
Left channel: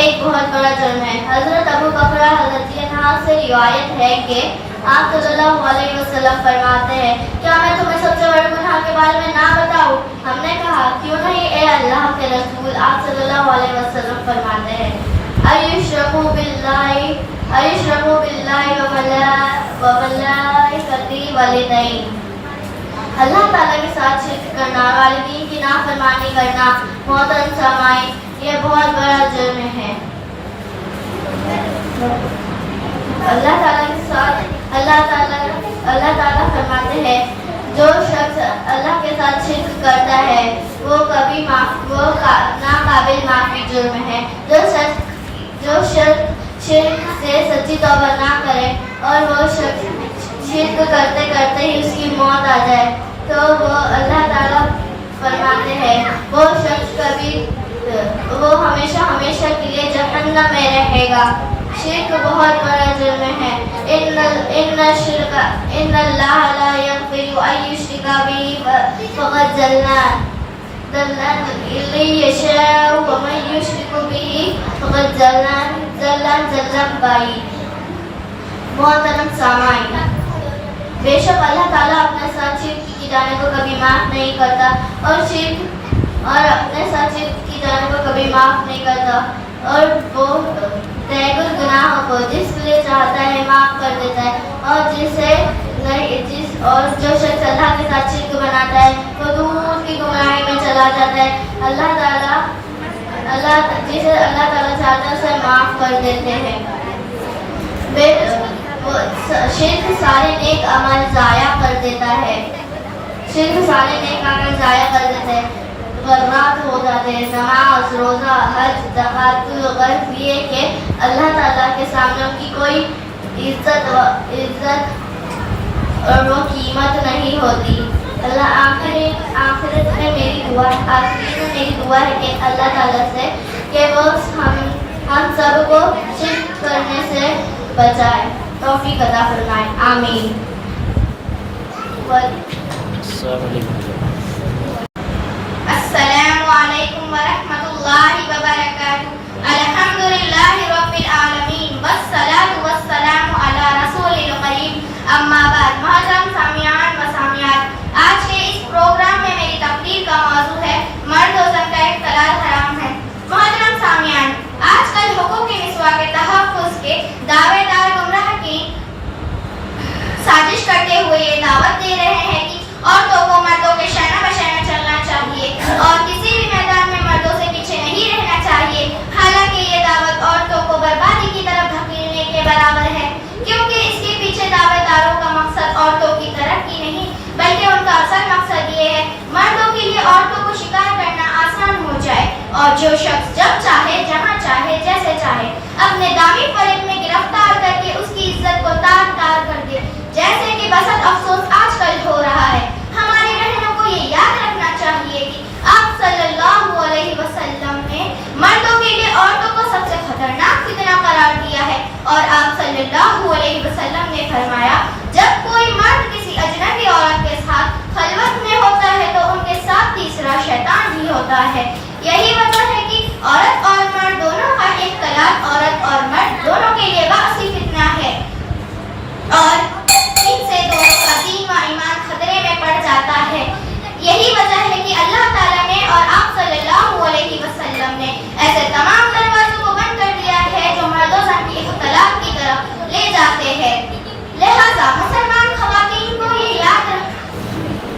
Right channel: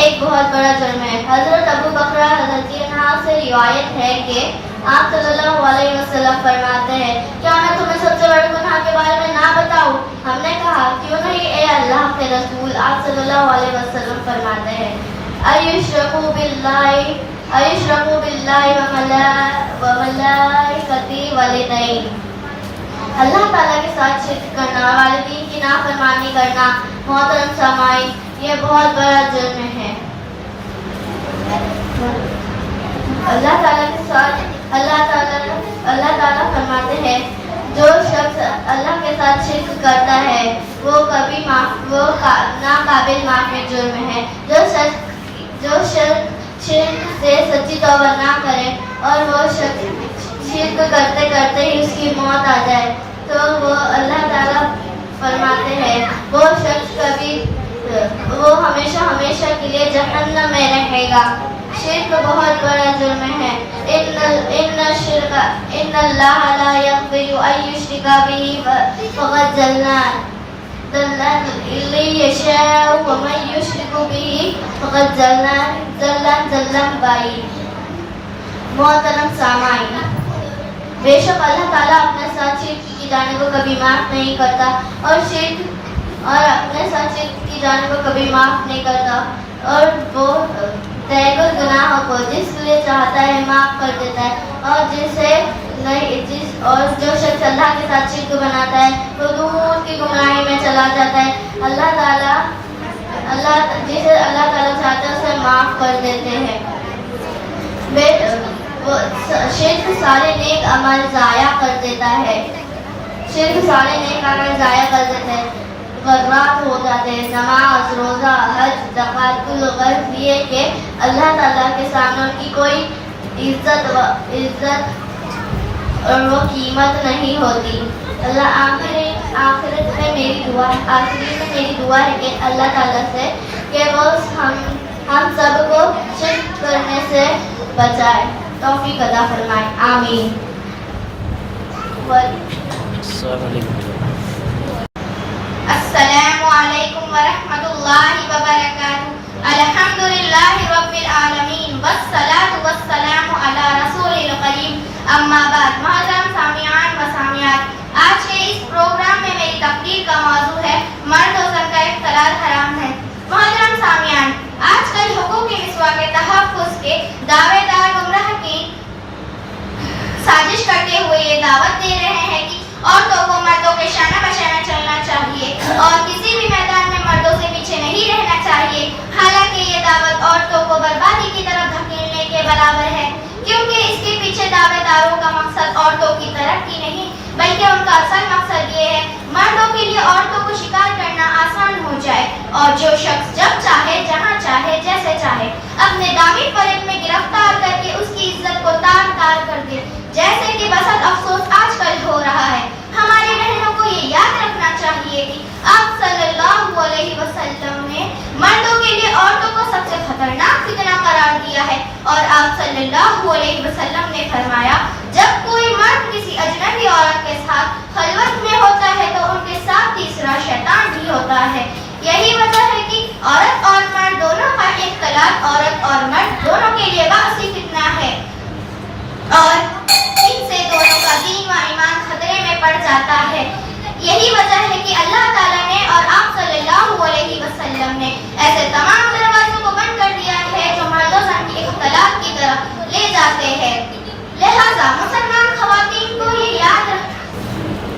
ایک بہت بڑا جرم ہے۔ حضرت ابو بکر رضی اللہ عنہ سے روایت ہے کہ آپ صلی اللہ علیہ وسلم فرماتے ہیں کیا میں تمہیں سب سے بڑے گناہ کے بارے میں نہ بتاؤں؟ ہم نے کہا کیوں نہیں اے اللہ کے رسول؟ آپ صلی اللہ علیہ وسلم فرماتے ہیں ایشرکوا باللہ وملائکتہ والدین، اللہ تعالیٰ کے ساتھ شرک کرنا، والدین کی نافرمانی کرنا۔ محترم سامعین، یہ بہت بڑا جرم ہے۔ اللہ تعالیٰ کے ساتھ اللہ تعالیٰ فرماتے ہیں جو شخص اللہ کے ساتھ شرک کرتا ہے وہ ناقابل معافی جرم ہے۔ جو شرک سے سچی توبہ نہ کرے اور وہ شخص شرک کرتے کرتے ہی اس کی موت آ جائے تو وہ اللہ تعالیٰ فرماتے ہیں وہ ہمیشہ کے لیے جہنم میں رہے گا۔ شرک بہت بڑا جرم ہے۔ ان اللہ لا یغفر ان یشرک بہ فقد ضل یشاء ومن یشرک بہ فقد ضل بعید۔ محترم سامعین، بے شک اللہ تعالیٰ اپنے ساتھ شرک کی جانے کو کبھی معاف نہیں کرتا اور اپنے ساتھ شرک کی جانے کو کبھی معاف نہیں کرتا، اور وہ تیغ گناہوں کو جس لیے چاہتا ہے معاف کر دیتا ہے، اور جو شخص اللہ کے ساتھ شرک بناتا ہے وہ دور کی گمراہی میں چلا جاتا ہے۔ جسے اللہ تعالیٰ چاہتا ہے اسے معاف کر دیتے ہیں۔ شرک سارے نیک عمل ضائع کر دیتا ہے۔ غرات ہو جاتے ہیں، نماز، روزہ، حج، زکوٰۃ، الغرض یہ کہ اللہ تعالیٰ کے سامنے ان کی کوئی عزت اور وہ قیمت نہیں ہوتی۔ آخرت میں میری دعا ہے کہ اللہ تعالیٰ سے کہ وہ ہم سب کو شرک کرنے سے بچائے، توفیق عطا فرمائے، آمین۔ السلام علیکم ورحمۃ اللہ وبرکاتہ۔ الحمدللہ رب العالمین والصلاة والسلام علی رسول الکریم، اما بعد۔ محترم سامعین و سامعات، آج کے اس پروگرام میں میری تقریر کا موضوع ہے مرد و زن کا عورتوں کو مردوں کے شانہ بشانہ چلنا چاہیے اور کسی بھی میدان میں مردوں سے پیچھے نہیں رہنا چاہیے. حالانکہ یہ دعوت عورتوں کو بربادی کی طرف دھکیلنے کے برابر ہے، کیونکہ اس کے پیچھے دعوت داروں کا مقصد عورتوں کی ترقی نہیں بلکہ ان کا اصل مقصد یہ ہے مردوں کے لیے عورتوں کو شکار کرنا آسان ہو جائے اور جو شخص جب چاہے جہاں چاہے جیسے چاہے اپنے دامی فریب میں گرفتار کر کے اس کی عزت کو تار تار کر دے، جیسے کہ بسط افسوس آج کل ہو رہا ہے. ہمارے بہنوں کو یہ یاد رکھنا چاہیے کہ آپ صلی اللہ علیہ وسلم نے مردوں کے لیے عورتوں کو سب سے خطرناک فتنہ قرار دیا ہے اور آپ صلی اللہ علیہ وسلم نے فرمایا جب کوئی مرد کسی اجنبی عورت کے ساتھ خلوت میں ہوتا ہے تو ان کے ساتھ تیسرا شیطان بھی ہوتا ہے. یہی وجہ ہے کہ عورت اور مرد دونوں کا اختلاط عورت اور مرد دونوں کے لیے باعث فتنہ ہے اور ان سے دونوں کا دین و ایمان خطرے میں پڑ جاتا ہے. یہی وجہ ہے کہ اللہ تعالیٰ نے اور آپ صلی اللہ علیہ وسلم نے ایسے تمام دروازوں کو بند کر دیا ہے جو مرد و زن کی اختلاط کی طرف لے جاتے ہیں. لہذا مسلمان خواتین کو یہ یاد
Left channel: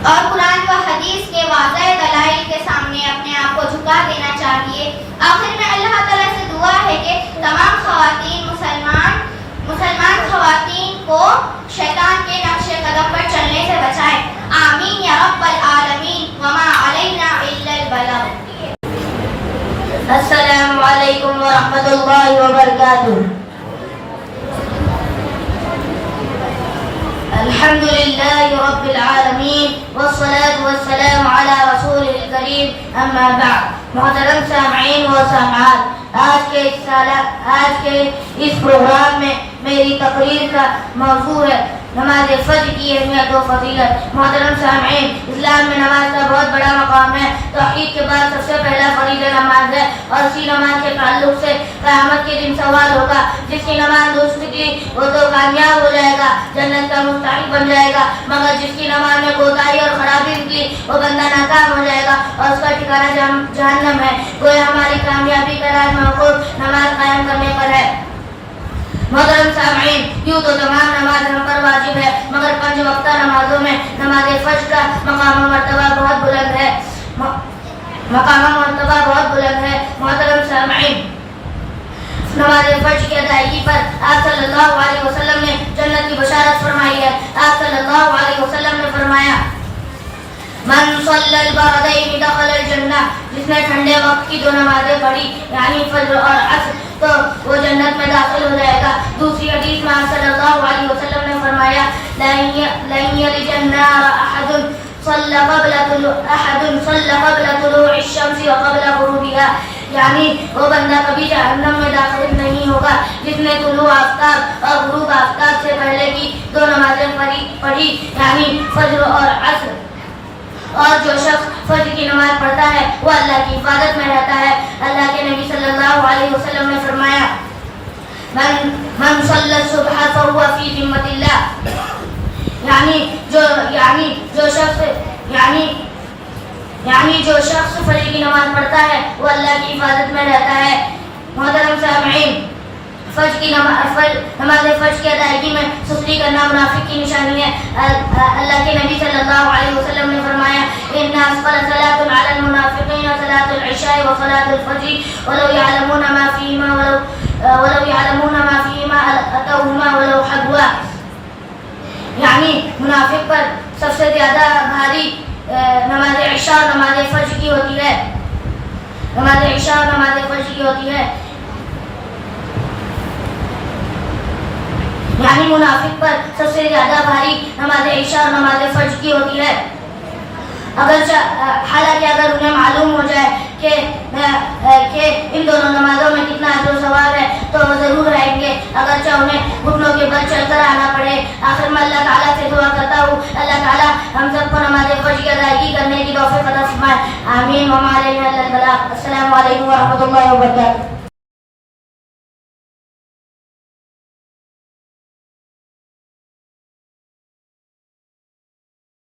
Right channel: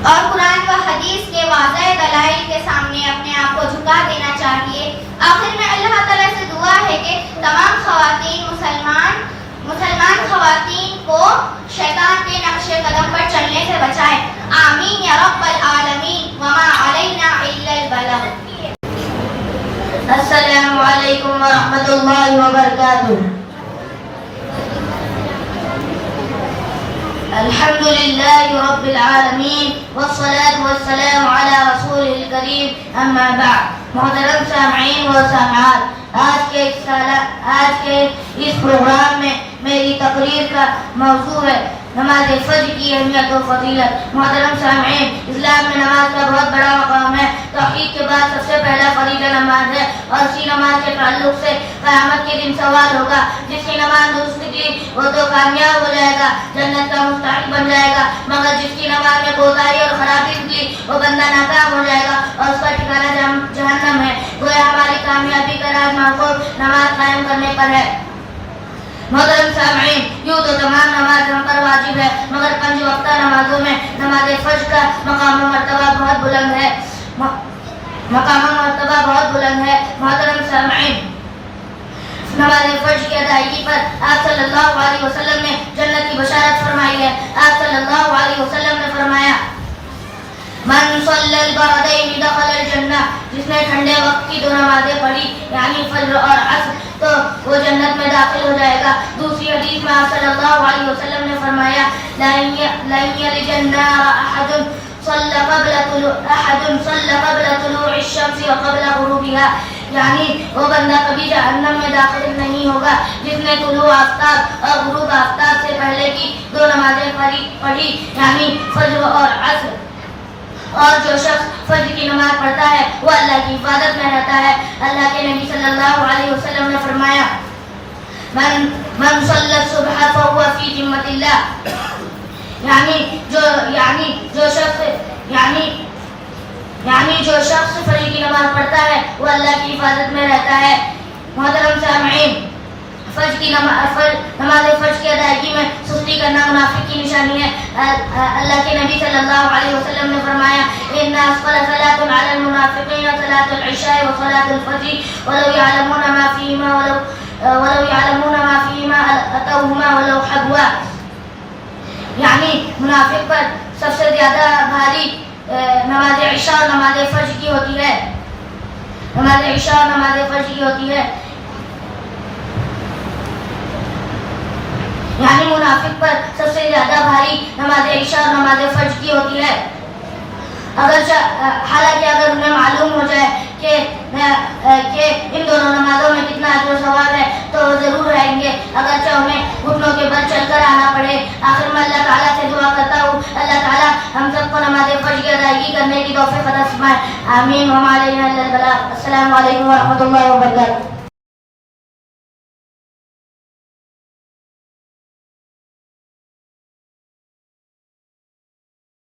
اور قرآن و حدیث کے واضح دلائل کے سامنے اپنے آپ کو جھکا دینا چاہیے. آخر میں اللہ تعالیٰ سے دعا ہے کہ تمام خواتین مسلمان خواتین کو شیطان کے نقش قدم پر چلنے سے بچائے. آمین یا رب العالمین وما علینا الا البلاغ. السلام علیکم ورحمۃ اللہ وبرکاتہ. الحمد لله رب العالمين والصلاة والسلام على رسوله الكريم اما بعد. محترم سامعین و سامعات، آج کے اس پروگرام میں میری تقریر کا موضوع ہے نماز فجر کی اہمیت و فضیلت. محترم سامعین، اسلام میں نماز کا بہت بڑا مقام ہے. توحید کے بعد سب سے پہلا فریضہ نماز ہے اور اسی نماز کے تعلق سے قیامت کے دن سوال ہوگا. جس کی نماز درست تھی وہ تو کامیاب ہو جائے گا، جنت کا مستحق بن جائے گا، مگر جس کی نماز میں کوتاہی اور خرابی نکلی وہ بندہ ناکام ہو جائے گا اور اس کا ٹھکانہ جہنم ہے. گویا ہماری کامیابی کا راز محفوظ نماز قائم کرنے پر ہے. محترم سامعین، یوں تو تمام نماز ہم پر واجب ہے مگر 5 وقتہ نمازوں میں نماز فجر کا مقام و مرتبہ بہت بلند ہے. محترم سامعین، نماز فجر کی ادائیگی پر آپ صلی اللہ علیہ وسلم نے جنت کی بشارت فرمائی ہے. آپ صلی اللہ علیہ وسلم نے فرمایا من صلی البردین دخل الجنہ، جس نے ٹھنڈے وقت کی 2 نمازیں پڑھی یعنی فجر اور عصر تو وہ جنت میں داخل ہو جائے گا. دوسری حدیث میں آپ صلی اللہ علیہ وسلم نے فرمایا لن یلج النار احد صلی قبل طلوع الشمس وقبل غروبها، یعنی وہ بندہ کبھی جہنم میں داخل نہیں ہوگا جس نے طلوع آفتاب اور غروب آفتاب سے پہلے کی 2 نمازیں پڑھی یعنی فجر اور عصر. اور جو شخص فجر کی نماز پڑھتا ہے وہ اللہ کی حفاظت میں رہتا ہے. اللہ کے نبی صلی اللہ علیہ وسلم نے فرمایا من صلی الصبح فهو فی ذمۃ اللہ، یعنی جو شخص فجر کی نماز پڑھتا ہے وہ اللہ کی حفاظت میں رہتا ہے. محترم سامعین، نماز فجر کی ادائیگی میں سستی کرنا منافق کی نشانی ہے. اللہ کے نبی صلی اللہ علیہ وسلم نے فرمایا ان اثقل صلاۃ علی المنافقین صلاۃ العشاء و صلاۃ الفجر ولو يعلمون ما فيهما اتوهما ولو حبوا، یعنی منافق پر سب سے زیادہ بھاری نماز عشاء اور نماز فجر کی ہوتی ہے. نماز عشاء اور نماز فجر کی ہوتی ہے، یعنی منافق پر سب سے زیادہ بھاری نماز عشاء اور نماز فجر کی ہوتی ہے. حالانکہ اگر انہیں معلوم ہو جائے کہ ان دونوں نمازوں میں کتنا اجر و ثواب ہے تو وہ ضرور رہیں گے، اگرچہ انہیں گھٹنوں کے بل چل کر آنا پڑے. آخر میں اللہ تعالیٰ سے دعا کرتا ہوں اللہ تعالیٰ ہم سب کو نماز فجر کی ادائیگی کرنے کی توفیق عطا فرمائے. آمین وما علینا الا البلاغ. السلام علیکم ورحمۃ اللہ وبرکاتہ.